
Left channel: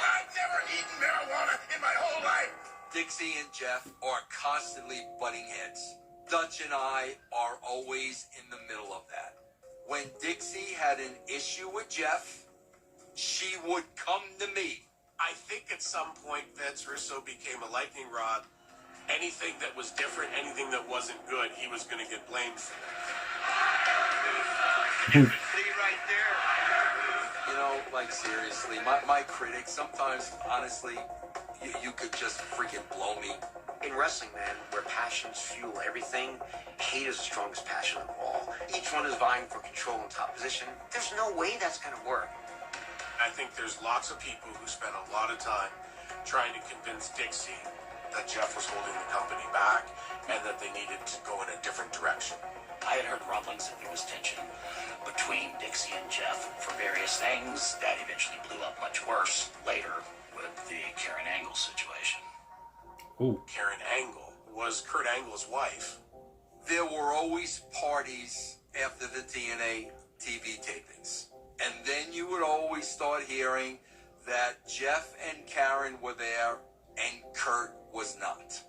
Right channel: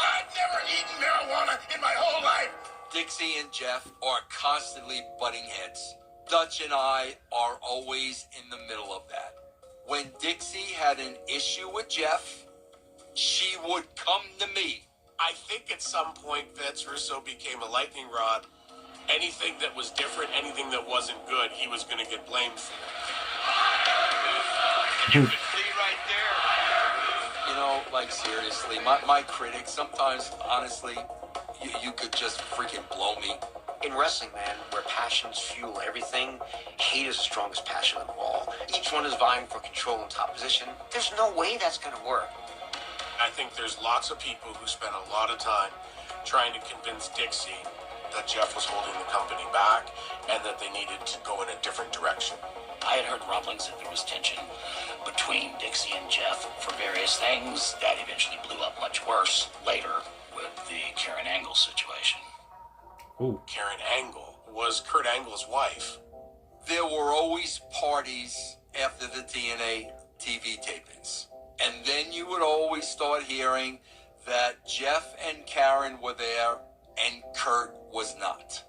I've never eaten marijuana in my whole life. Dixie and Jeff are constantly butting heads. Dutch and I are always in the middle of that. When Dixie had an issue with Jeff, she would come to me. I think at some point Vince Russo became a lightning rod. Anything that was different, anything that wasn't good, he was going to get blamed for. See right there. You know, like seriously, my critics, sometimes, honestly, you could just freaking blow me. In wrestling, man, where passions fuel everything, hate is the strongest passion of all. Each one is vying for control and top position. There's no way that's going to work. I think there's lots of people who spent a lot of time trying to convince Dixie that Jeff was holding the company back and that they needed to go in a different direction. I had heard rumblings that there was tension between Dixie and Jeff for various things. That eventually blew up much worse later with the Karen Angle situation. Ooh. Karen Angle was Kurt Angle's wife. There were always parties after the TNA TV tapings. And then you would always start hearing that Jeff and Karen were there and Kurt was not.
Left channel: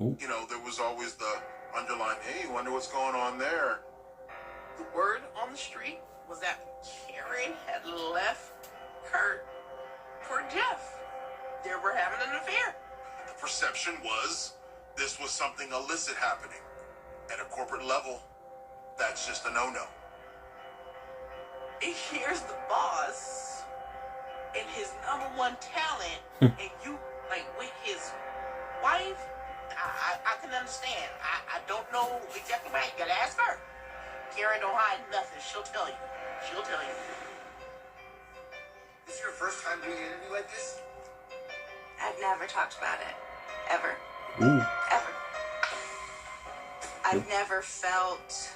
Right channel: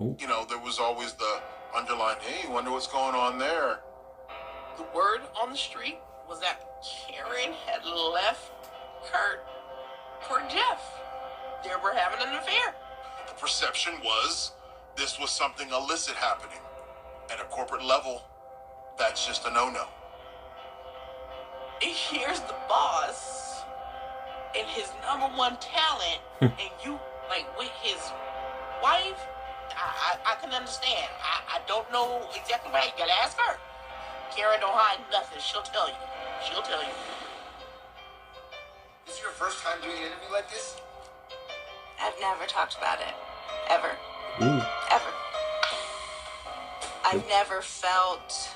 You know, there was always the underlying, hey, wonder what's going on there. The word on the street was that Karen had left Kurt for Jeff. They were having an affair. The perception was this was something illicit happening. At a corporate level, that's just a no-no. Here's the boss and his #1 talent, and you, like, with his wife, I can understand. I don't know exactly why. You gotta ask her. Karen don't hide nothing. She'll tell you. She'll tell you. This is your first time doing an interview like this? I've never talked about it. Ever. Ooh. Ever. I've never felt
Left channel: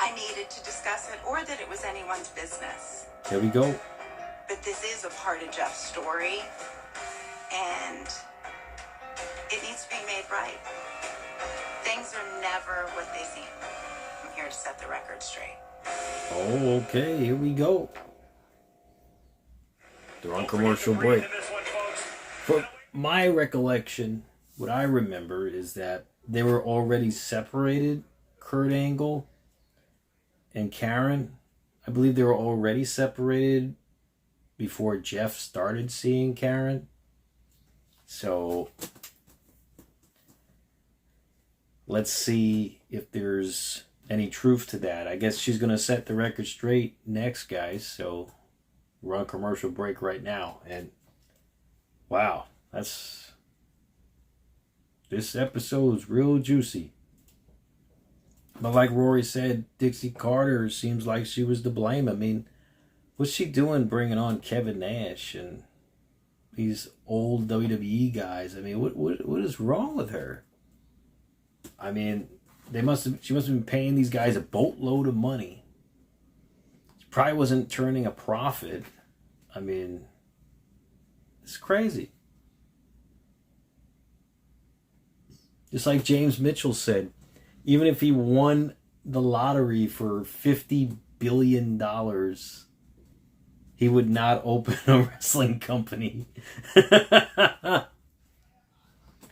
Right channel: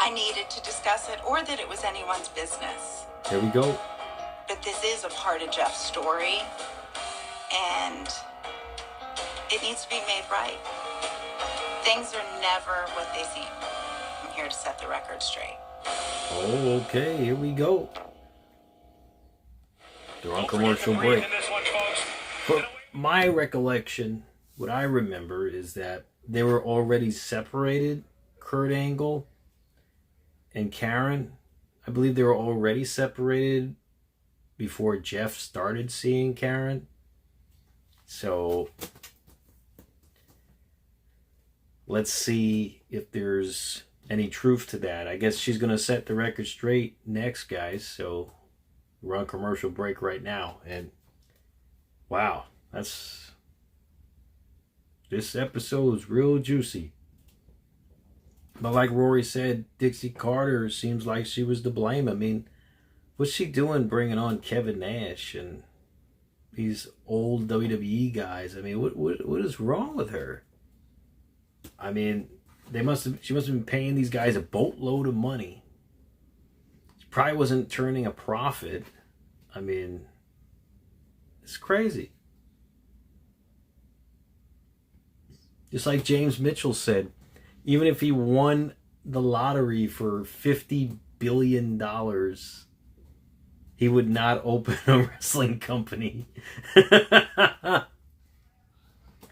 I needed to discuss it or that it was anyone's business. There we go. But this is a part of Jeff's story, and it needs to be made right. Things are never what they seem. I'm here to set the record straight. Oh, okay. Here we go. They're on commercial break. But my recollection, what I remember is that they were already separated, Kurt Angle and Karen. I believe they were already separated before Jeff started seeing Karen. So let's see if there's any truth to that. I guess she's going to set the record straight next, guys. So we're on commercial break right now. And wow, this episode is real juicy. But like Rory said, Dixie Carter seems like she was to blame. I mean, what's she doing bringing on Kevin Nash and these old WWE guys? I mean, what is wrong with her? I mean, she must have been paying these guys a boatload of money. She probably wasn't turning a profit. I mean, it's crazy. Just like James Mitchell said, even if he won the lottery for $50 billion, he would not open a wrestling company.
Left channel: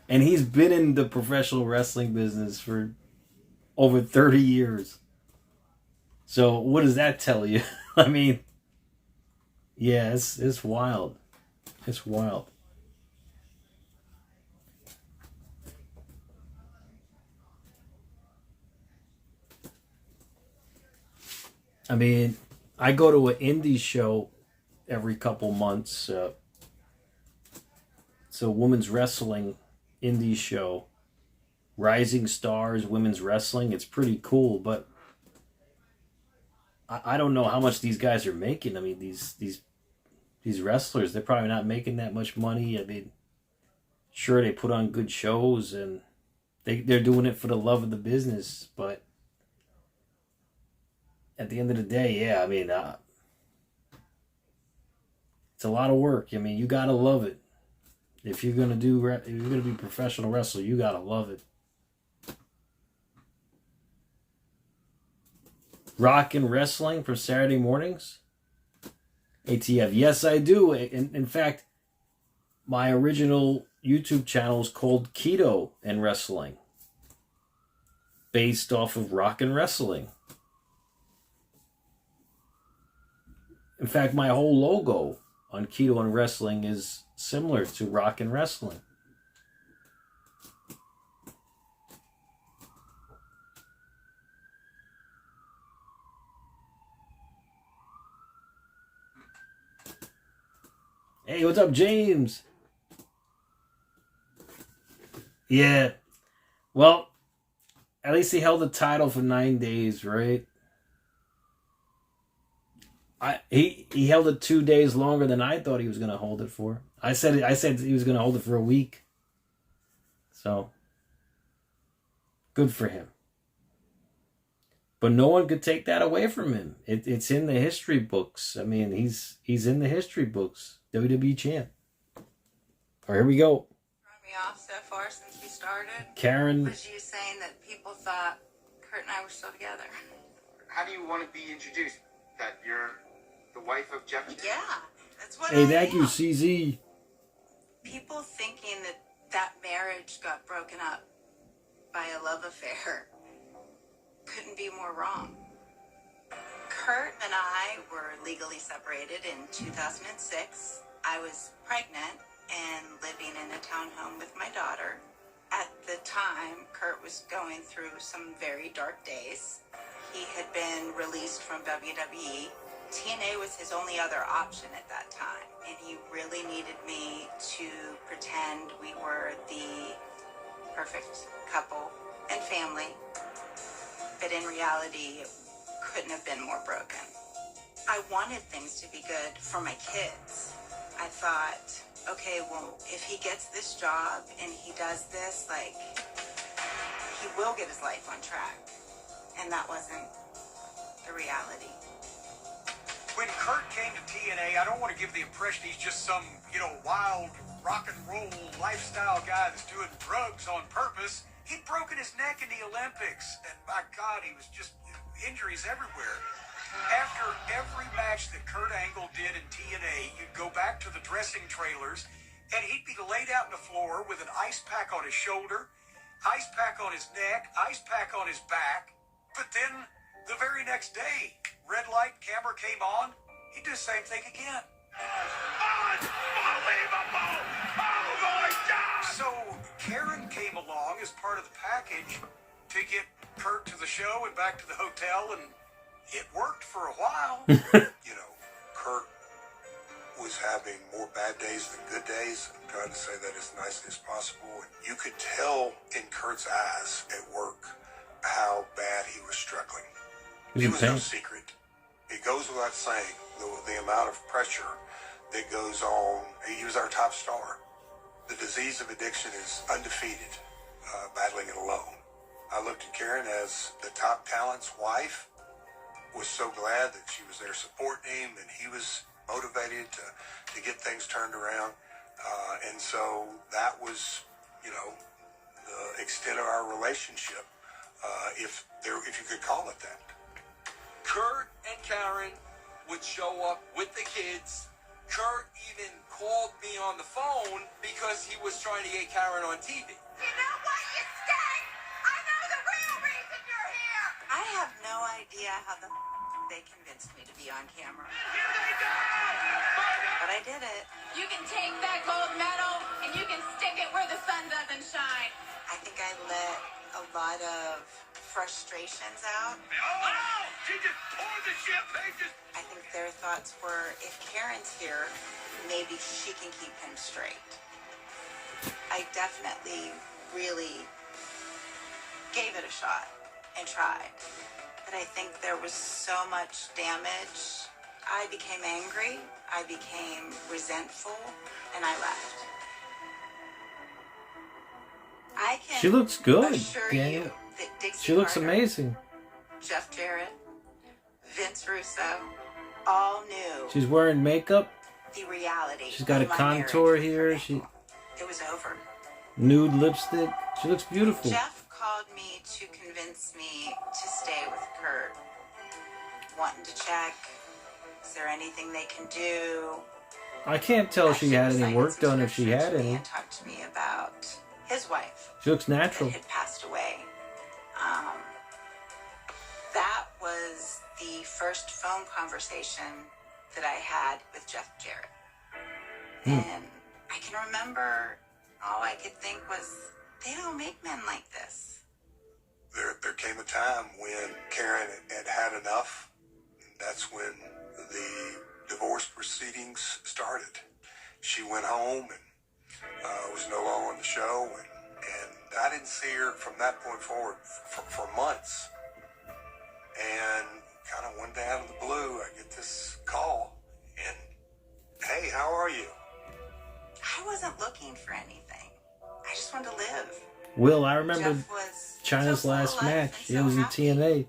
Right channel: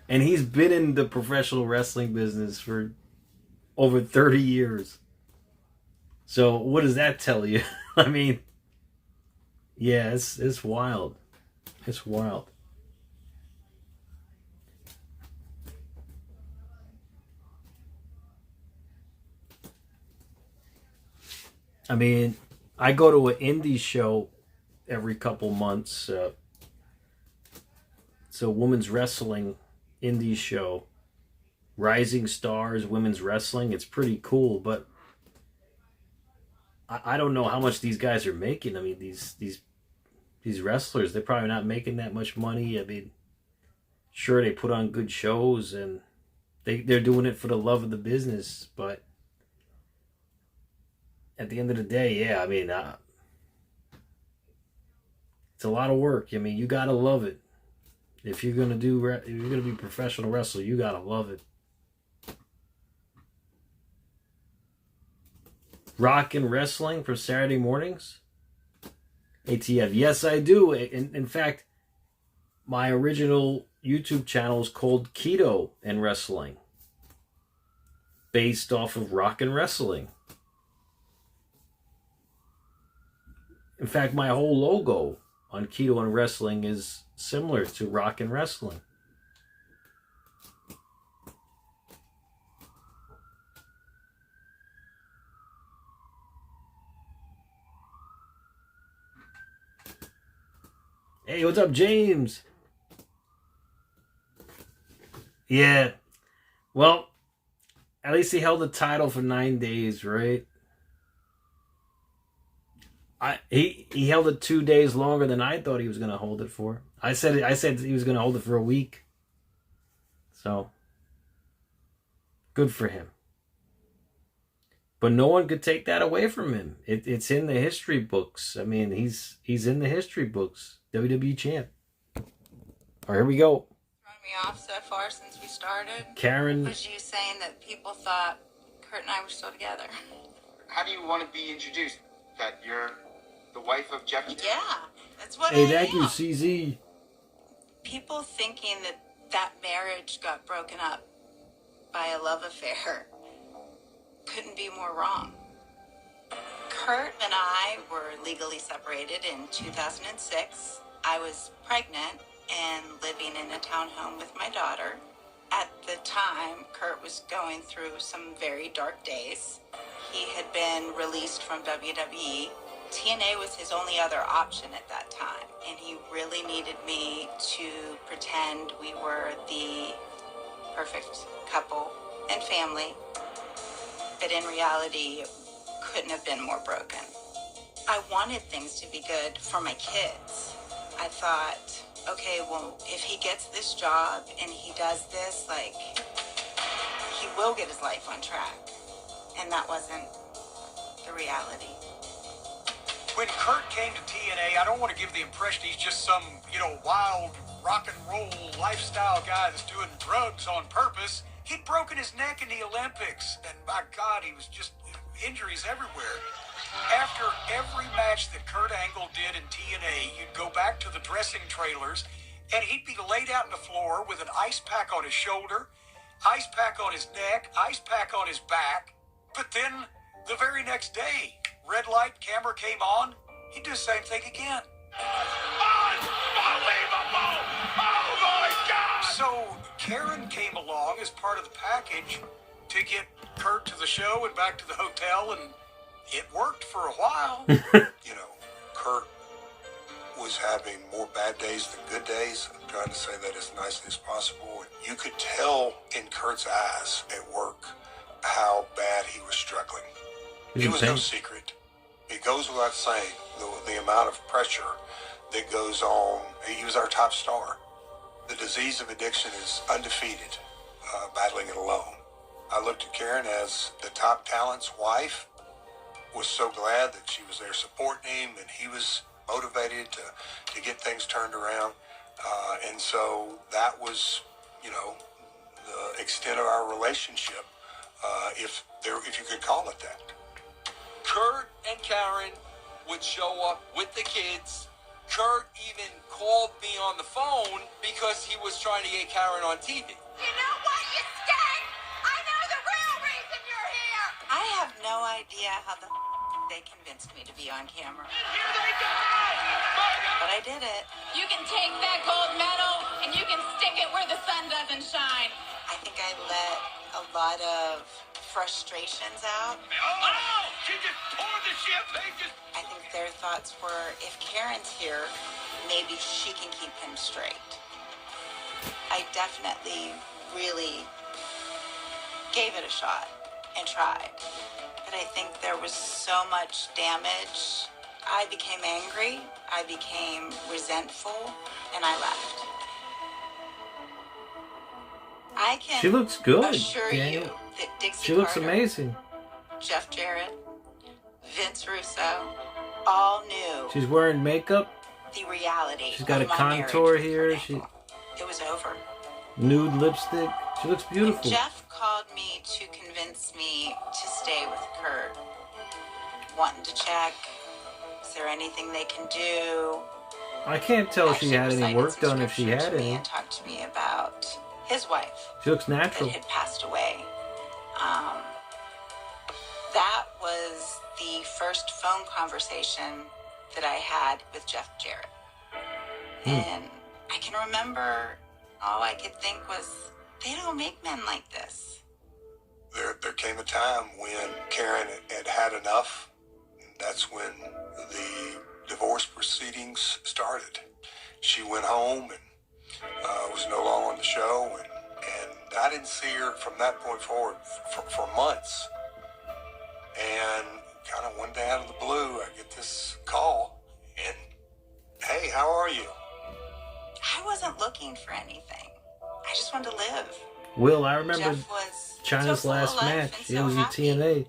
And he's been in the professional wrestling business for over 30 years. So what does that tell you? I mean, yeah, it's wild. It's wild. I mean, I go to an indie show every couple months. It's a women's wrestling indie show. Rising Stars Women's Wrestling. It's pretty cool, but I don't know how much these guys are making. I mean, these wrestlers, they're probably not making that much money. I mean, sure, they put on good shows and they're doing it for the love of the business, but at the end of the day, yeah, I mean, it's a lot of work. I mean, you gotta love it. If you're gonna be a professional wrestler, you gotta love it. Rockin' Wrestling for Saturday mornings. ATF, yes, I do. In fact, my original YouTube channel is called Keto and Wrestling, based off of Rockin' Wrestling. In fact, my whole logo on Keto and Wrestling is similar to Rockin' Wrestling. Hey, what's up, James? Yeah. Well, at least he held the title for 9 days, right? He held it 2 days longer than I thought he was going to hold it for. I said he was going to hold it for a week. So, good for him. But no one could take that away from him. It's in the history books. I mean, he's in the history books. WWE champ. All right, here we go. Throwing me off so far since we started. Karen. Was you saying that people thought Kurt and I were still together? How do you want to be introduced? That you're the wife of Jeff? Yeah, that's what Hey, I thank you, am. CZ. People thinking that marriage got broken up by a love affair couldn't be more wrong. Kurt and I were legally separated in 2006. I was pregnant and living in a townhome with my daughter. At the time, Kurt was going through some very dark days. He had been released from WWE. TNA was his only other option at that time, and he really needed me to pretend we were the perfect couple and family. But in reality, it couldn't have been more broken. I wanted things to be good for my kids. I thought, okay, well, if he gets this job and he does this, like, he will get his life on track. And that wasn't the reality. When Kurt came to TNA, I don't want to give the impression he's just some, wild rock and roll lifestyle guy that's doing drugs on purpose. He'd broken his neck in the Olympics, and my God, he was just injuries everywhere. After every match that Kurt Angle did in TNA, you'd go back to the dressing trailers, and he'd be laid out on the floor with an ice pack on his shoulder, ice pack on his neck, ice pack on his back. But then, the very next day, red light, camera came on, he'd do the same thing again. Unbelievable! Oh my God! So, Karen came along as part of the package to get Kurt to the show and back to the hotel, and it worked for a while. Kurt was having more bad days than good days. I'm trying to say that as nicely as possible. You could tell in Kurt's eyes at work how bad he was struggling. It was no secret. It goes without saying the amount of pressure that goes on. He was our top star. The disease of addiction is undefeated, battling it alone. I looked at Karen as the top talent's wife, was so glad that she was there supporting him, and he was motivated to get things turned around. And so that was, the extent of our relationship, if you could call it that. Kurt and Karen would show up with the kids. Kurt even called me on the phone because he was trying to get Karen on TV. You know what, you stink! I know the real reason you're here! I have no idea how they convinced me to be on camera. Here they go! But I did it. You can take that gold medal and you can stick it where the sun doesn't shine. I think I let a lot of frustrations out. Oh, she just poured the champagne. I think their thoughts were, if Karen's here, maybe she can keep him straight. I definitely really gave it a shot and tried. But I think there was so much damage. I became angry, I became resentful, and I left. I can She looks good, assure Daniel. you that Dixie She looks Carter, amazing. Jeff Jarrett, Vince Russo, all knew She's wearing makeup. the reality. She's got a of my contour marriage. here. She It was over. nude lipstick. She looks beautiful. Jeff called me to convince me to stay with Kurt, wanting to check, is there anything they can do? I can't tell if she had any work done, if she had any. And talked to me about his wife She looks natural. that had passed away. That was the first phone conversation that I had with Jeff Jarrett. And I can remember all I could think was, they don't make men like this. There came a time when Karen had had enough. That's when the divorce proceedings started. She went home and was no longer on the show, and I didn't see her from that point forward for months. And kind of one day out of the blue, I get this call, and hey, how are you? I wasn't looking for anything. I just wanted to live. Will, I remember Jeff was China's so full of last life match. and It so was in happy. TNA.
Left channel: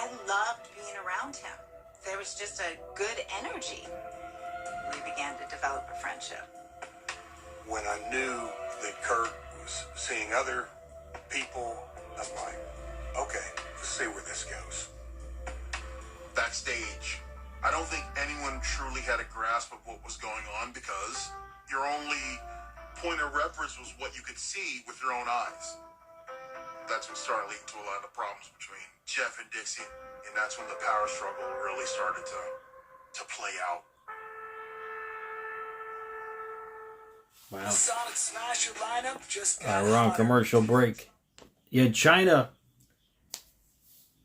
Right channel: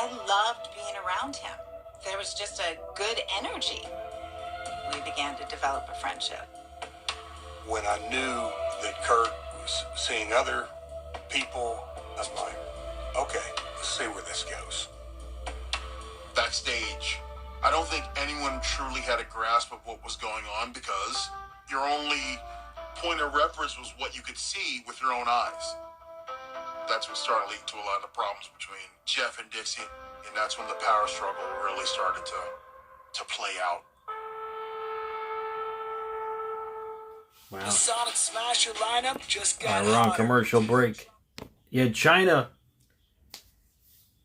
I loved being around him. There was just a good energy. We began to develop a friendship. When I knew that Kurt was seeing other people, I'm like, okay, let's see where this goes. Backstage, I don't think anyone truly had a grasp of what was going on because your only point of reference was what you could see with your own eyes. That's what started leading to a lot of the problems between Jeff and Dixie, and that's when the power struggle really started to play out. Wow. Sonic Smasher lineup just All right, we're on commercial break. Yeah, China.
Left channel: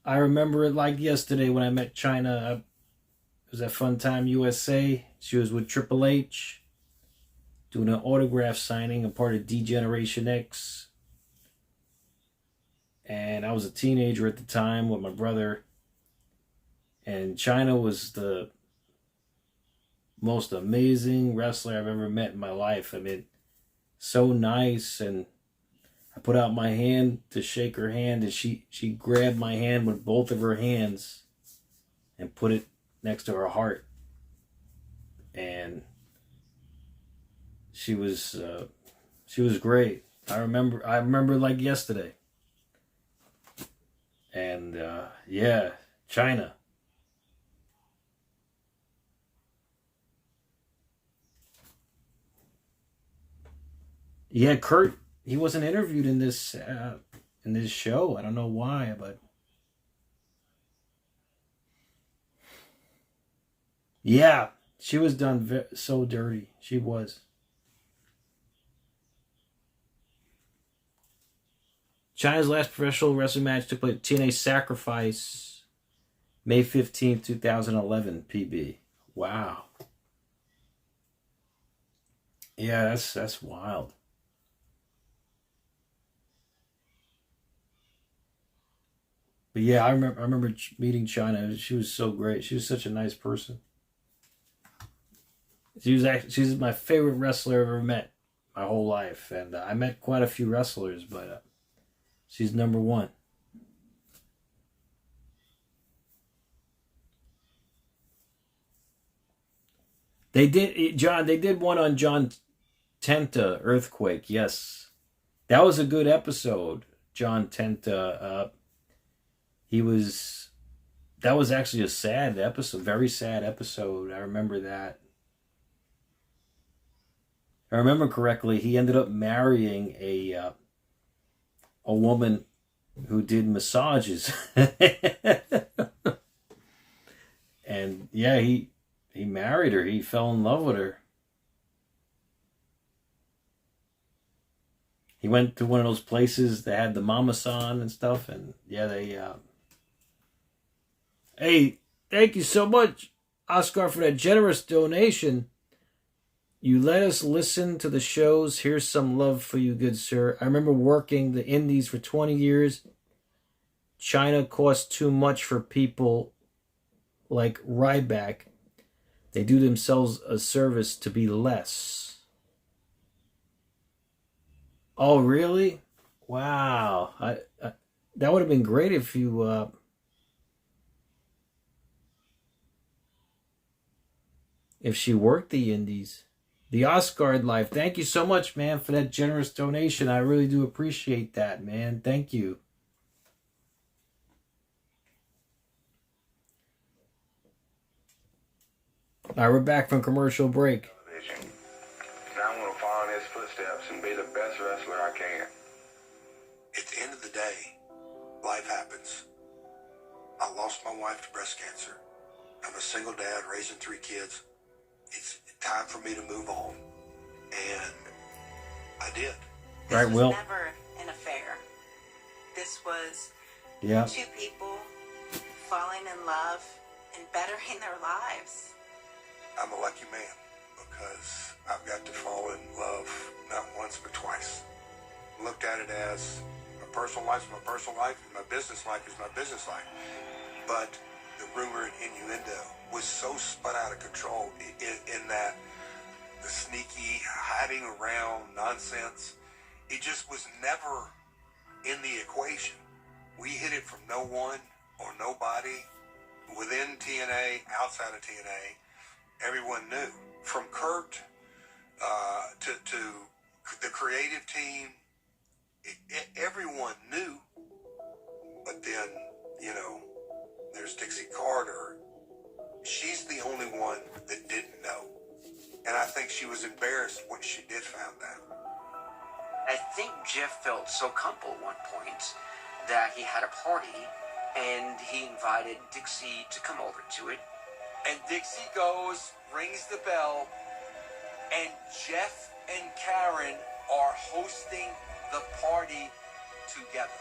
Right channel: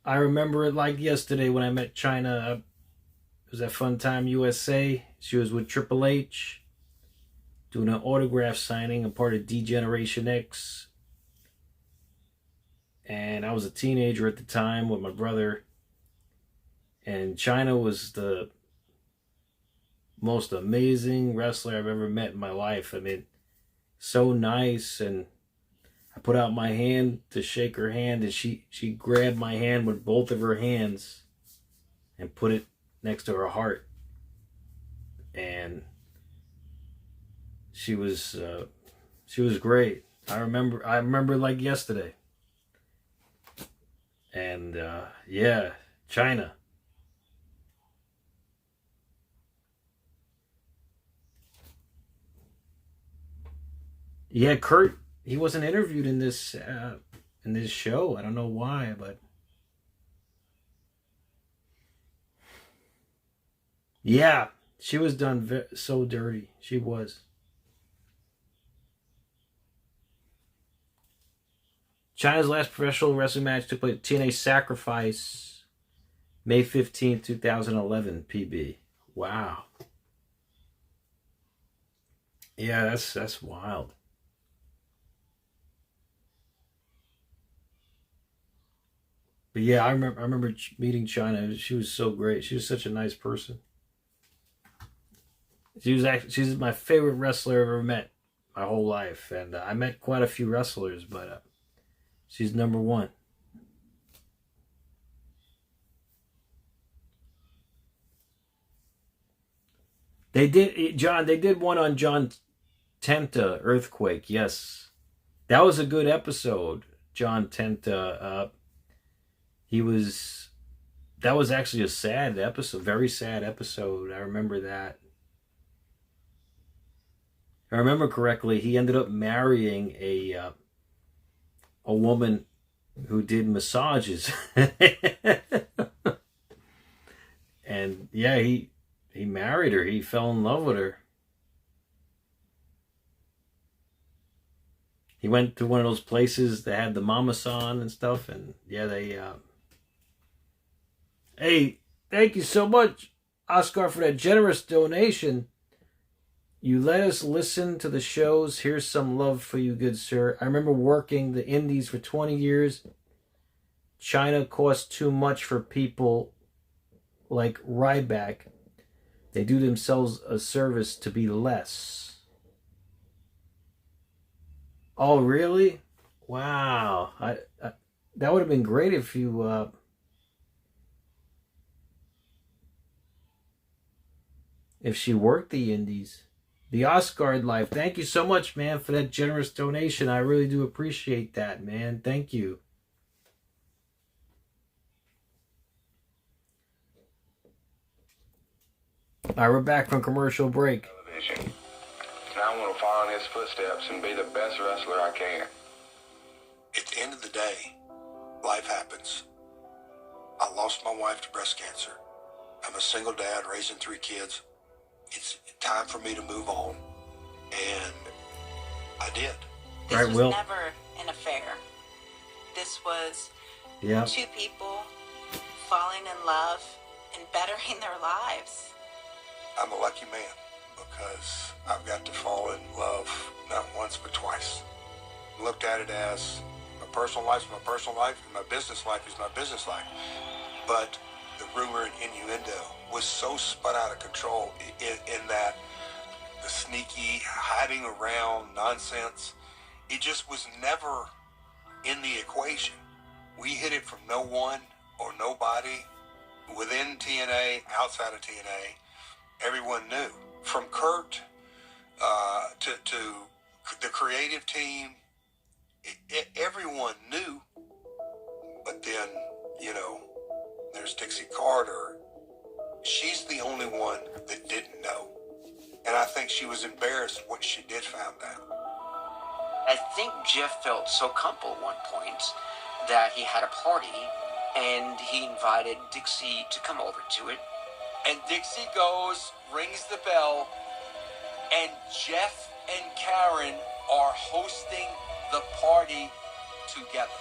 I remember it like yesterday when I met China. It was at Fun Time USA. She was with Triple H doing an autograph signing, a part of D-Generation X. And I was a teenager at the time with my brother. And China was the most amazing wrestler I've ever met in my life. I mean, so nice. And I put out my hand to shake her hand, and she grabbed my hand with both of her hands and put it next to her heart. And she was great. I remember like yesterday. And yeah, China. Yeah, Kurt, he wasn't interviewed in this show. I don't know why, but yeah, she was done so dirty. She was. China's last professional wrestling match took place at TNA Sacrifice, May 15th, 2011, PB. Wow. Yeah, that's wild. But yeah, I remember meeting China. She was so great. She was such a nice person. She's my favorite wrestler I've ever met my whole life, and I met quite a few wrestlers, but she's number one. They did one on John Tenta, Earthquake. Yes, that was a good episode. John Tenta. that was actually a sad episode, very sad episode. I remember that. If I remember correctly, he ended up marrying a woman who did massages. And yeah, he married her. He fell in love with her. He went to one of those places that had the mama-san and stuff, and yeah, they hey, thank you so much, Oscar, for that generous donation. You let us listen to the shows. Here's some love for you, good sir. I remember working the indies for 20 years. China costs too much for people like Ryback. They do themselves a service to be less. Oh, really? Wow. That would have been great if you... if she worked the indies. The Oscar life. Thank you so much, man, for that generous donation. I really do appreciate that, man. Thank you. All right, we're back from commercial break. Now I want to follow in his footsteps and be the best wrestler I can. At the end of the day, life happens. I lost my wife to breast cancer. I'm a single dad raising 3 kids. It's time for me to move on. And I did. This was Will. Never an affair. This was 2 people falling in love and bettering their lives. I'm a lucky man because I've got to fall in love not once but twice. Looked at it as my personal life is my personal life and my business life is my business life. But the rumor and innuendo was so spun out of control in that the sneaky, hiding around nonsense, it just was never in the equation. We hid it from no one or nobody within TNA, outside of TNA. Everyone knew. From Kurt to the creative team, everyone knew. But then, you know, there's Dixie Carter. She's the only one that didn't know. And I think she was embarrassed when she did find out. I think Jeff felt so comfortable at one point that he had a party and he invited Dixie to come over to it. And Dixie goes, rings the bell, and Jeff and Karen are hosting the party together.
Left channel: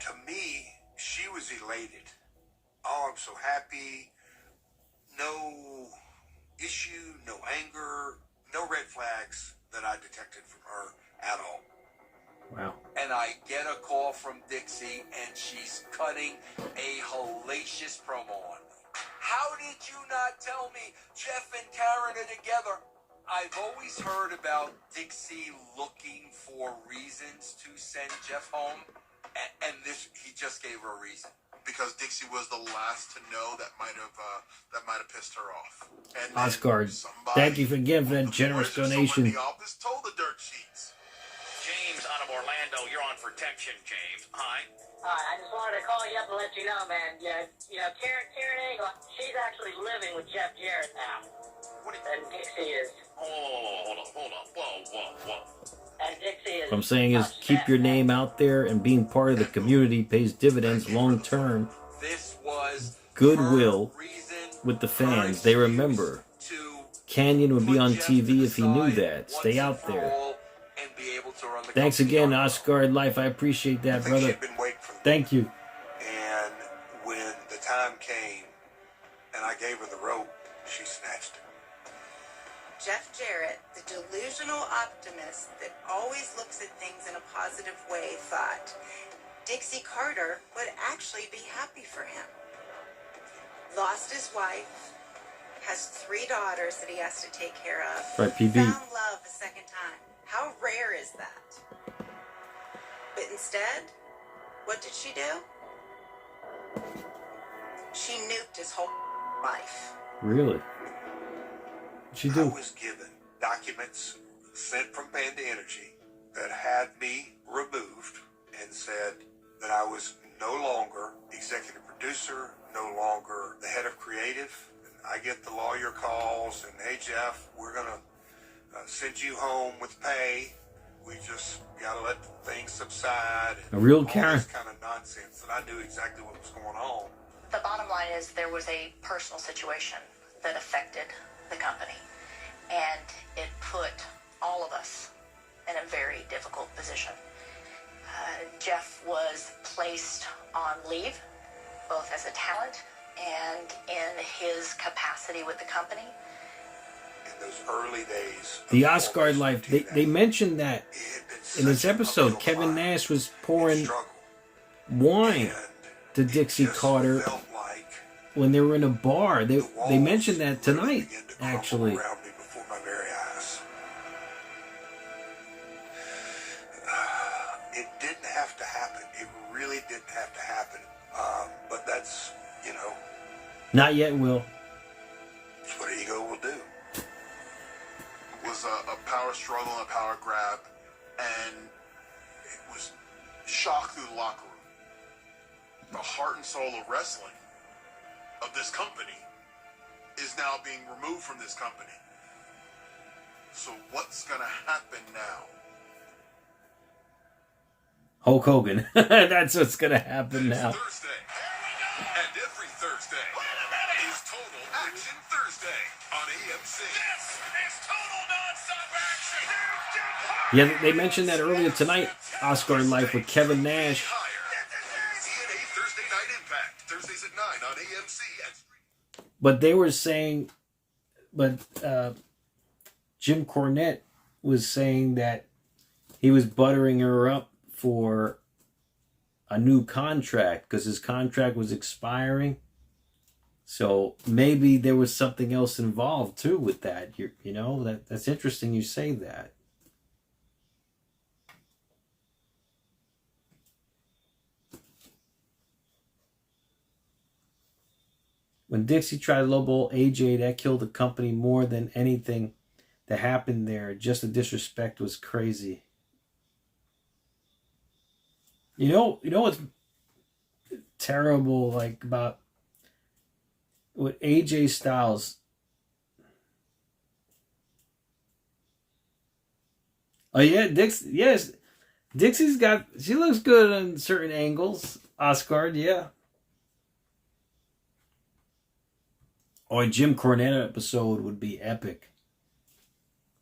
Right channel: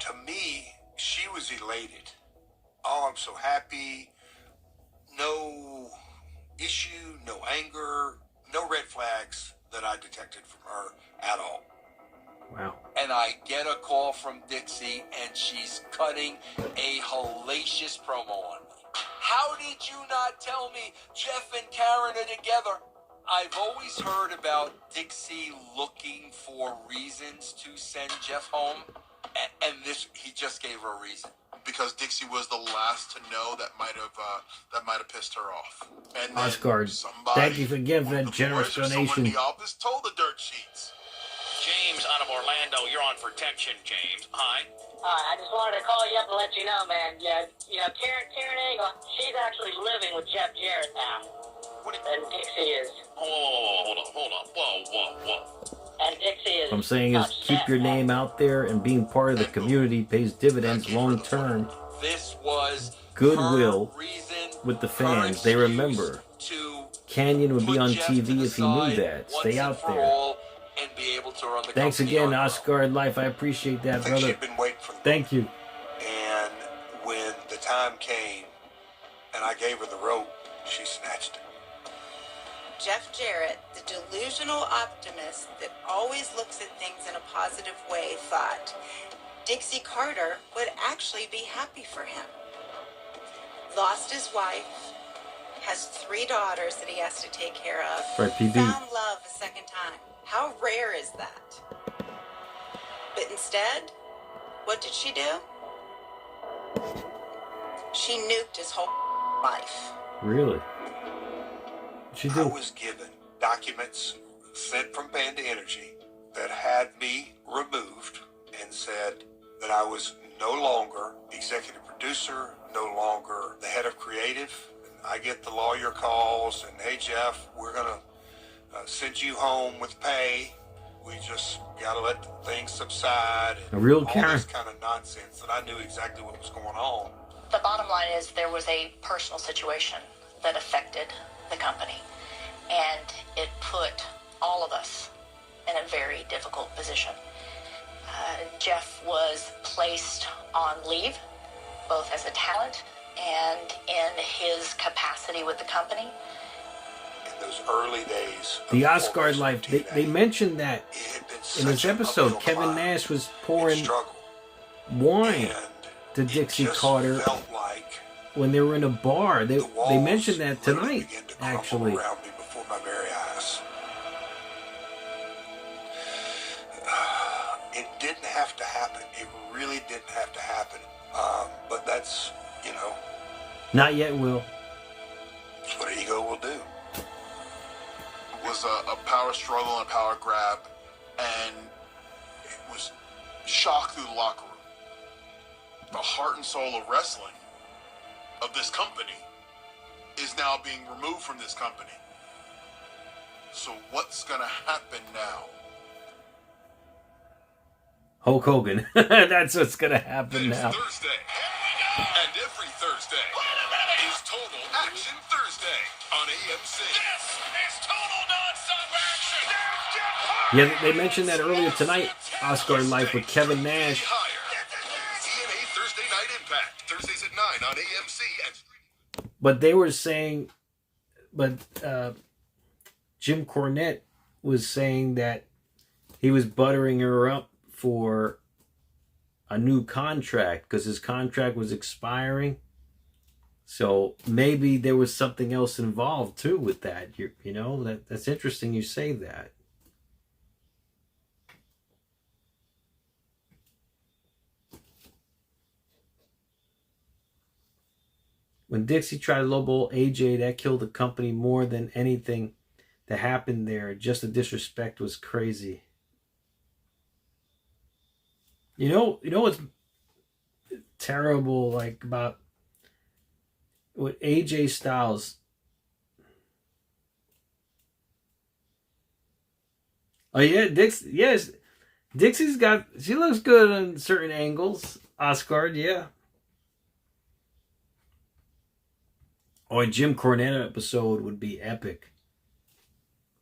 To me, she was elated. Oh, I'm so happy. No issue, no anger, no red flags that I detected from her at all. Wow. And I get a call from Dixie, and she's cutting a hellacious promo on me. How did you not tell me Jeff and Karen are together? I've always heard about Dixie looking for reasons to send Jeff home, and this, he just gave her a reason. Because Dixie was the last to know that might have pissed her off. And Oscar, thank you again for that generous donation. The office told the dirt sheets. James out of Orlando, you're on for Tension, James. Hi. I just wanted to call you up and let you know, man. Yeah, you know, Karen Eagle, she's actually living with Jeff Jarrett now. And Dixie is. Oh, hold on. Whoa. And Dixie is. What I'm saying is keep your name out there, and being part of the community pays dividends long term. This was goodwill with the fans. They remember. Canyon would be on TV if he knew that. Stay out there. Thanks again, Oscar Life. I appreciate that, brother. Thank you. And when the time came and I gave her the rope, she snatched it. Jeff Jarrett, the delusional optimist that always looks at things in a positive way, thought Dixie Carter would actually be happy for him. Lost his wife, has 3 daughters that he has to take care of. Right, PB. Found love a second time. How rare is that? But instead, what did she do? She nuked his whole life. Really? What'd she do? I was given documents sent from Panda Energy that had me removed and said that I was no longer executive producer, no longer the head of creative. I get the lawyer calls and, hey, Jeff, we're going to send you home with pay. We just got to let things subside. A real all Karen. this kind of nonsense that I knew exactly what was going on. The bottom line is there was a personal situation that affected the company, and it put all of us in a very difficult position. Jeff was placed on leave, both as a talent and in his capacity with the company. In those early days, The Asgard life, they mentioned that in this episode. Kevin Nash was pouring wine to Dixie Carter when they were in a bar. They mentioned that tonight, actually. before my very eyes. It didn't have to happen. It really didn't have to happen. But that's, you know, Not yet, Will. that's what ego will do. It was a power struggle and a power grab, and it was shock through the locker room. The heart and soul of wrestling, of this company, is now being removed from this company. So what's going to happen now? Hulk Hogan. That's what's going to happen now. Thursday. And every Thursday is Total Action Thursday on AMC. This is Total Non-Stop Action. Yeah, they mentioned that earlier tonight, Asgard life with Kevin Nash. TNA Thursday Night Impact. Thursdays at 9 on AMC. But they were saying, Jim Cornette was saying that he was buttering her up for a new contract because his contract was expiring. So maybe there was something else involved too with that. You know, that's interesting you say that. When Dixie tried to lowball AJ, that killed the company more than anything that happened there. Just the disrespect was crazy. You know what's terrible, like, about with AJ Styles? Oh yeah, Dixie. Yes, Dixie's got. She looks good on certain angles. Asgard, yeah. Or a Jim Cornette episode would be epic.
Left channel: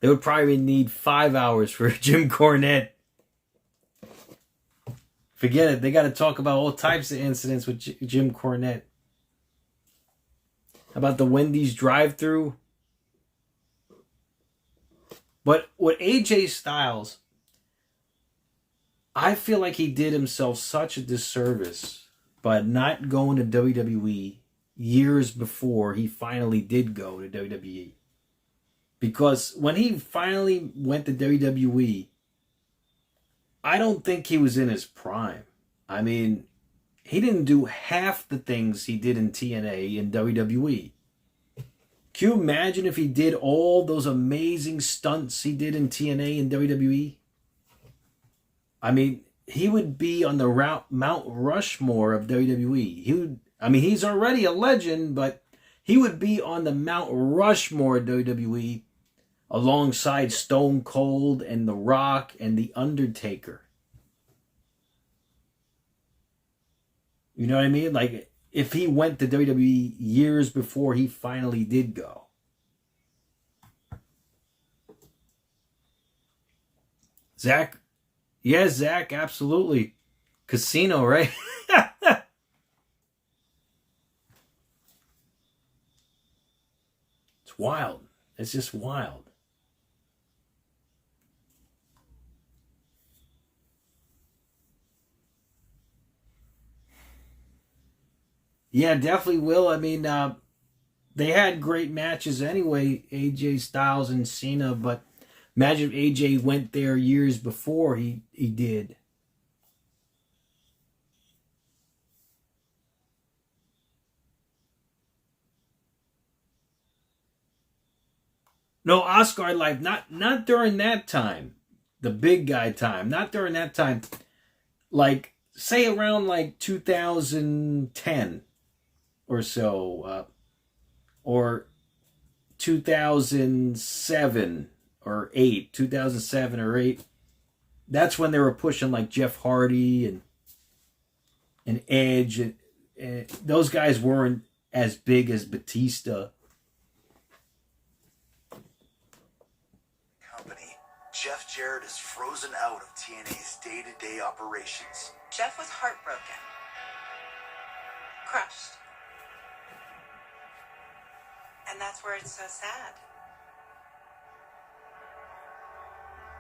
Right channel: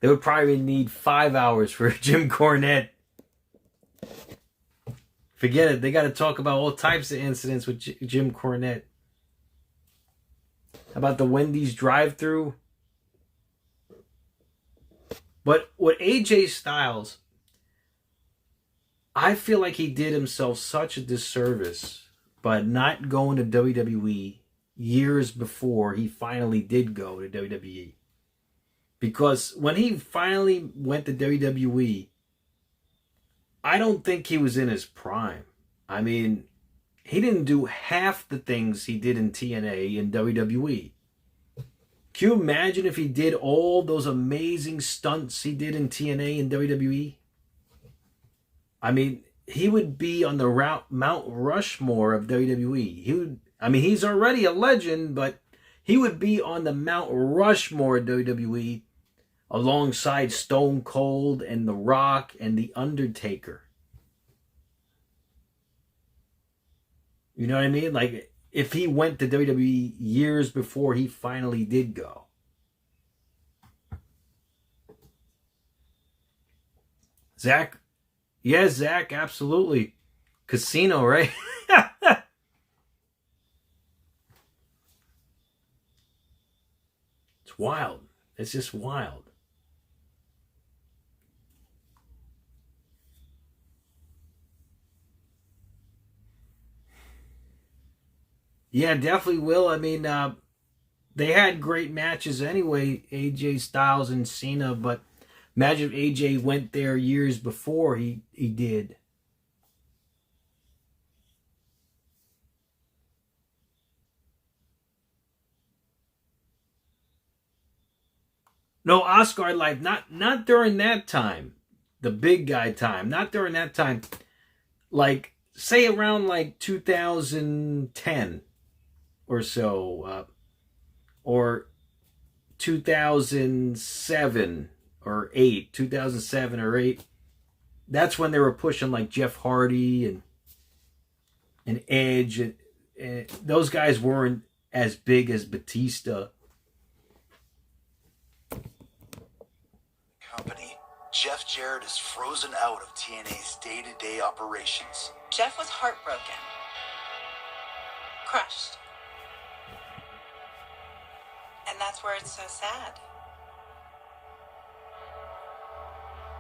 They would probably need 5 hours for Jim Cornette. Forget it. They got to talk about all types of incidents with Jim Cornette. How about the Wendy's drive-thru? But with AJ Styles, I feel like he did himself such a disservice by not going to WWE years before he finally did go to WWE. Because when he finally went to WWE, I don't think he was in his prime. I mean, he didn't do half the things he did in TNA and WWE. Can you imagine if he did all those amazing stunts he did in TNA and WWE? I mean, he would be on the Mount Rushmore of WWE. He's already a legend, but he would be on the Mount Rushmore of WWE alongside Stone Cold and The Rock and The Undertaker. You know what I mean? Like, if he went to WWE years before he finally did go. Zach? Yes, Zach, absolutely. Casino, right? It's wild. It's just wild. Yeah, definitely will. I mean, they had great matches anyway, AJ Styles and Cena, but imagine if AJ went there years before he did. No, Asgard life, not during that time. The big guy time. Not during that time. Like, say around like 2010 or so, or 2007 or 8, 2007 or 8. That's when they were pushing like Jeff Hardy and Edge, and those guys weren't as big as Batista. Company, Jeff Jarrett is frozen out of TNA's day-to-day operations. Jeff was heartbroken, crushed. And that's where it's so sad.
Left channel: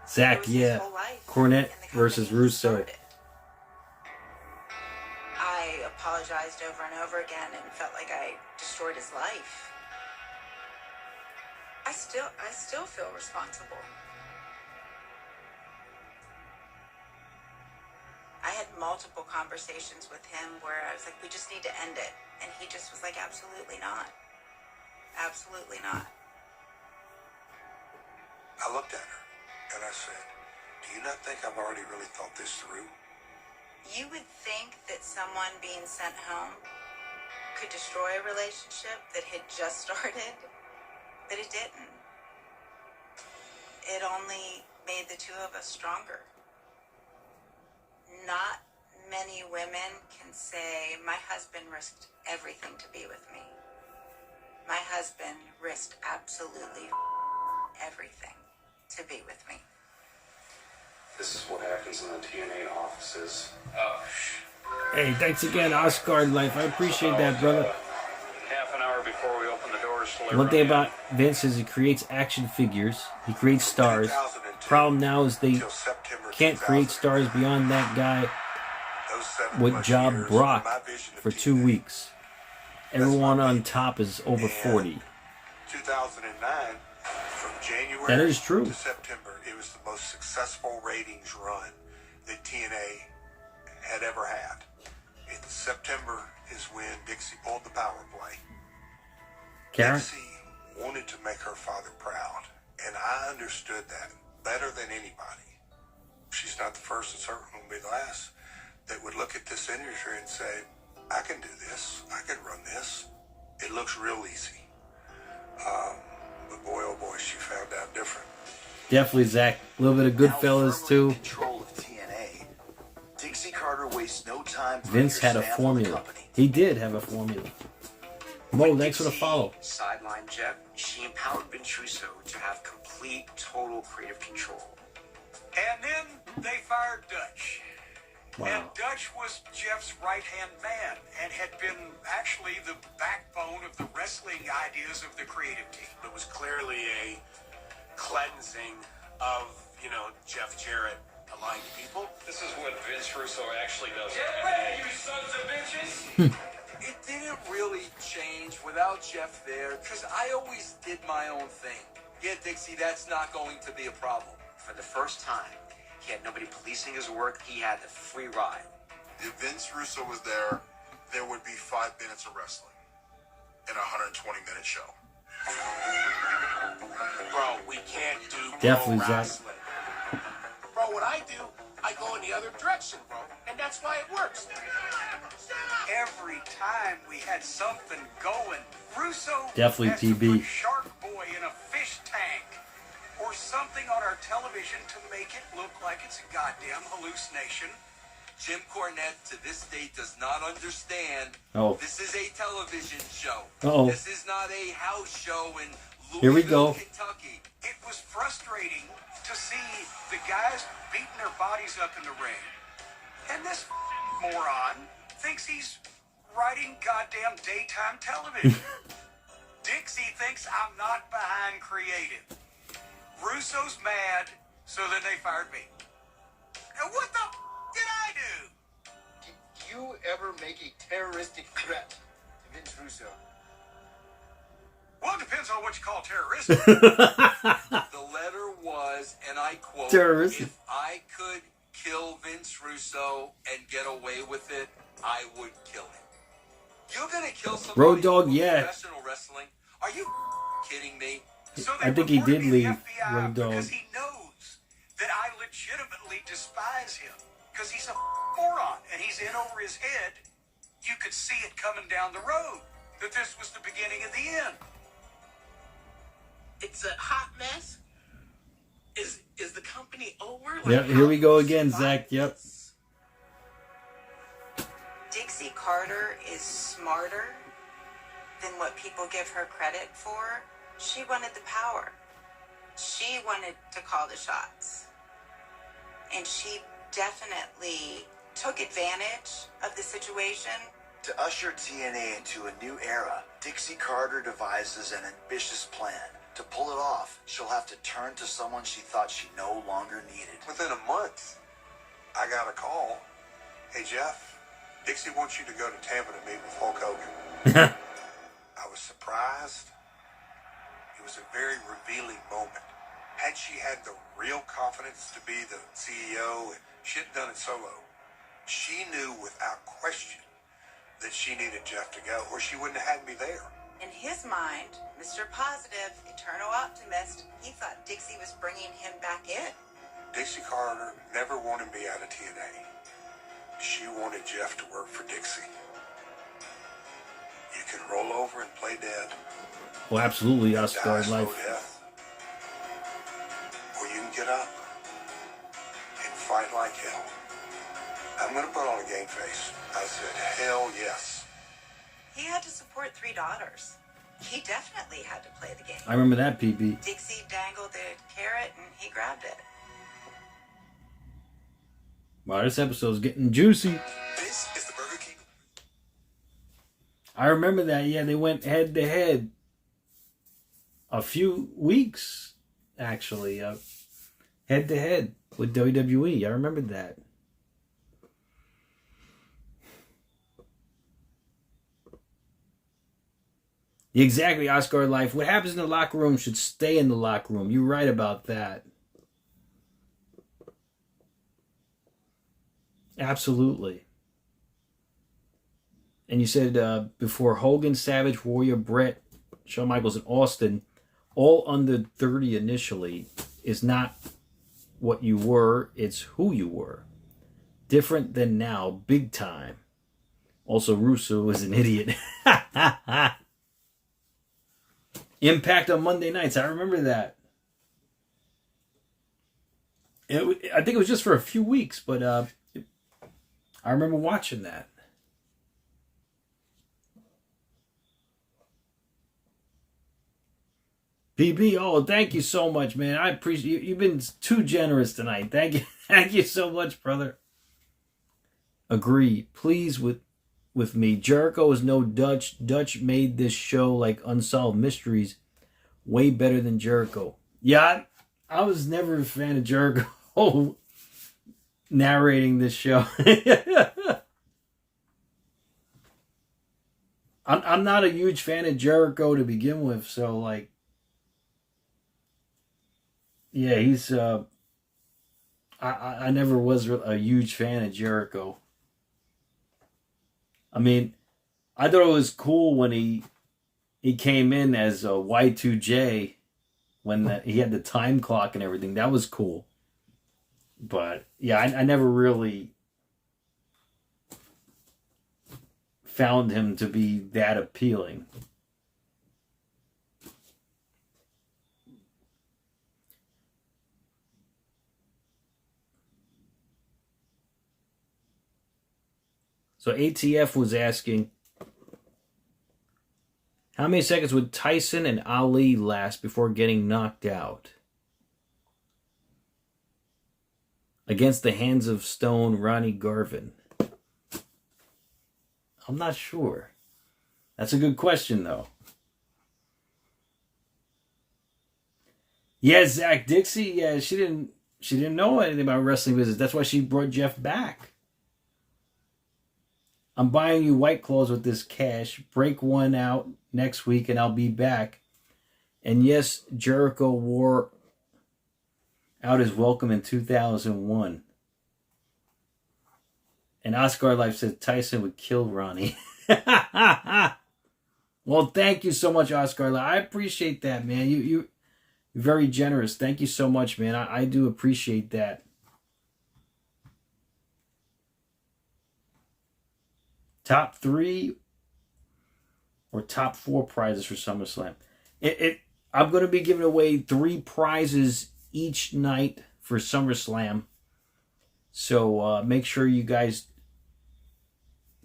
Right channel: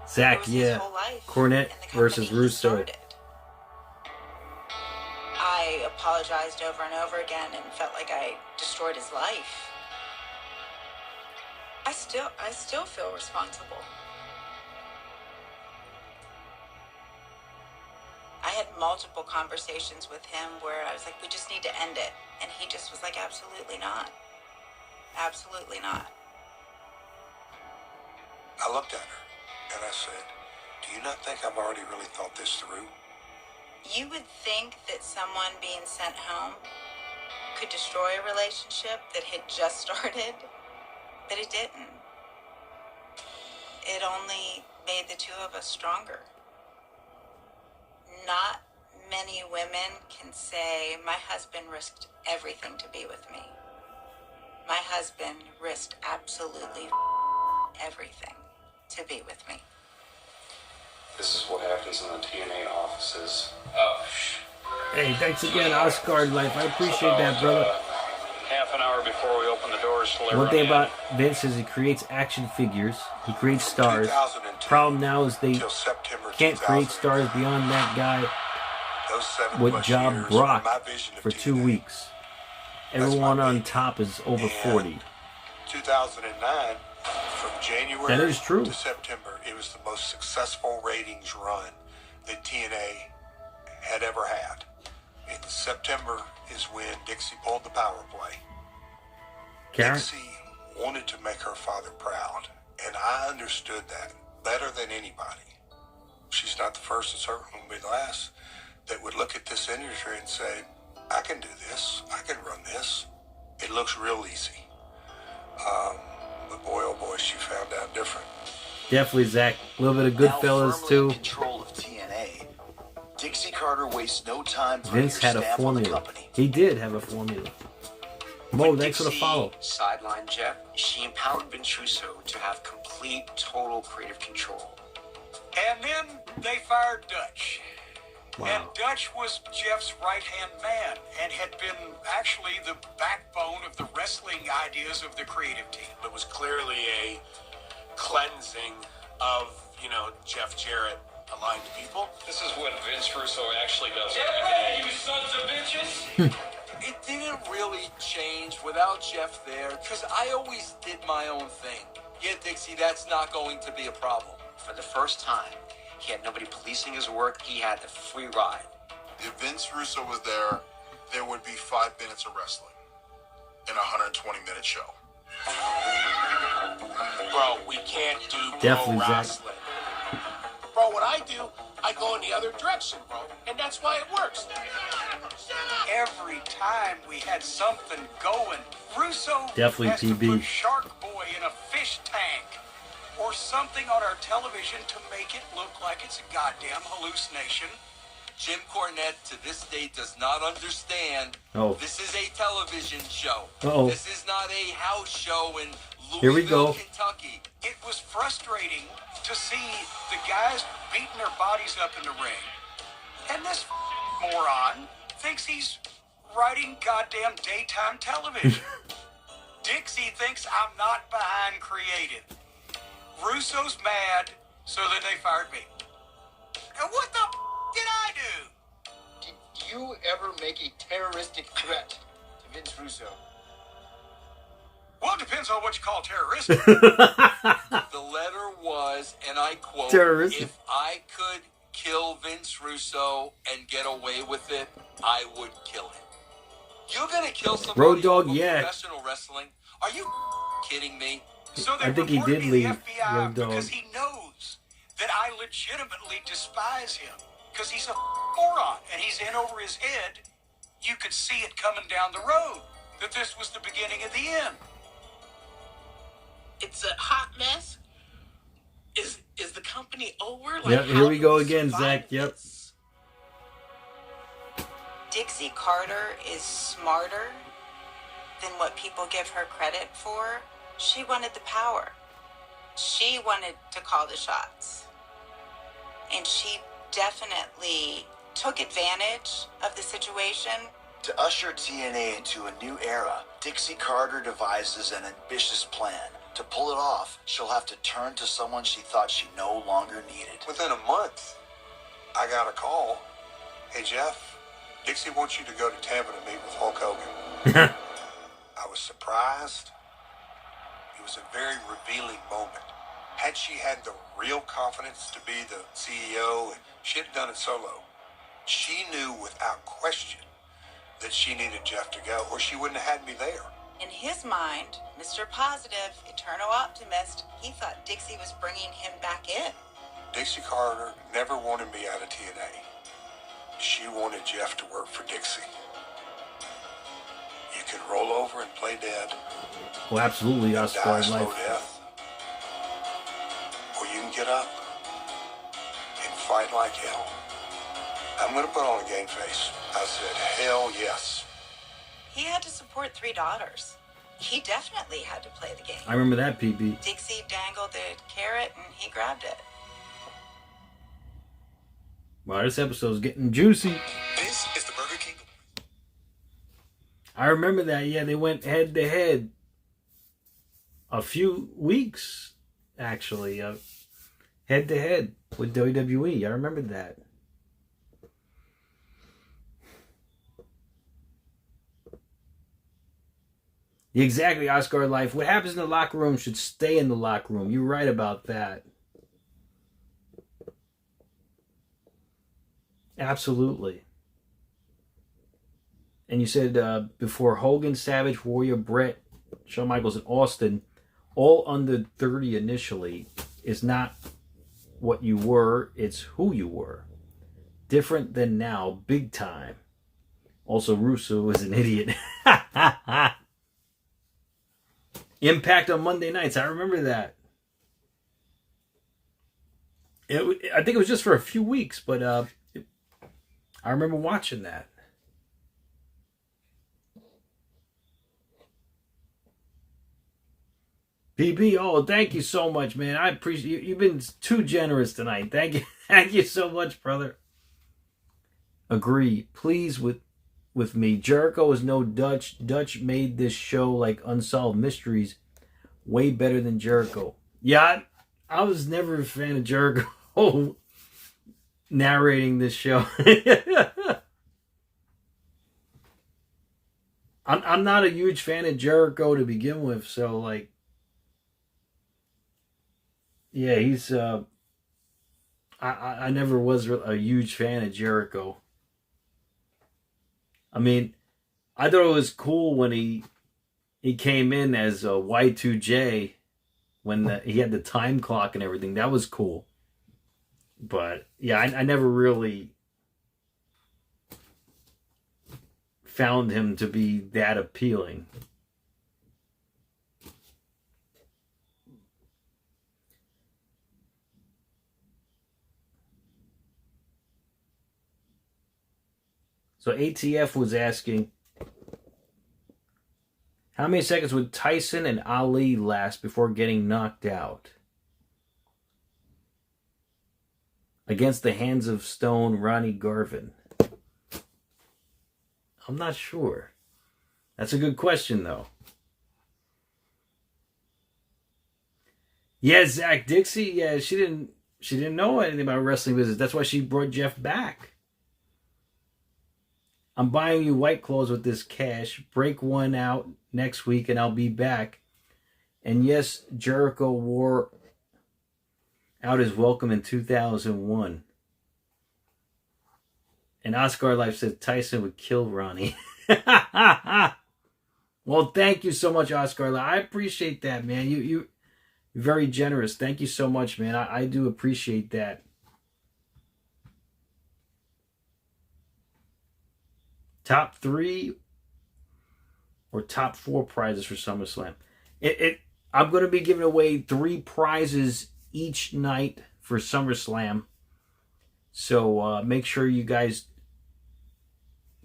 Zach, yeah. Cornette versus Russo. I apologized over and over again and felt like I destroyed his life. I still feel responsible. I had multiple conversations with him where I was like, we just need to end it. And he just was like, absolutely not. Absolutely not. I looked at her and I said, do you not think I've already really thought this through? You would think that someone being sent home could destroy a relationship that had just started, but it didn't. It only made the two of us stronger. Not many women can say, my husband risked everything to be with me. My husband risked absolutely everything to be with me. This is what happens in the TNA offices. Hey, thanks again, Oscar Life. I appreciate that, brother. Half an hour before we open the doors. One thing about Vince is he creates action figures. He creates stars. Problem now is they can't create stars beyond that guy with Job Brock for 2 weeks. Everyone on top is over 40. 2009, from January That is true. to September, it was the most successful ratings run that TNA had ever had. In September is when Dixie pulled the power play. Karen? Dixie wanted to make her father proud, and I understood that better than anybody. She's not the first and certainly won't be the last that would look at this industry and say, I can do this. I can run this. It looks real easy. But boy, oh boy, she found out different. Definitely, Zach. A little bit of Goodfellas, too. Control of TNA. Dixie Carter wastes no time. Vince had a formula. He did have a formula. Mo, thanks for the follow. Sideline Jeff, she empowered Vince Russo to have complete, total creative control. And then they fired Dutch. Wow. And Dutch was Jeff's right-hand man and had been actually the backbone of the wrestling ideas of the creative team. It was clearly a cleansing of, Jeff Jarrett aligned people. This is what Vince Russo actually does. Hey, you sons of bitches! It didn't really change without Jeff there, because I always did my own thing. Yeah, Dixie, that's not going to be a problem. For the first time, he had nobody policing his work. He had the free ride. If Vince Russo was there, there would be 5 minutes of wrestling in a 120-minute show. Bro, we can't do Definitely, pro Zach. wrestling. Bro, what I do, I go in the other direction, bro. And that's why it works. Every time we had something going, Russo Definitely has to PB. put Shark Boy in a fish tank or something on our television to make it look like it's a goddamn hallucination. Jim Cornette, to this day, does not understand. Oh. This is a television show. Uh-oh. This is not a house show in Louisville, Here we go. Kentucky. It was frustrating to see the guys beating their bodies up in the ring. And this moron thinks he's writing goddamn daytime television. Dixie thinks I'm not behind creative. Russo's mad, so then they fired me. And what the did I do? Did you ever make a terroristic threat to Vince Russo? Well, it depends on what you call terroristic. The letter was, and I quote, Terroristic. if I could kill Vince Russo and get away with it, I would kill him. You're going to kill somebody Road Dogg, in yeah. professional wrestling? Are you kidding me? So I think he did leave Road Dogg. Because he knows that I legitimately despise him. Because he's a moron, and he's in over his head. You could see it coming down the road, that this was the beginning of the end. It's a hot mess. Is the company over? Like, Yep, here we go again, Zach. Yep. Dixie Carter is smarter than what people give her credit for. She wanted the power. She wanted to call the shots. And she definitely took advantage of the situation. To usher TNA into a new era, Dixie Carter devises an ambitious plan. To pull it off, she'll have to turn to someone she thought she no longer needed. Within a month, I got a call. Hey, Jeff, Dixie wants you to go to Tampa to meet with Hulk Hogan. I was surprised. It was a very revealing moment. Had she had the real confidence to be the CEO, and she had done it solo, she knew without question that she needed Jeff to go, or she wouldn't have had me there. In his mind, Mr. Positive, eternal optimist, he thought Dixie was bringing him back in. Dixie Carter never wanted me out of TNA. She wanted Jeff to work for Dixie. You can roll over and play dead. Oh, absolutely, Oscar life. Death. Or you can get up and fight like hell. I'm going to put on a game face. I said, hell yes. He had to support 3 daughters. He definitely had to play the game. I remember that, PB. Dixie dangled the carrot and he grabbed it. Wow, this episode's getting juicy. This is the Burger King. I remember that. Yeah, they went head to head a few weeks, actually, head to head with WWE. I remember that. Exactly, Oscar Life. What happens in the locker room should stay in the locker room. You're right about that. Absolutely. And you said before Hogan, Savage, Warrior, Brett, Shawn Michaels, and Austin, all under 30 initially, is not what you were, it's who you were. Different than now, big time. Also, Russo is an idiot. Impact on Monday nights. I remember that. I think it was just for a few weeks, but I remember watching that. PB, oh, thank you so much, man. I appreciate you. You've been too generous tonight. Thank you. Thank you so much, brother. Agree. Please with me. Jericho is no Dutch. Dutch made this show like Unsolved Mysteries way better than Jericho. Yeah, I was never a fan of Jericho narrating this show. I'm not a huge fan of Jericho to begin with, so like, yeah, he's I never was a huge fan of Jericho. I mean, I thought it was cool when he came in as a Y2J when he had the time clock and everything. That was cool. But yeah, I never really found him to be that appealing. So ATF was asking, how many seconds would Tyson and Ali last before getting knocked out? Against the Hands of Stone, Ronnie Garvin. I'm not sure. That's a good question, though. Yeah, Zach Dixie, yeah, she didn't know anything about wrestling business. That's why she brought Jeff back. I'm buying you White Claws with this cash. Break one out next week and I'll be back. And yes, Jericho wore out his welcome in 2001. And Oscar Life said Tyson would kill Ronnie. Well, thank you so much, Oscar Life. I appreciate that, man. You're very generous. Thank you so much, man. I do appreciate that. top 3 or top 4 prizes for SummerSlam. I'm going to be giving away 3 prizes each night for SummerSlam. So make sure you guys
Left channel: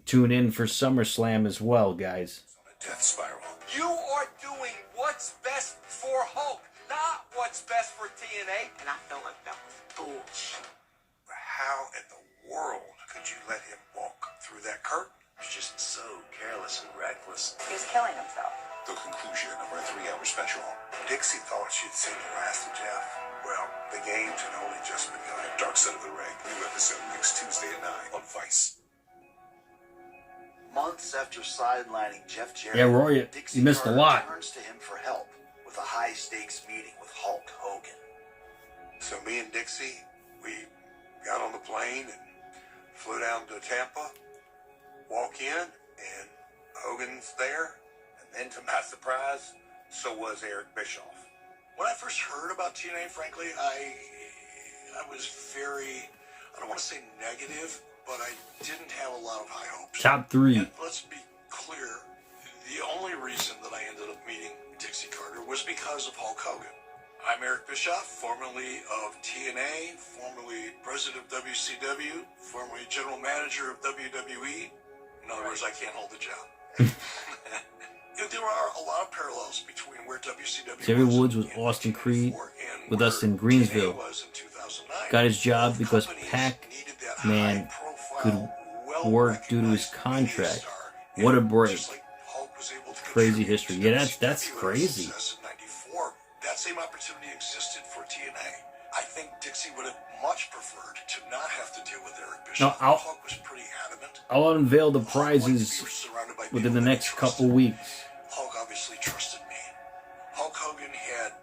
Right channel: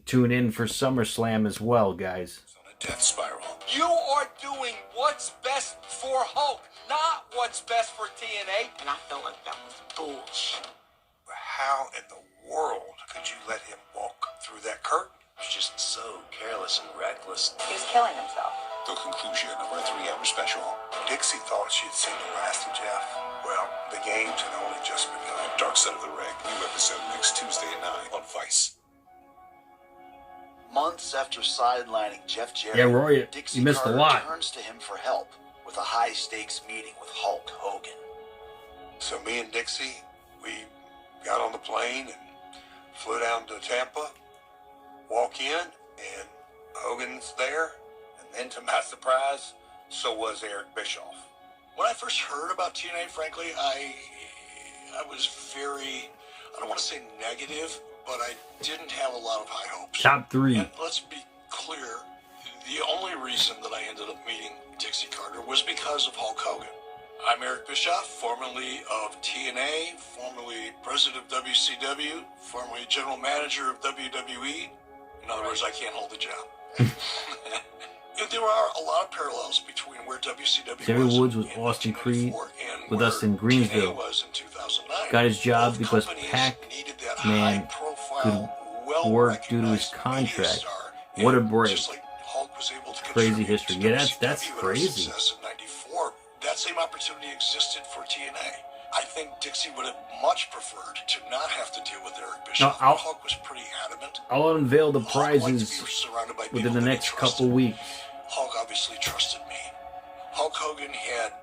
tune in for SummerSlam as well, guys. Death spiral. You are doing what's best for Hulk, not what's best for TNA. And I felt like that was bullshit. How in the world could you let him walk through that curtain? He was just so careless and reckless. He was killing himself. The conclusion of our 3-hour special. Dixie thought she'd seen the last of Jeff. Well, the games had only just begun. Dark Side of the Ring, new episode next Tuesday at 9 on Vice. Months after sidelining Jeff Jarrett, Yeah, Roy, Dixie you missed a Carter lot. turns to him for help with a high-stakes meeting with Hulk Hogan. So me and Dixie, we got on the plane and flew down to Tampa, walk in, and Hogan's there. And then to my surprise, so was Eric Bischoff. When I first heard about TNA, frankly, I was very, I don't want to say negative, but I didn't have a lot of high hopes. Top 3. And let's be clear, the only reason that I ended up meeting Dixie Carter was because of Hulk Hogan. I'm Eric Bischoff, formerly of TNA, formerly president of WCW, formerly general manager of WWE. In other words, I can't hold the job. There are a lot of parallels between where WCW Terry Woods was Austin Creed with us in Greensville. Got his job because Pac-Man could work due to his contract. What a break. Crazy history. Yeah, that's crazy. That same opportunity existed for TNA. I think Dixie would have much preferred to not have to deal with Eric Bischoff. No, Hulk was pretty adamant. I'll unveil the prizes within the next couple weeks. Hulk obviously trusted me. Hulk Hogan had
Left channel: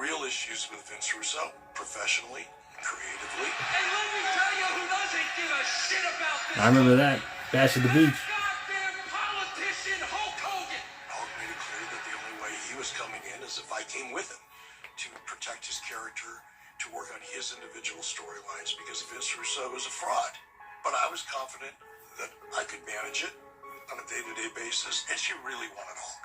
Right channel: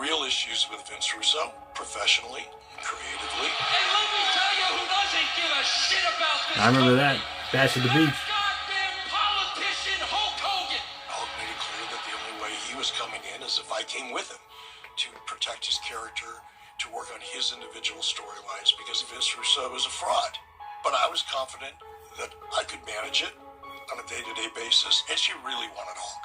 real issues with Vince Russo, professionally, creatively. And let me tell you who doesn't give a shit about this. I remember that. Bash at the Beach. Politician Hulk Hogan. Hulk made it clear that the only way he was coming in is if I came with him to protect his character, to work on his individual storylines, because Vince Russo was a fraud. But I was confident that I could manage it on a day-to-day basis, and she really wanted Hulk.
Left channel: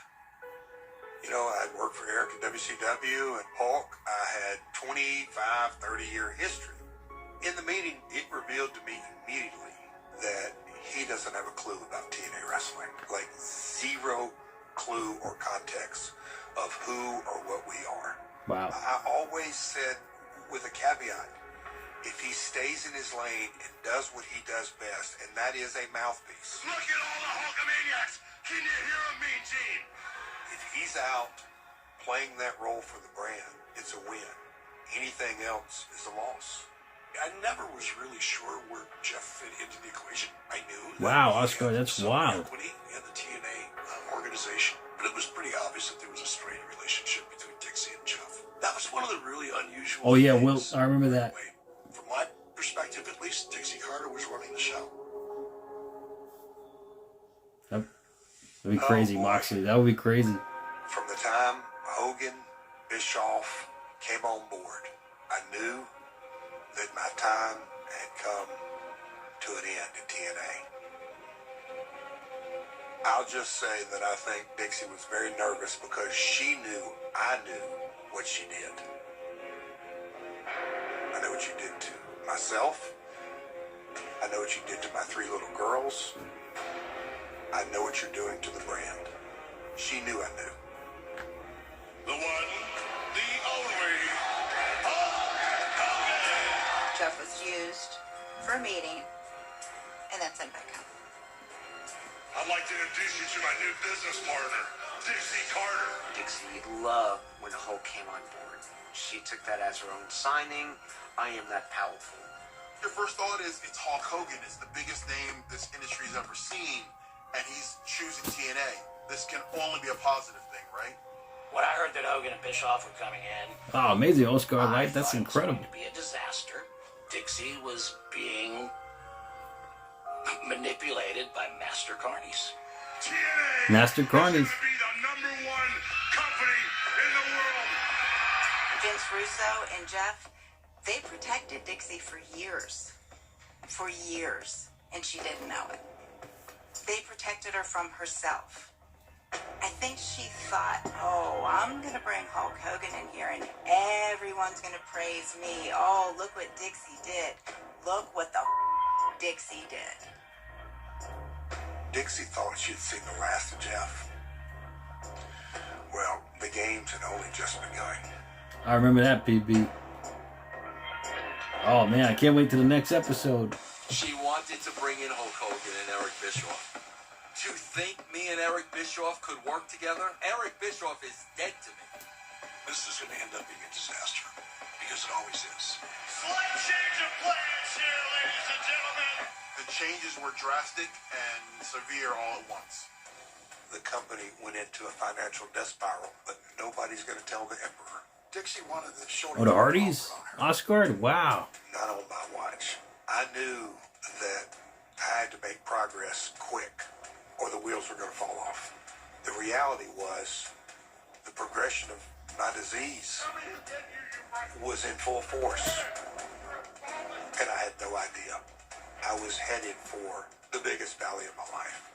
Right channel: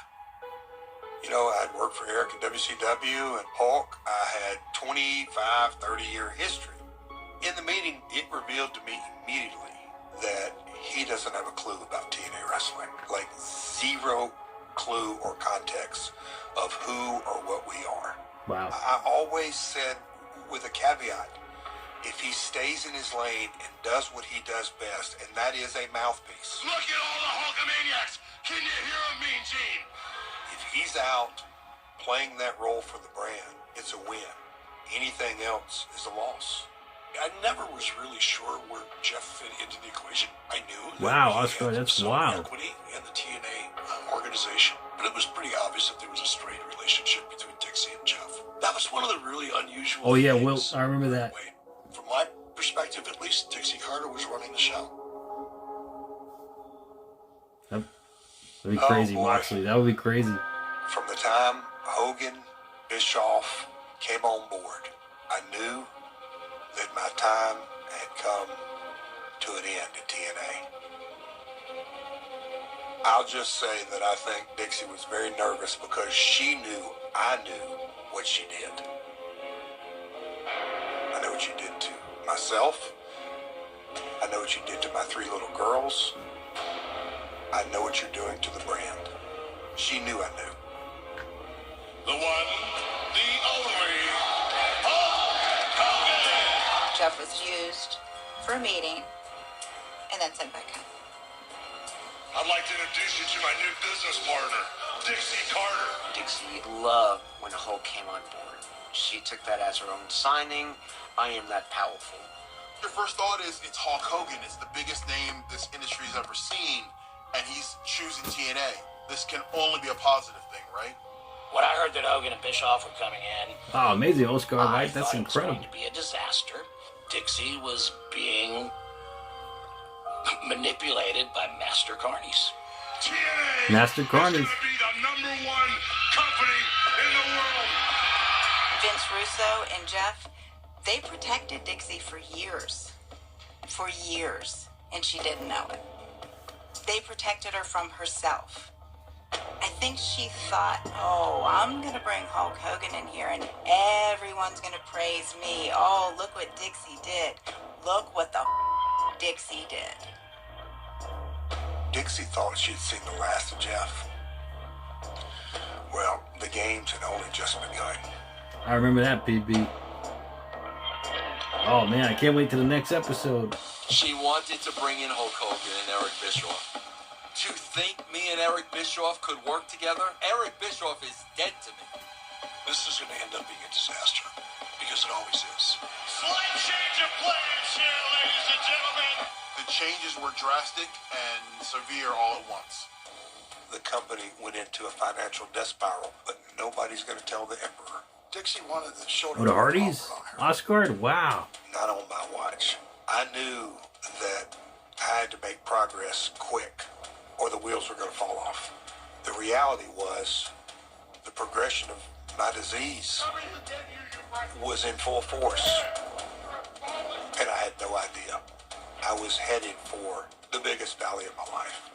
You know, I'd worked for Eric at WCW and Hulk. I had 25, 30-year history. In the meeting, it revealed to me immediately that he doesn't have a clue about TNA wrestling. Like, zero clue or context of who or what we are. Wow. I always said, with a caveat, if he stays in his lane and does what he does best, and that is a mouthpiece. Look at all the Hulkamaniacs. Can you hear him, Mean Gene? If he's out playing that role for the brand, it's a win. Anything else is a loss. I never was really sure where Jeff fit into the equation. I knew. Wow, Oscar, that's wild. Equity in the TNA organization, but it was pretty obvious that there was a straight relationship between Dixie and Jeff. That was one of the really unusual. Oh yeah, things. Will, I remember that. From my perspective, at least, Dixie Carter was running the show. That'd be crazy, Moxley. That would be crazy. From the time Hogan, Bischoff came on board, I knew that my time had come to an end at TNA. I'll just say that I think Dixie was very nervous because she knew I knew what she did. I know what you did to myself. I know what you did to my 3 little girls. I know what you're doing to the brand. She knew I knew. The one, the only, Jeff was used for a meeting and then sent back home. I'd like to introduce you to my new business partner, Dixie Carter. Dixie loved when Hulk came on board. She took that as her own signing. I am that powerful. Your first thought is it's Hulk Hogan. It's the biggest name this industry's ever seen, and he's choosing TNA. This can only be a positive thing, right? When I heard that Hogan and Bischoff were coming in, Oh, amazing, Oscar, right? That's incredible. it was going to be a disaster. Dixie was being manipulated by Master Carnies. Master Carnies. Vince Russo and Jeff, they protected Dixie for years. For years. And she didn't know it. they protected her from herself. I think she thought, oh, I'm going to bring Hulk Hogan in here and everyone's going to praise me. Oh, look what Dixie did. Look what the Dixie did. Dixie thought she'd seen the last of Jeff. Well, the games had only just begun. I remember that, PB. Oh, man, I can't wait to the next episode. She wanted to bring in Hulk Hogan and Eric Bischoff. To think me and Eric Bischoff could work together? Eric Bischoff is dead to me. This is going to end up being a disaster, because it always is. Slight change of plans here, ladies and gentlemen. The changes were drastic and severe all at once. The company went into a financial death spiral, but nobody's going to tell the Emperor. Dixie wanted the show. Oh, the Hardys? Oscar? Wow. Not on my watch. I knew that I had to make progress quick, or the wheels were going to fall off. The reality was the progression of my disease was in full force, and I had no idea. I was headed for the biggest valley of my life.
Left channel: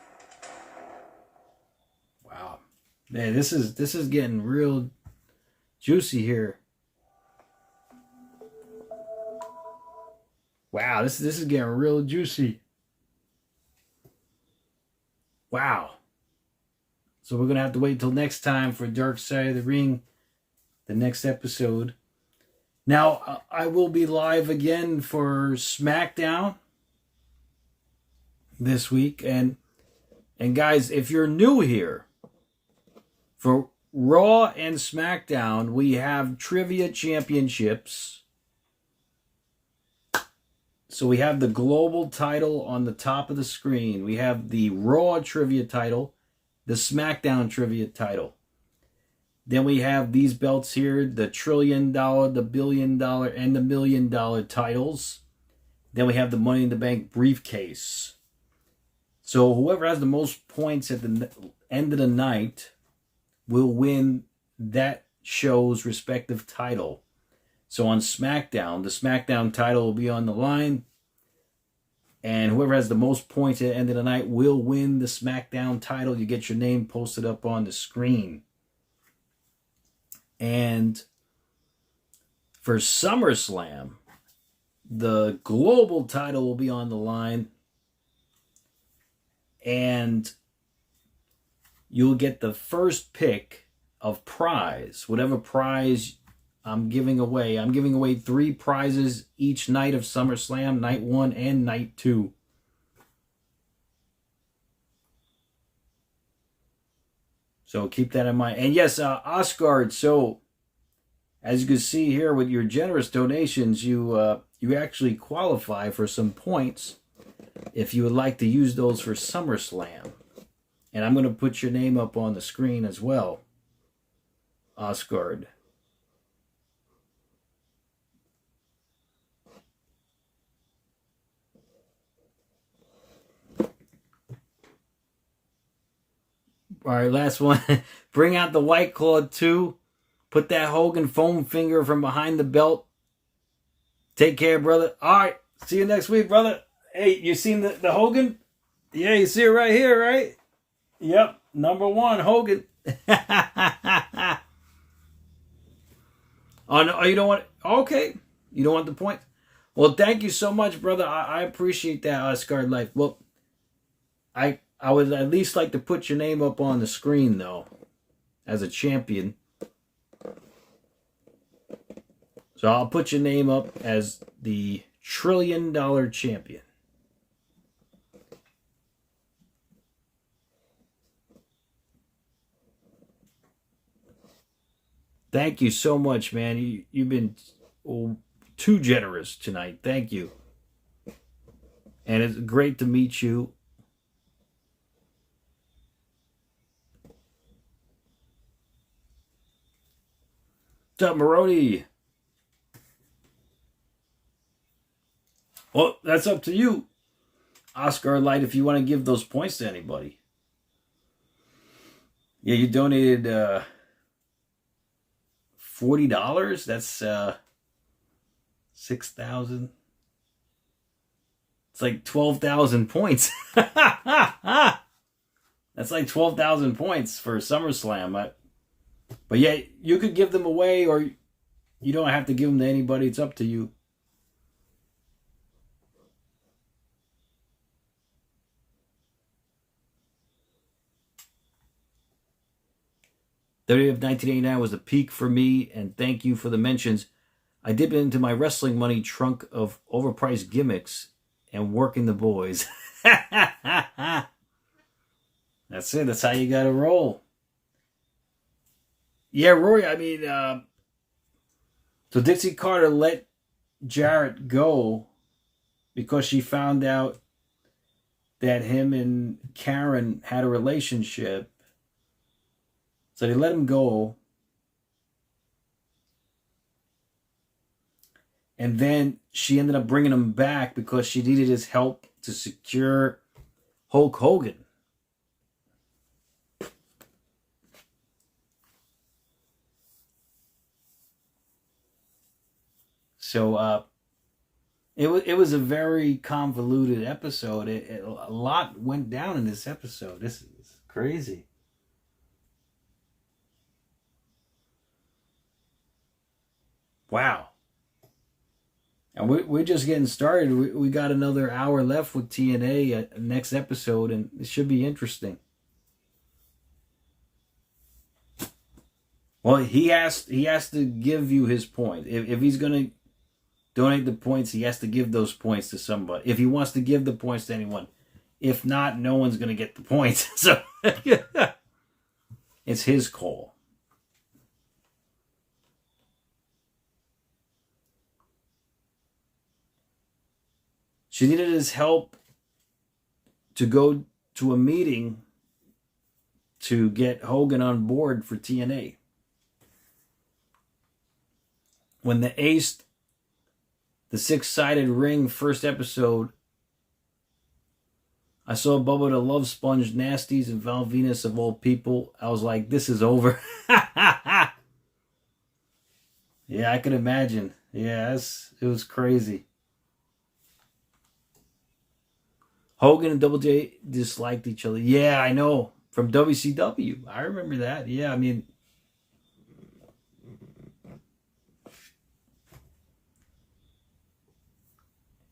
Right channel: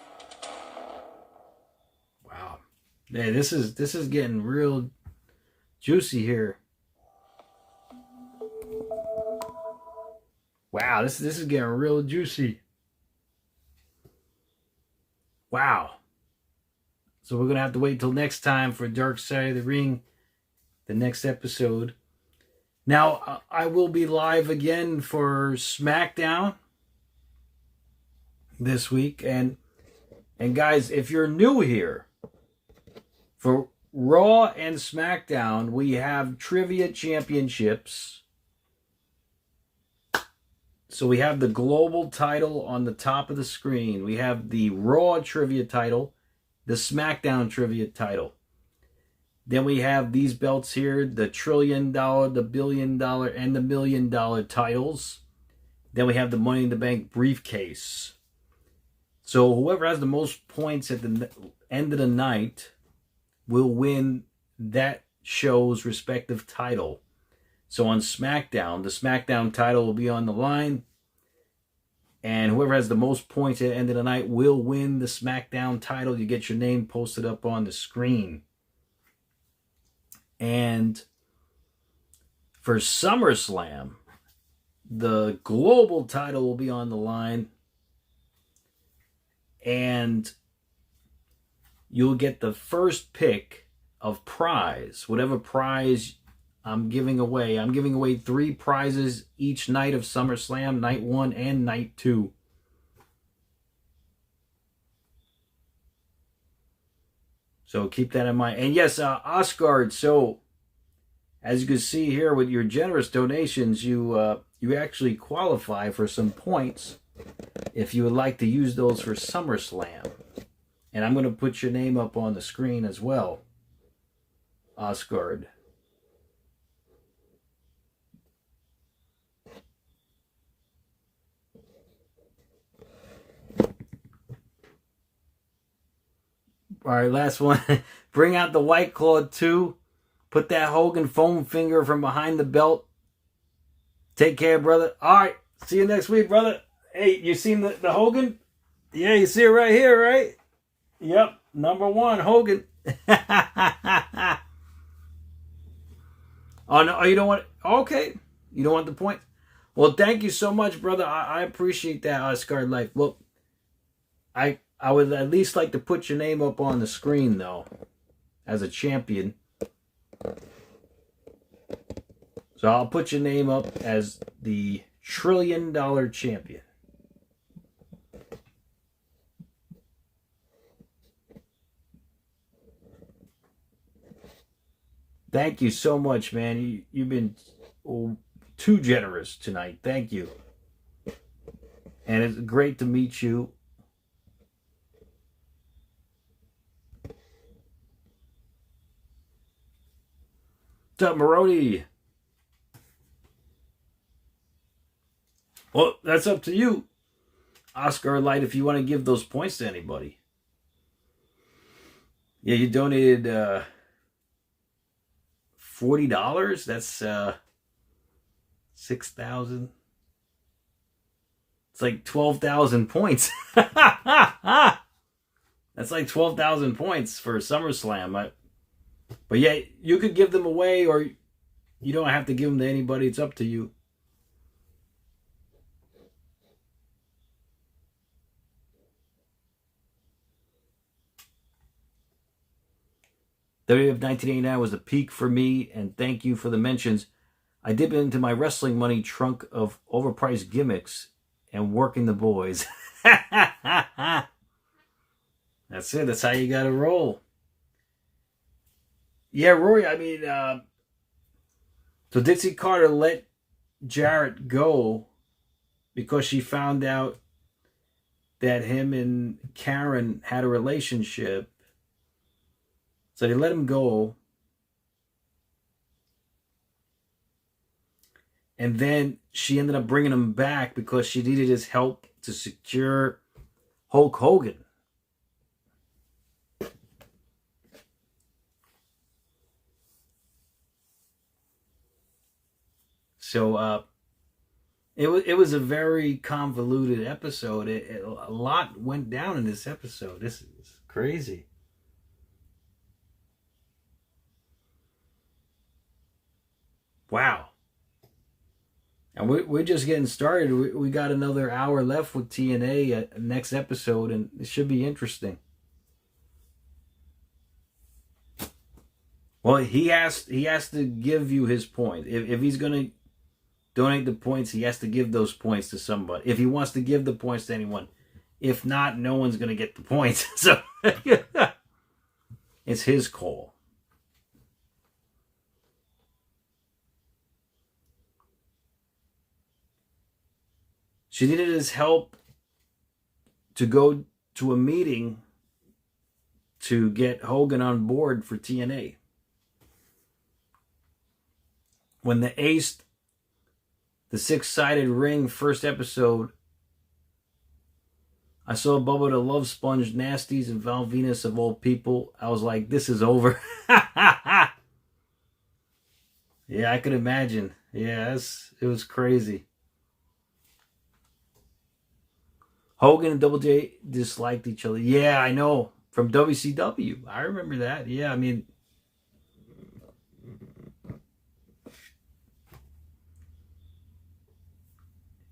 Wow. Yeah, this is getting real juicy here. Wow, this is getting real juicy. Wow. So we're going to have to wait till next time for Dark Side of the Ring, the next episode. Now, I will be live again for SmackDown this week. And guys, if you're new here, for Raw and SmackDown, we have Trivia Championships. So we have the global title on the top of the screen. We have the Raw Trivia title, the SmackDown Trivia title. Then we have these belts here, the $1 trillion, the $1 billion, and the $1 million titles. Then we have the Money in the Bank briefcase. So whoever has the most points at the end of the night will win that show's respective title. So on SmackDown, the SmackDown title will be on the line. And whoever has the most points at the end of the night will win the SmackDown title. You get your name posted up on the screen. And for SummerSlam, the global title will be on the line. And you'll get the first pick of prize, whatever prize I'm giving away. I'm giving away 3 prizes each night of SummerSlam, night 1 and night 2. So keep that in mind. And yes, Oscar, so as you can see here with your generous donations, you actually qualify for some points if you would like to use those for SummerSlam. And I'm going to put your name up on the screen as well, Oscar. All right, last one. Bring out the White Claw 2. Put that Hogan foam finger from behind the belt. Take care, brother. All right, see you next week, brother. Hey, you seen the Hogan? Yeah, you see it right here, right? Yep, number 1, Hogan. Oh, no, you don't want... Okay, you don't want the point? Well, thank you so much, brother. I appreciate that, Oscar Life. Well, I would at least like to put your name up on the screen, though, as a champion. So I'll put your name up as the $1 trillion champion. Thank you so much, man. You've been too generous tonight. Thank you. And it's great to meet you. What's up, Maroni? Well, that's up to you, Oscar Light, if you want to give those points to anybody. Yeah, you donated $40. That's 6,000. It's like 12,000 points. That's like 12,000 points for SummerSlam. But yeah, you could give them away, or you don't have to give them to anybody. It's up to you. WWF 1989 was the peak for me, and thank you for the mentions. I dip into my wrestling money trunk of overpriced gimmicks and working the boys. That's it. That's how you got to roll. Yeah, Rory, I mean, so Dixie Carter let Jarrett go because she found out that him and Karen had a relationship. So they let him go. And then she ended up bringing him back because she needed his help to secure Hulk Hogan. So it was a very convoluted episode. A lot went down in this episode. This is crazy. Wow. And we're just getting started. We got another hour left with TNA next episode, and it should be interesting. Well, he has to give you his point. If he's going to donate the points, he has to give those points to somebody. If he wants to give the points to anyone. If not, no one's going to get the points. So it's his call. She needed his help to go to a meeting to get Hogan on board for TNA. When the Ace, the six-sided ring first episode, I saw Bubba the Love Sponge Nasties and Val Venus of all people. I was like, this is over. Yeah, I could imagine. Yeah, it was crazy. Hogan and Double J disliked each other. Yeah, I know. From WCW. I remember that. Yeah, I mean...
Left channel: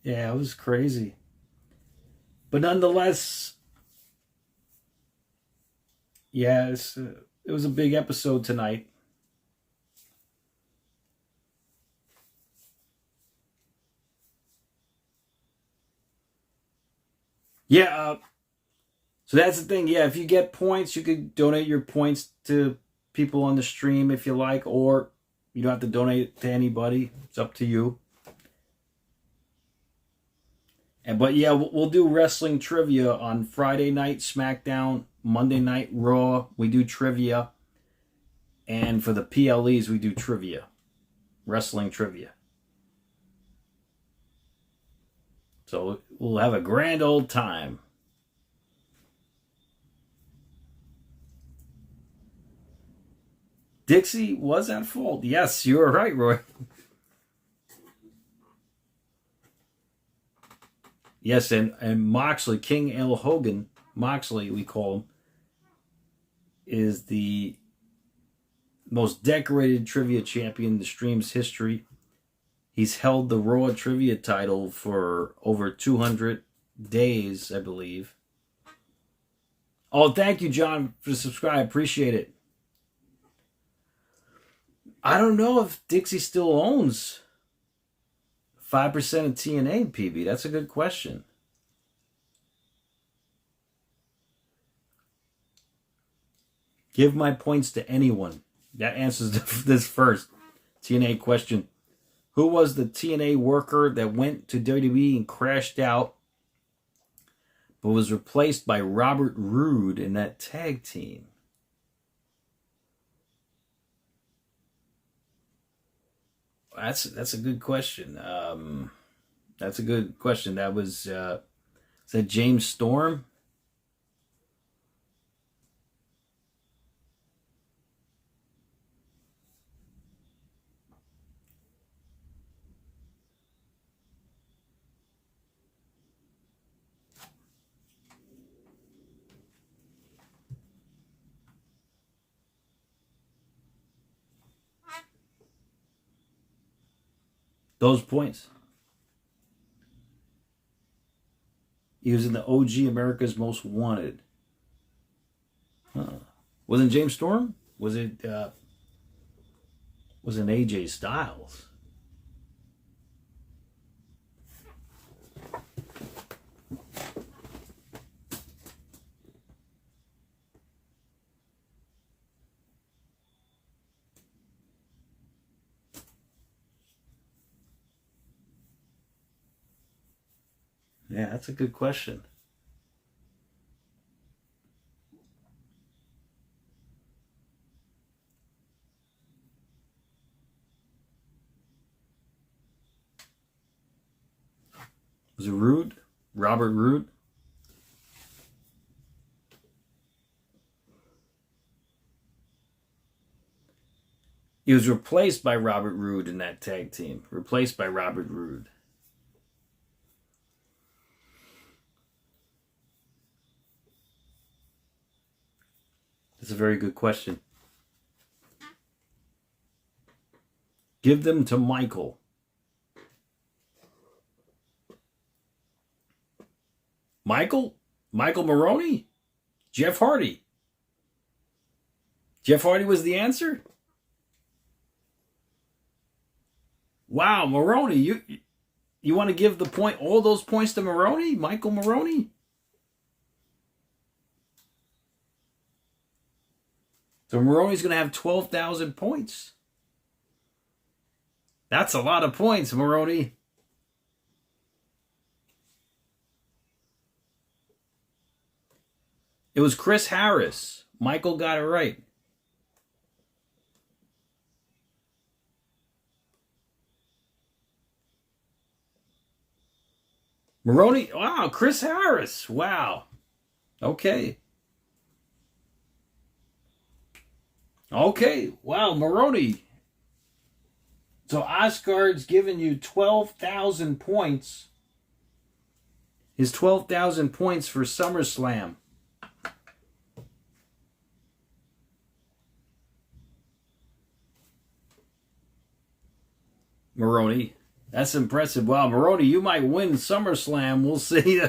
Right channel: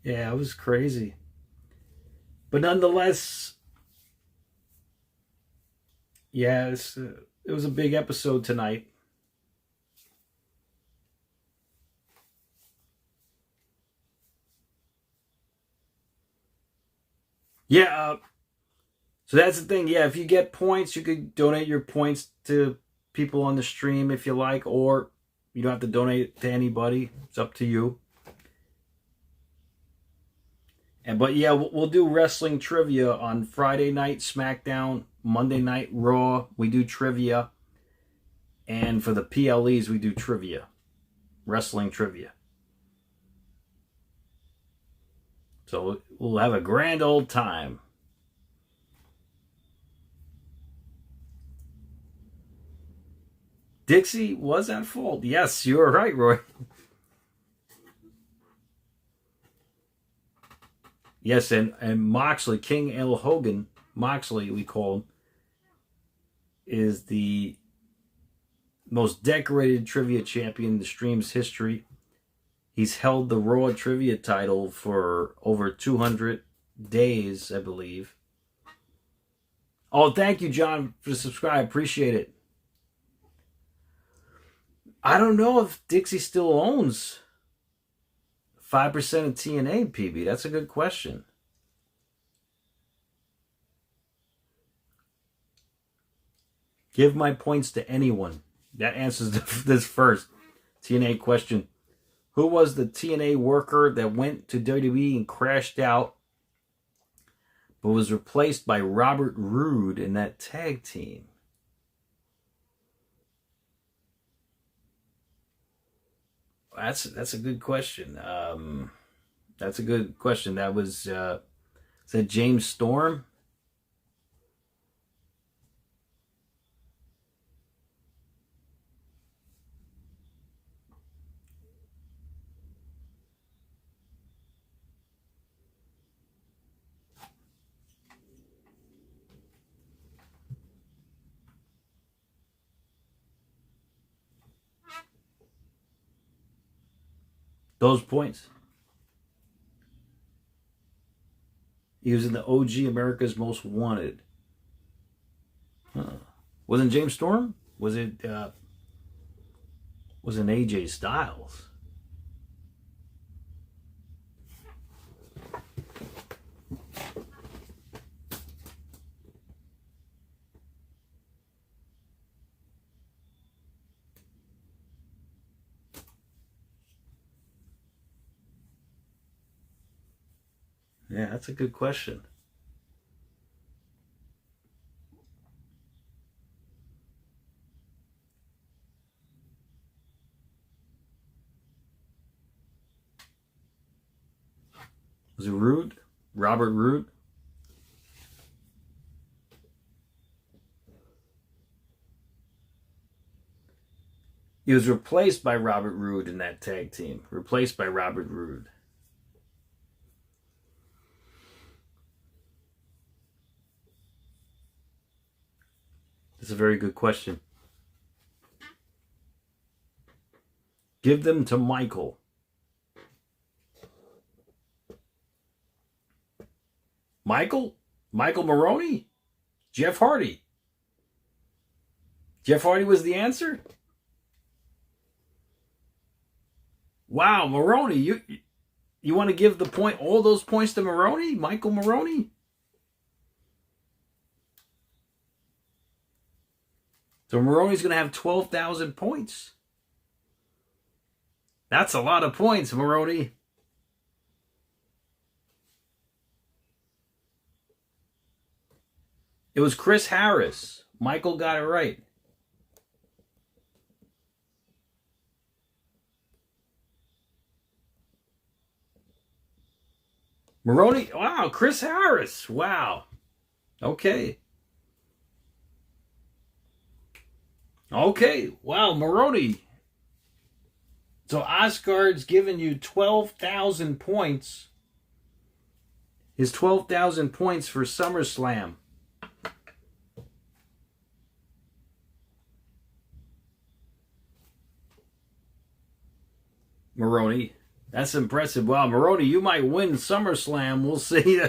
Yeah, it was crazy. But nonetheless... Yeah, it was a big episode tonight. Yeah, so that's the thing. Yeah, if you get points, you could donate your points to people on the stream if you like, or you don't have to donate to anybody. It's up to you. But yeah, we'll do wrestling trivia on Friday night SmackDown, Monday night Raw. We do trivia. And for the PLEs, we do trivia. Wrestling trivia. So we'll have a grand old time. Dixie was at fault. Yes, you were right, Roy. Yes, and Moxley, King L. Hogan, Moxley we call him, is the most decorated trivia champion in the stream's history. He's held the Raw trivia title for over 200 days, I believe. Oh, thank you, John, for the subscribe. Appreciate it. I don't know if Dixie still owns 5% of TNA, PB. That's a good question. Give my points to anyone. That answers this first TNA question. Who was the TNA worker that went to WWE and crashed out, but was replaced by Robert Roode in that tag team? That's a good question. That's a good question. That was is that James Storm? Those points. He was in the OG America's Most Wanted. Wasn't James Storm? Was it wasn't AJ Styles? Yeah, that's a good question. Was it Roode? Robert Roode? He was replaced by Robert Roode in that tag team. Replaced by Robert Roode. That's a very good question. Give them to Michael. Michael Maroney? Jeff Hardy. Jeff Hardy was the answer? Wow, Maroney, you want to give the point, all those points to Maroney? Michael Maroney? So Maroney's going to have 12,000 points. That's a lot of points, Maroney. It was Chris Harris. Michael got it right. Maroney, wow, Chris Harris. Wow. Okay. Okay, wow, Maroney. So Oscard's giving you 12,000 points. His 12,000 points for SummerSlam. Maroney, that's impressive. Wow, Maroney, you might win SummerSlam. We'll see.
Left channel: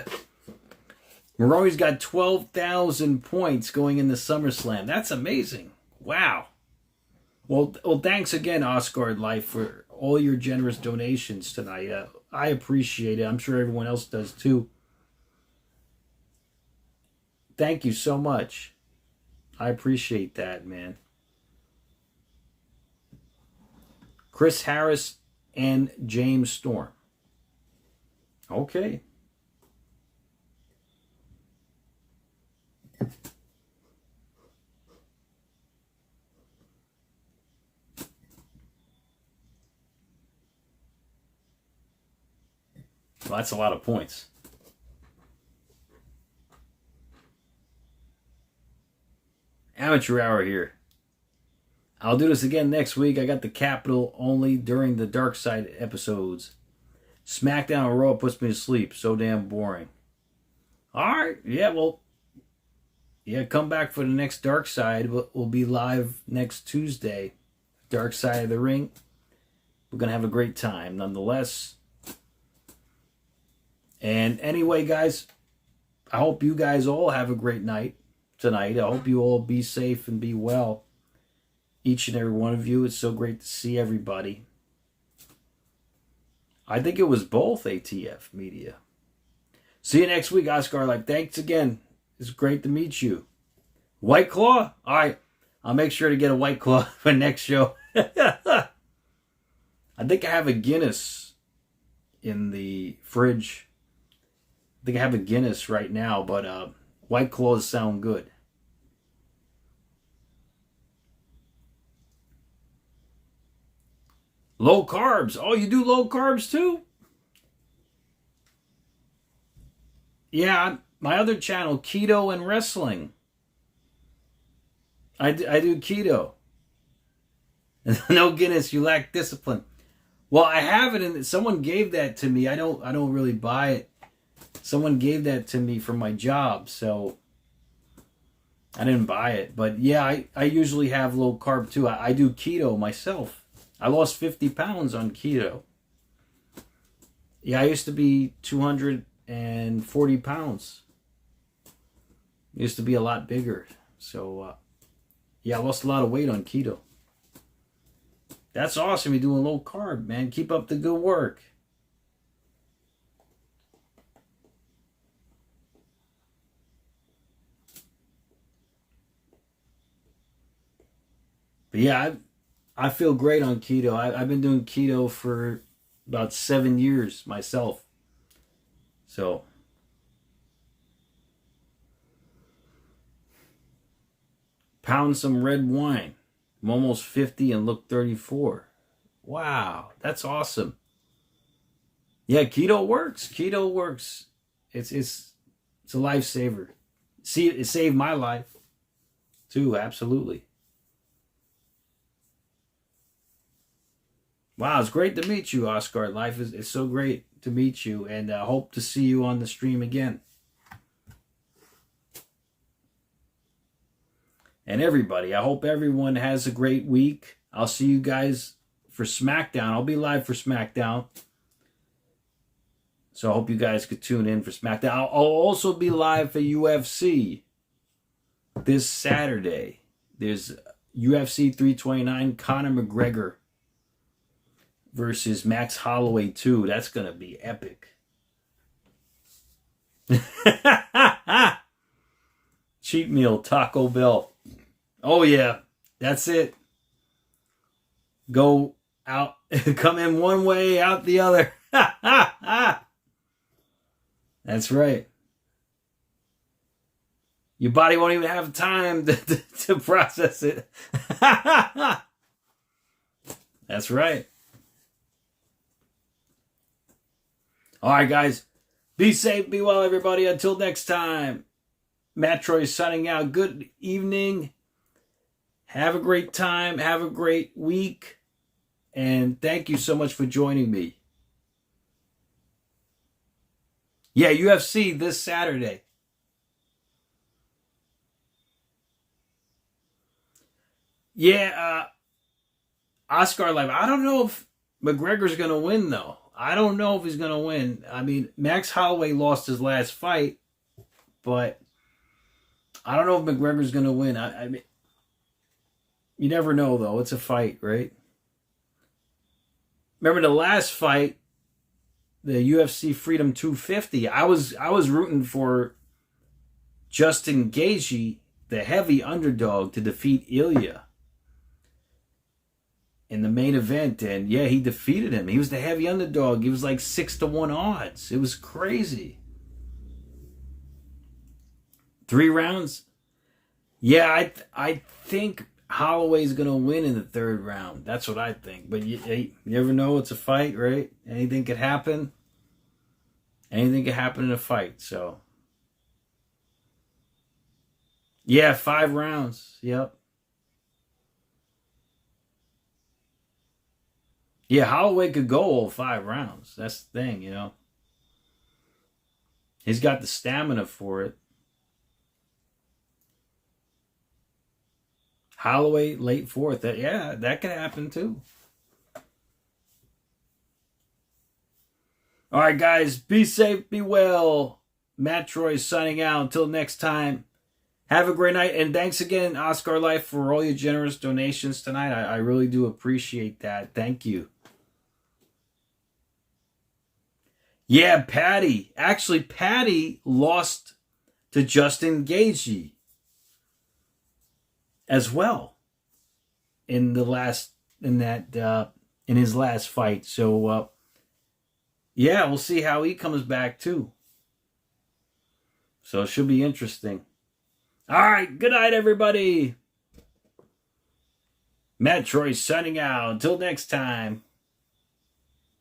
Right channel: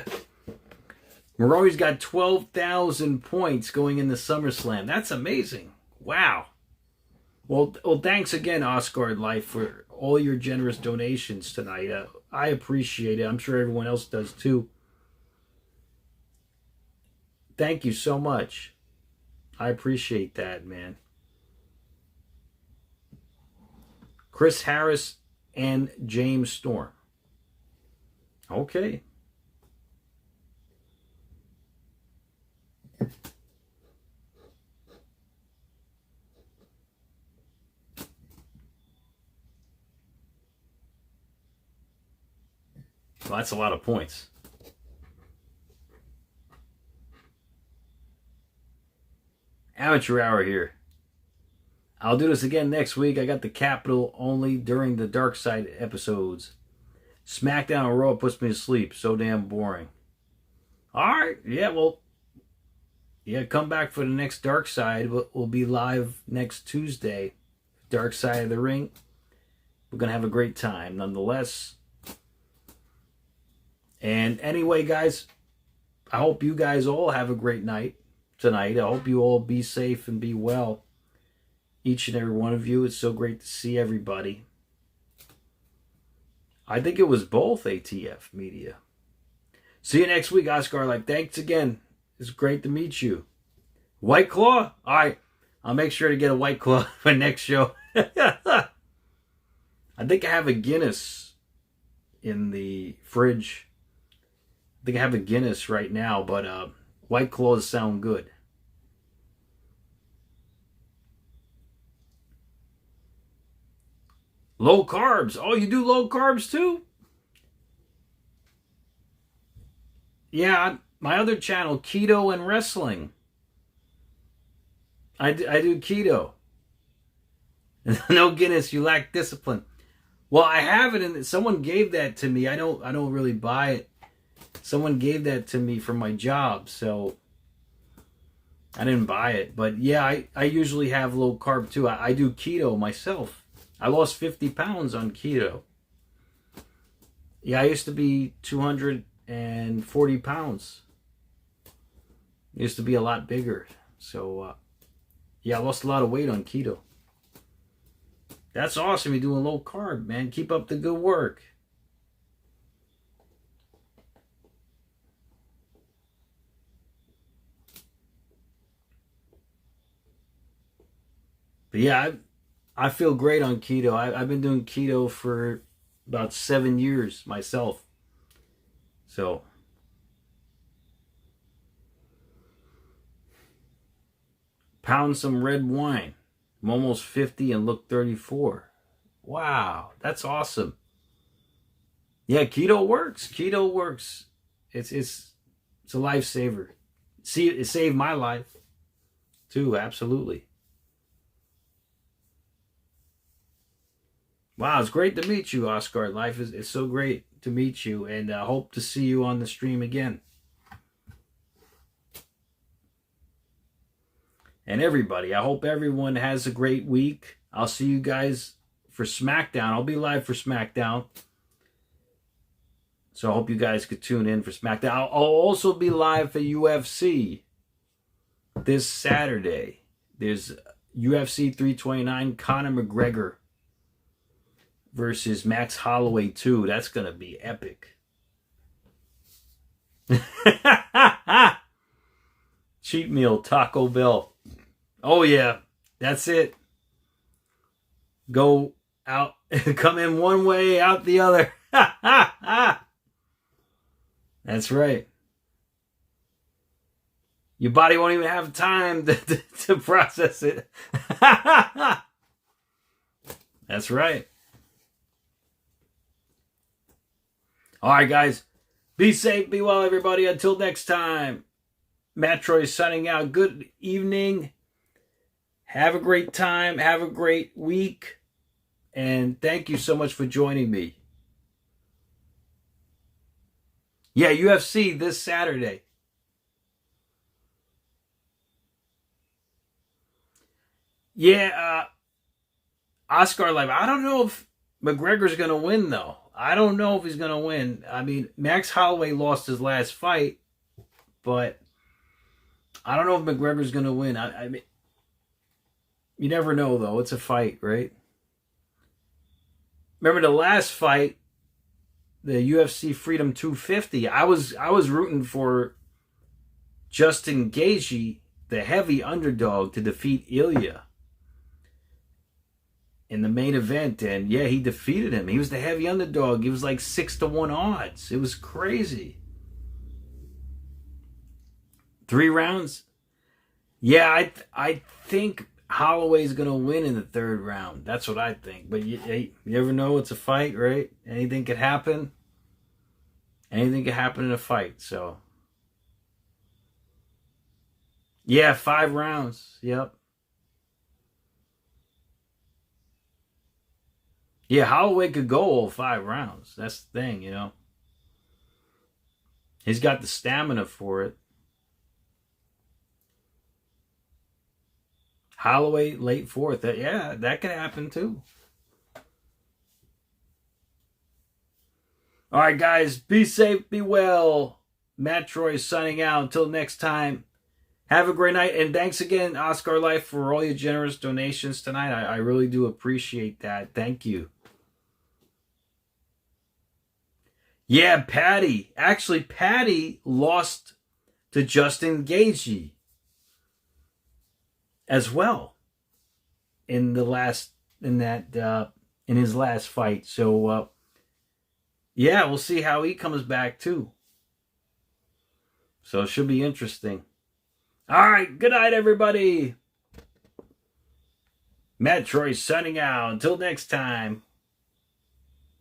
Maroney's got 12,000 points going into SummerSlam. That's amazing. Wow. Well, thanks again, Oscar Life, for all your generous donations tonight. I appreciate it. I'm sure everyone else does too. Thank you so much. I appreciate that, man. Chris Harris and James Storm. Okay. Well, that's a lot of points. Amateur hour here. I'll do this again next week. I got the Capitol only during the Dark Side episodes. SmackDown and Raw puts me to sleep. So damn boring. Alright. Yeah, well. Yeah, come back for the next Dark Side. We'll be live next Tuesday. Dark Side of the Ring. We're going to have a great time nonetheless. And anyway, guys, I hope you guys all have a great night tonight. I hope you all be safe and be well. Each and every one of you. It's so great to see everybody. I think it was both ATF Media. See you next week, Oscar Life. Thanks again. It's great to meet you. White Claw? All right. I'll make sure to get a White Claw for next show. I think I have a Guinness in the fridge. I think I have a Guinness right now, but White Claws sound good. Low carbs. Oh, you do low carbs too? Yeah, my other channel, Keto and Wrestling. I do keto. No Guinness, you lack discipline. Well, I have it, and someone gave that to me. I don't really buy it. Someone gave that to me for my job, so I didn't buy it. But yeah, I usually have low carb too. I do keto myself. I lost 50 pounds on keto. Yeah, I used to be 240 pounds. Used to be a lot bigger. So, yeah, I lost a lot of weight on keto. That's awesome. You're doing low carb, man. Keep up the good work. But yeah, I feel great on keto. I've been doing keto for about 7 years myself. So, pound some red wine. I'm almost 50 and look 34. Wow, that's awesome. Yeah, keto works. Keto works. It's a lifesaver. See, it saved my life too. Absolutely. Wow, it's great to meet you, Oscar. Life is so great to meet you, and I hope to see you on the stream again. And everybody, I hope everyone has a great week. I'll see you guys for SmackDown. I'll be live for SmackDown. So I hope you guys could tune in for SmackDown. I'll also be live for UFC this Saturday. There's UFC 329, Conor McGregor versus Max Holloway 2. That's going to be epic. Cheat meal, Taco Bell. Oh, yeah. That's it. Go out. Come in one way, out the other. That's right. Your body won't even have time to process it. That's right. All right, guys. Be safe, be well, everybody. Until next time, MATTROISE signing out. Good evening. Have a great time. Have a great week. And thank you so much for joining me. Yeah, UFC this Saturday. Yeah, Oscar Live. I don't know if McGregor's going to win, though. I don't know if he's going to win. I mean, Max Holloway lost his last fight, but I don't know if McGregor's going to win. I mean, you never know, though. It's a fight, right? Remember the last fight, the UFC Freedom 250, I was rooting for Justin Gaethje, the heavy underdog, to defeat Ilya in the main event, and yeah, he defeated him. He was the heavy underdog. He was like 6-1 odds. It was crazy. 3 rounds. Yeah, I think Holloway's gonna win in the 3rd round. That's what I think. But you never know. It's a fight, right? Anything could happen. Anything could happen in a fight. So yeah, 5 rounds. Yep. Yeah, Holloway could go all 5 rounds. That's the thing, you know. He's got the stamina for it. Holloway, late 4th. That could happen too. All right, guys. Be safe, be well. MATTROISE signing out. Until next time. Have a great night. And thanks again, Oscar Life, for all your generous donations tonight. I really do appreciate that. Thank you. Yeah, Patty. Actually, Patty lost to Justin Gaethje as well in his last fight. So yeah, we'll see how he comes back too. So it should be interesting. All right, good night, everybody. MATTROISE signing out. Until next time.